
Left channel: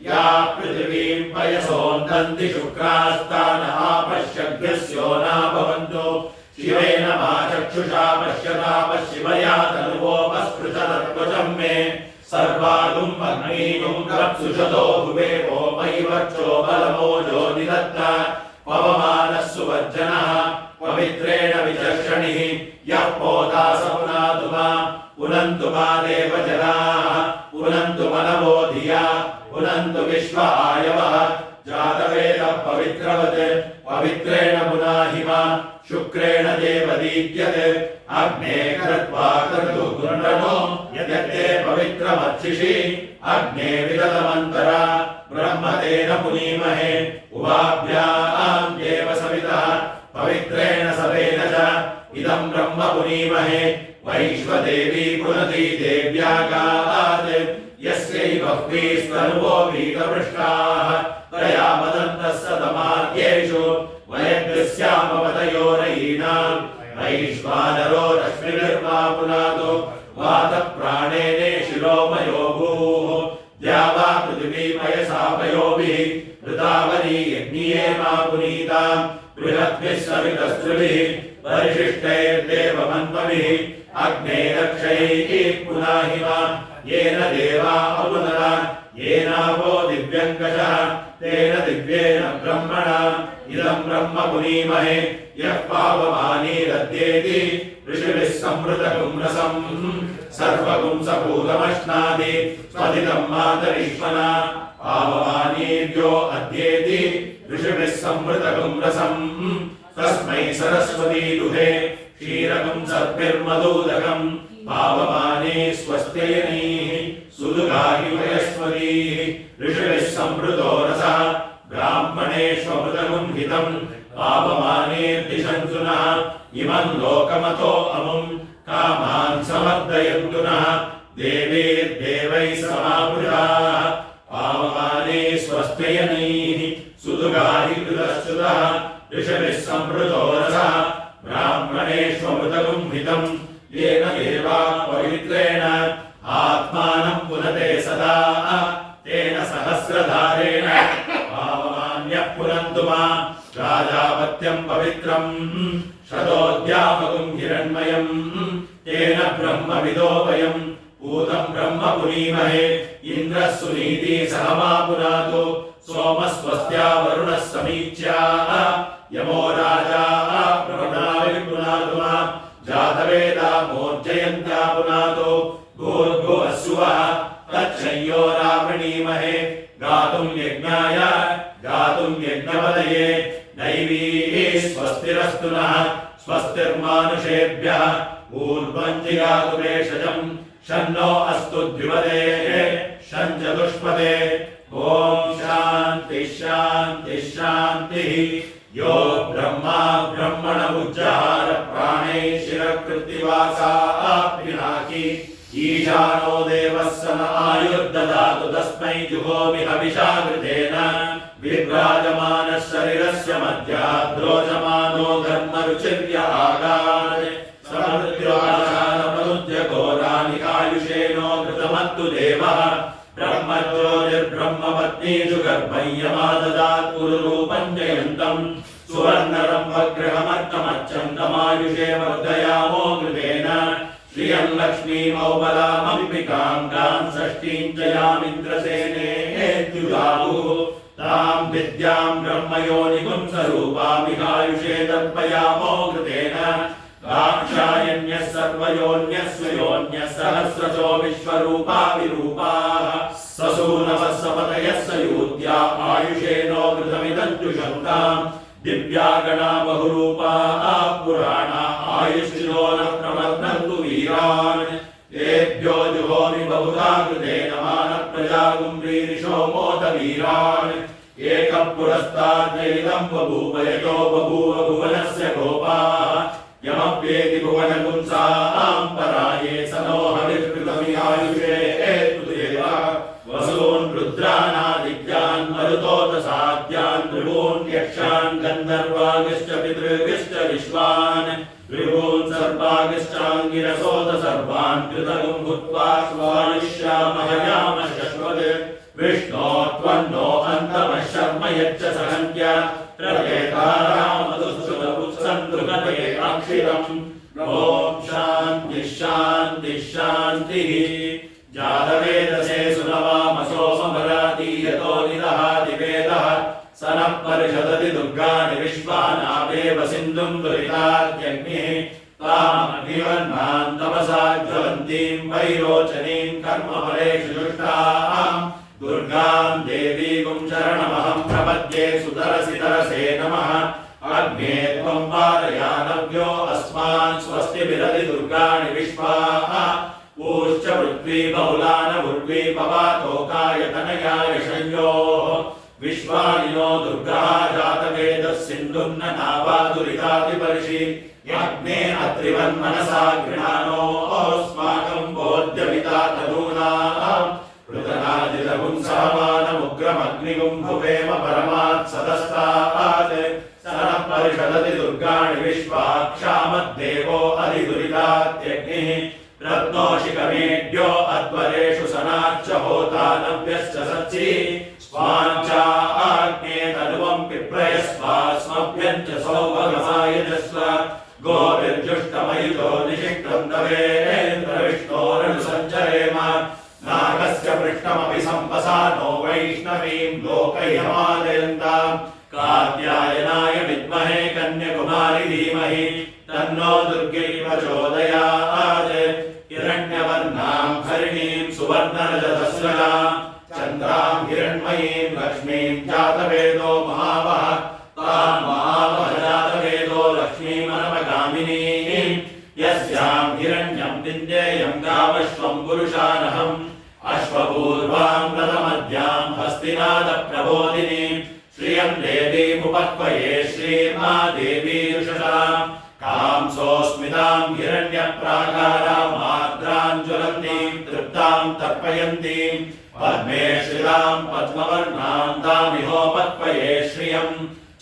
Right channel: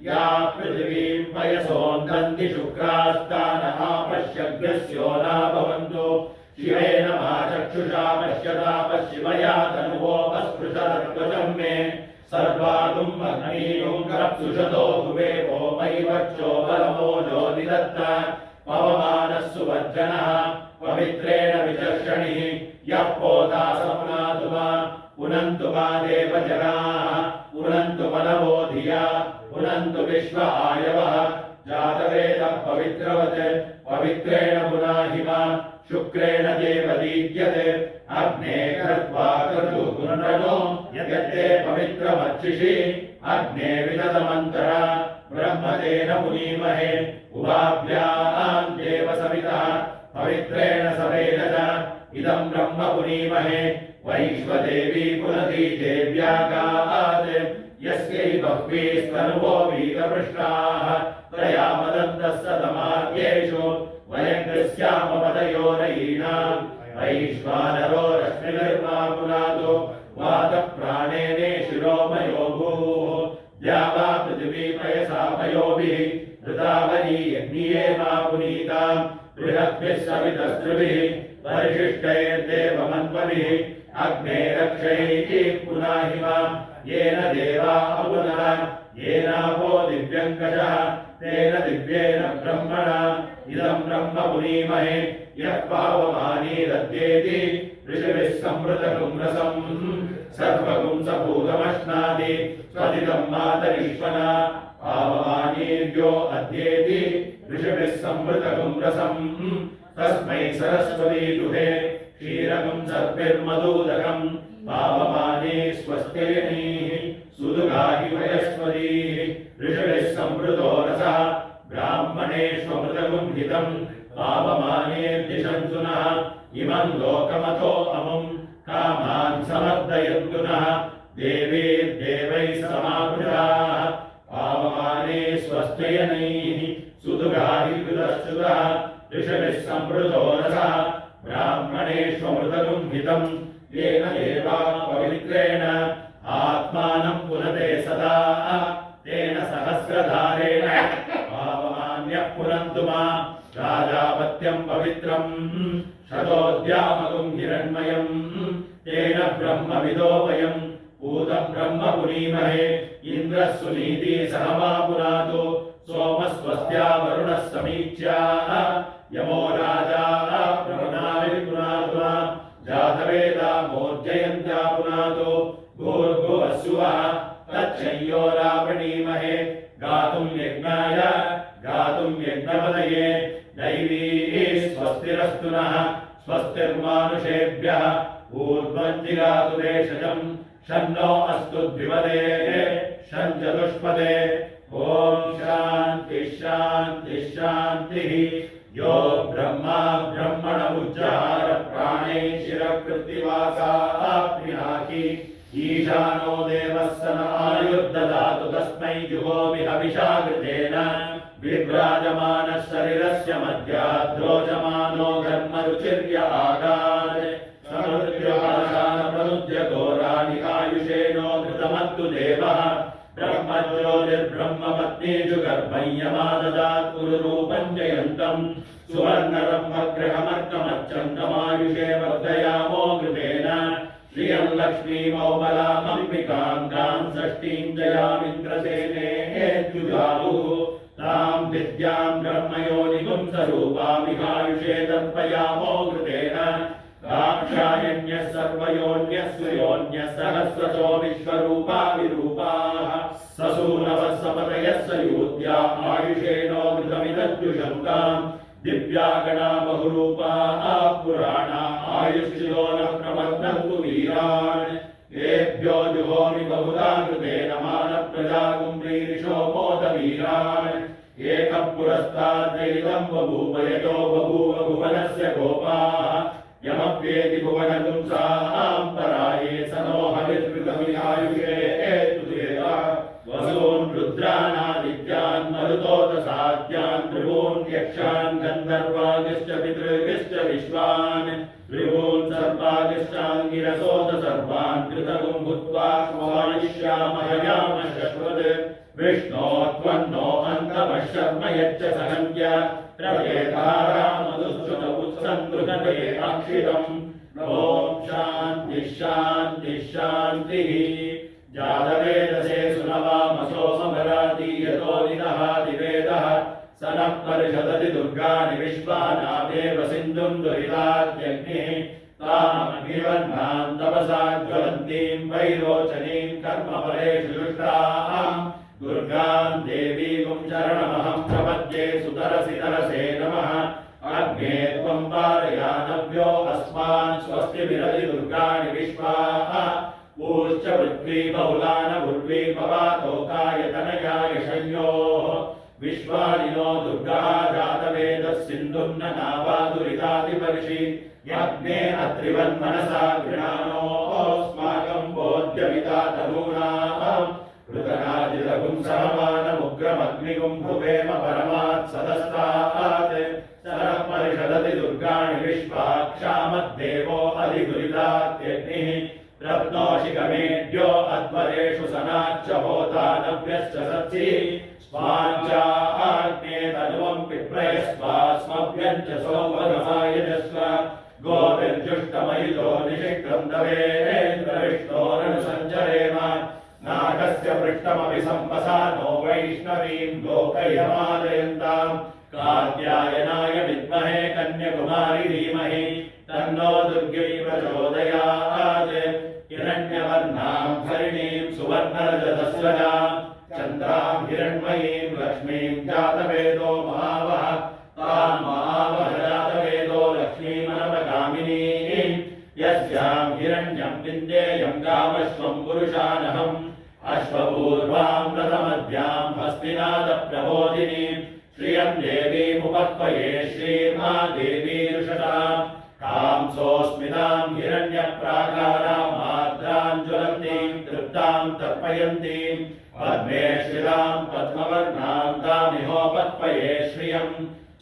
या पृथिवीं पयसोन्दन्ति शुक्रास्तान आपश्यभ्यस्यो न भवन्तु शिवेन मा चक्षुषा पश्यताप शिवया तनुवोपस्पृशतत्वचं मे सर्वागुम् अग्निगुं रप्सुषतो भुवेवो वैवर्चो बलमोजो निदत्त पवमानः सुवर्जनः पवित्रेण विचर्षणिः यः पोता सपुनातु मा पुनन्तु मा देवजनाः पुनन्तु मनवो धिया पुनन्तु विश्व आयवः जातवेदः पवित्रवत् पवित्रेण पुनाहि मा शुक्रेण देवदीप्यते अग्ने कृत्वा कर्तुर्गुण्डनो यद्यते पवित्रमर्चिषि अग्ने विदतमन्तरा ब्रह्मतेन पुनीमहे उवाभ्यां देव सविता पवित्रेण सवेन च इदं ब्रह्म पुनीमहे वैश्वदेवी पुनति देव्यागात् यस्यै बह्वीस्तनुवो वीतपृष्टाः तया मदन्तः सतमार्गेषु वयग्स्यामवदयोरयीनाम् वैश्वानरो रश्मिर्मा पुनातो वातप्राणेने शिरोमयो भूः द्यावा पृथिवी पयसापयोभिः ऋतावनी यज्ञिये मा पुनीताम् बृहद्भिः सवितस्त्रिभिः परिशिष्टैर्देवमन्वभिः अग्ने रक्षैः पुनाहि मा येन देवा अपुनः येनावो दिव्यङ्कषः तेन दिव्येन ब्रह्मणा इदं ब्रह्म पुनीमहे यः पावमानीरद्येति ऋषिभिः संवृतगुं रसम् सर्वगुं सपूतमश्नादि स्वदितं मातरीश्वना पावमानीर्यो अद्येति ऋषिभिः संवृतगुं रसम् तस्मै सरस्वती दुहे क्षीरकं सर्पिर्मदूदकम् पावमाने स्वस्त्ययनीः सुदुगाहि वयस्वतीः ऋषिभिः संवृतो रसः ब्राह्मणेष्वमृतगुं हितं पावमानेर्दिशन्तु नः इमं लोकमतो अमुं कामान् समर्दयन्तु नः देवीर्देवैः समावृताः पावमाने स्वस्त्ययनीः सुदुगाहि कृतश्च्युतः ऋषिभिः संवृतो रसः ब्राह्मणेष्वमृतगुं हितं येन देवा पवित्रेण आत्मानं पुनते सदा तेन सहस्रधारेण पावमान्यः पुनन्तु मा राजापत्यं पवित्रं शतोद्यामगुं हिरण्मयं तेन ब्रह्मविदो वयं पूतं ब्रह्म पुनीमहे इन्द्रः सुनीति सहमा पुनातु सोमः स्वस्त्या वरुणः समीच्या यमो राजा प्रभृणाविर्पुनातु मा जातवेदा मोर्जयन्त्या पुनातो भूर्भुवस्सुवः तच्छय्यो रावणीमहे गातुं यज्ञाय गातुं यज्ञपदये दैवीः स्वस्तिरस्तु नः स्वस्तिर्मानुषेभ्यः ऊर्ध्वं जिगातु भेषजं शन्नो अस्तु द्विपदे शं चतुष्पदे ॐ शान्ति शान्ति शान्तिः यो ब्रह्मा ब्रह्मण उज्जहार प्राणे शिरकृत्तिवासाः पिनाकी ईशानो देवः सम आयुर्ददातु तस्मै जुहोमि हविषा कृतेन विभ्राजमानः शरीरस्य मध्याद्रोचमानो धर्मरुचिर्य आगात् समृद्ध्योपाशानप्रनुद्य घोरानिकायुषेणो घृतमत्तु देवः ब्रह्मज्योतिर्ब्रह्मपत्नीषु गर्भय्यमाददात् पुरुरूपं जयन्तम् सुवर्णरम्भगृहमर्कमर्चन्तमायुषे वर्धयामो घृतेन श्रियं लक्ष्मीमौबलामम्बिकां गां षष्ठीं च यामिन्द्रसेनेत्युजाहुः तां विद्यां ब्रह्मयोनिगुं स्वरूपामिहायुषे तर्पयामो घृतेन दाक्षायण्यः सर्वयोन्यः स्वयोन्यः सहस्रशो विश्वरूपा विरूपाः ससूनवः सपतयः सयूत्या आयुषेनो घृतमिदं जुषन्ताम् दिव्या गणा बहुरूपा पुराणा आयुष्यो न प्रवर्तन्तु वीरान् तेभ्यो जुहोमि बहुधा कृतेन मानप्रजागुम्भीरिशो मोदवीरान् एकं पुरस्ताद्वैतं बभूव यतो बभूव भुवनस्य गोपाः यमप्येति भुवनगुंसां पराये स नो हविर्कृतमिहायुषे वसून् रुद्रानादित्यान् मरुतोदसाद्यान् त्रिभून् यक्षान् गन्धर्वागिश्च पितृगिश्च विश्वान् भृगून् सर्वागिश्चाङ्गिरसोद सर्वान् कृतगुं भूत्वा स्वानिष्यामहयाम शश्वत् विष्णो त्वन्नो अन्तमः शर्म यच्च सहन्त्य प्रभेदारामधुश्रुत उत्सन्तृकते अक्षिरम् ॐ शान्तिः शान्तिः शान्तिः जातवेदसे सुनवामसो समरातीयतो निदहाति वेदः स नः परिषदति दुर्गानि विश्वानावेव सिन्धुं दुरितात्यग्निः तामग्निवह्नां तपसा ज्वलन्तीं वैरोचनीं कर्मफलेषु जुष्टां दुर्गां देवीं शरणमहं प्रपद्ये सुतरसि तरसे नमः अग्ने त्वं पारयानव्यो अस्मान् स्वस्ति विरति दुर्गाणि विश्वाः ऊश्च पृथ्वी बहुलान उर्वी पवातोकायतनयाय संयोः विश्वानिनो दुर्गः जातवेदः सिन्धुन्न नावादुरितादिपर्षि यज्ञे अत्रिवन्मनसा गृहाणोऽस्माकं बोध्यमिता तनूनाम् ऋतनादिलपुंसहमानमुग्रमग्निगुं भुवेम परमात् सदस्तात् सनः परिषदति दुर्गाणि विश्वाक्षामद्देवो अधिदुरितात्यग्निः रत्नोशिखमेढ्यो अध्वरेषु सनाच्च होता नव्यश्च सत्सि स्वाञ्चाग्ने तनुवं पिप्रयस्वास्मभ्यञ्च सौभगमायजस्व गोभिर्जुष्टमयुतो निषिक्तं तवेन्द्रविष्णोरनुसञ्चरेम नागस्य पृष्ठमपि सम्पसा नो वैष्णवीं लोकैहमादयन्ताम् कात्यायनाय विद्महे कन्याकुमारी धीमहि तन्नो दुर्गे प्रचोदयात् हिरण्यवर्णां हरिणीं सुवर्णरजतस्रजां चन्द्रां हिरण्मयीं लक्ष्मीं जातवेदो महावः तां महावः जातवेदो लक्ष्मीमनवगामिनीं यस्यां हिरण्यं विन्देयं गावश्वं पुरुषानहम् अश्वपूर्वां रथमध्यां हस्तिनादप्रबोधिनीं श्रियं देवीमुपक्वये श्रीर्मा देवी युषसां कांसोऽस्मितां हिरण्यप्राकारामार्द्रां ज्वलन्तीं तृप्तां तर्पयन्तीं पद्मे श्रितां पद्मवर्णां तामिहोपक्वये श्रियं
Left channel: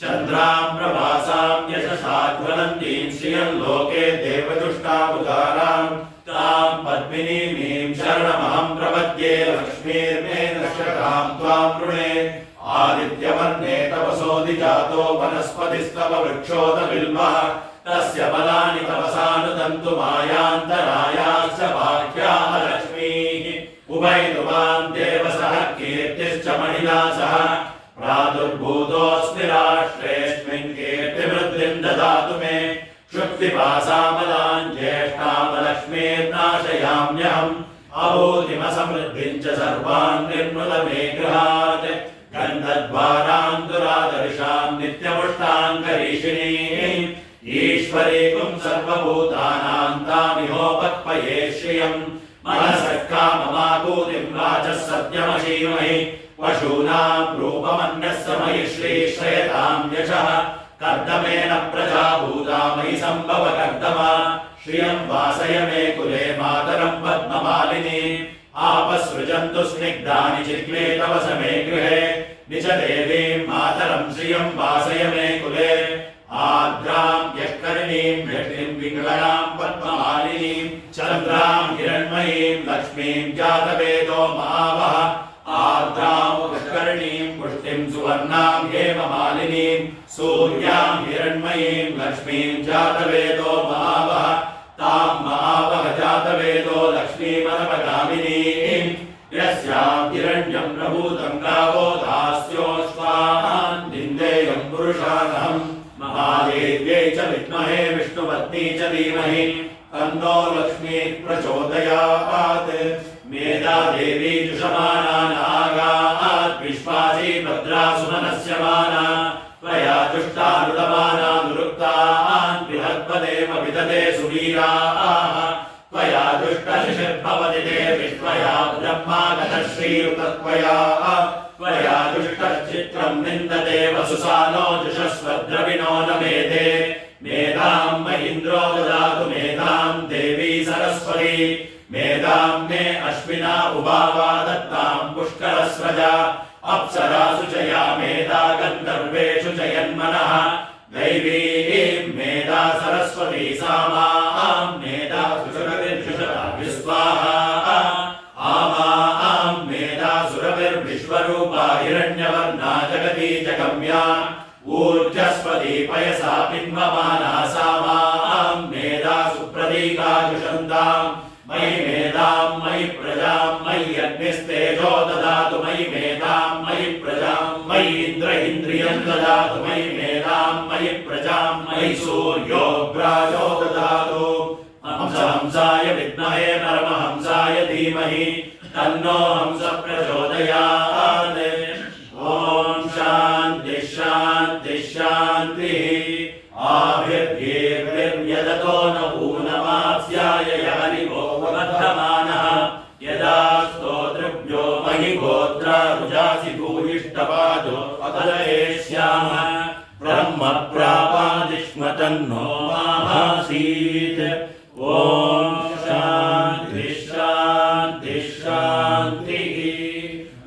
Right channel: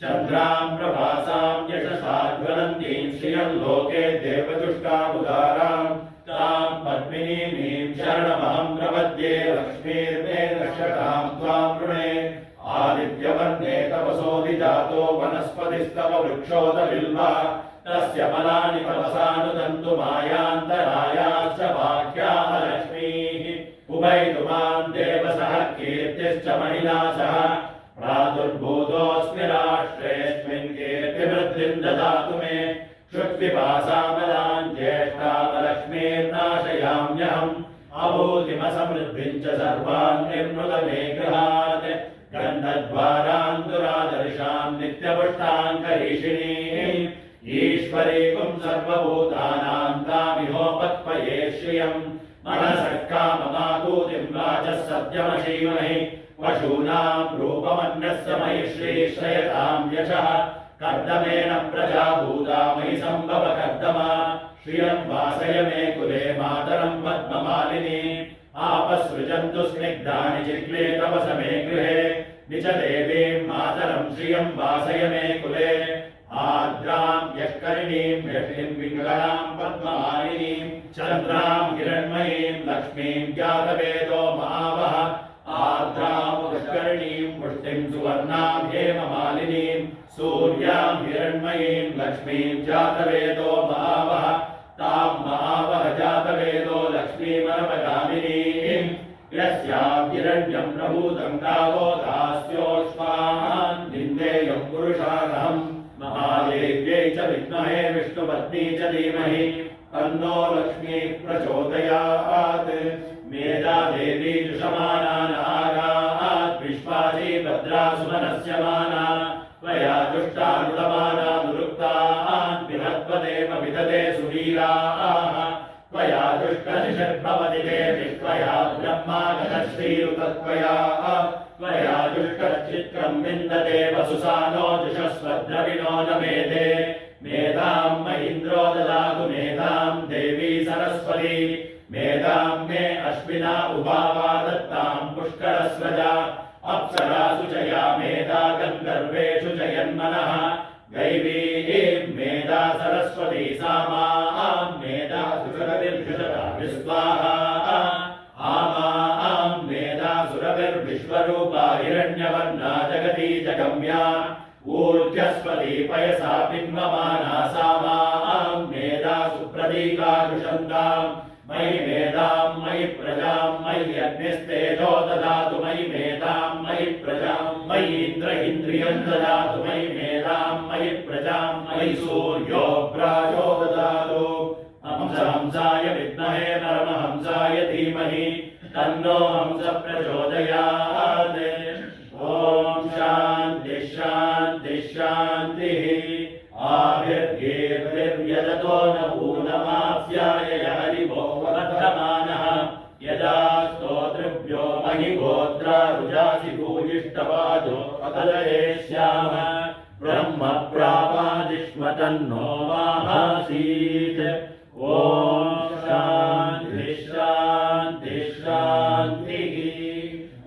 चन्द्रां प्रभासां यशसा ज्वलन्तीं श्रियं लोके देवदुष्टामुदारां तां पद्मिनीमीं शरणमहं प्रपद्ये लक्ष्मीर्मे दर्शतां त्वां वृणे आदित्यवर्णे तपसोऽधिजातो वनस्पतिस्तव वृक्षोदबिल्वः तस्य फलानि तपसानुदन्तु मायान्तरायाश्च वाक्याः लक्ष्मीः उभयतु मां देवसः कीर्तिश्च मणिना सह प्रादुर्भूतोऽस्मि राष्ट्रेऽस्मिन् कीर्तिवृद्धिं ददातु मे क्षुत्पिपासामदां ज्येष्ठामलक्ष्मीर्नाशयाम्यहम् अभूतिमसमृद्धिं च सर्वान् निर्मृत मे गृहात् गन्धद्वारान्तुरादर्शां नित्यपुष्टां करीषिणीम् ईश्वरीकुं सर्वभूतानां तामिहोपक्वये श्रियं मनसः काममाकूतिं वाचः सत्यमशीमहि पशूनां रूपमन्यस्य मयि श्रीश्रयतां यशः कर्दमेन प्रजा भूता मयि सम्भव कर्दमा श्रियं वासय मे कुले मातरं पद्ममालिनी आपसृजन्तु स्निग्धानि चिक्ले तव समे गृहे निज देवीं मातरं श्रियं वासय मे कुले आर्द्रां यष्करिणीं व्यक्तिं विङ्गलां पद्ममालिनीं चन्द्रां हिरण्मयीं लक्ष्मीं जातवेदो महावः आर्द्रां यष्करिणीं पुष्टिं सुवर्णां हेममालिनीं सूर्यां हिरण्मयीं लक्ष्मीं जातवेदो महावः तां महावः जातवेदो लक्ष्मीमनवगामिनीं यस्यां हिरण्यं प्रभूतं गावो दास्योऽश्वान् यं पुरुषाणहं महादेव्यै च विद्महे विष्णुपत्नी च धीमहि तन्नो लक्ष्मीः प्रचोदयात्। मेधा देवी जुषमाना नागात् विश्वासी भद्रा सुमनस्यमाना त्वया जुष्टानुदमाना दुरुक्तान् विधत्वदेव विदते सुवीराः त्वया जुष्टशिशिर्भवति ते विश्वया ब्रह्मागतश्रीयुतत्वया त्वया जुष्टश्चित्रं निन्दते वसुसानो जुषस्वद्रविणो न मेधे मेधां महीन्द्रो ददातु मेधां देवी सरस्वती मेधां मे अश्विना उभावा दत्तां पुष्करस्वजा अप्सरासु च या मेधा गन्धर्वेषु च यन्मनः दैवीं मेधा सरस्वती सा मां मेधा सुरभिर्जुषता विस्वाहा आमां मेधा सुरभिर्विश्वरूपा हिरण्यवर्णा जगती जगम्या ऊर्जस्वती पयसा बिम्बमाना सा मां मेधा सुप्रतीका जुषन्ताम् मयि मेधां मयि प्रजां मयि अग्निस्तेजो ददातु मयि मेधां मयि प्रजां मयि इन्द्रियं ददातु मयि मेधां मयि प्रजां मयि सूर्योऽग्राजो ददातु हंसाय विद्महे परमहंसाय धीमहि तन्नो हंस प्रचोदयात्। ॐ शान्ति शान्ति शान्तिः आभिर्भीर्भिर्यदतो न ऊनमाप्स्याय हरिवो वर्धमानः यदा स्तोतृभ्यो महि गोत्रा रुजासि भूयिष्ठपादो अकलयेष्याम ब्रह्म प्रापादिष्म तन्नो माहासीत्। ॐ शान्ति शान्ति शान्तिः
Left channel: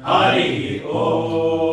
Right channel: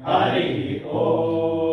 हरिः ॐ।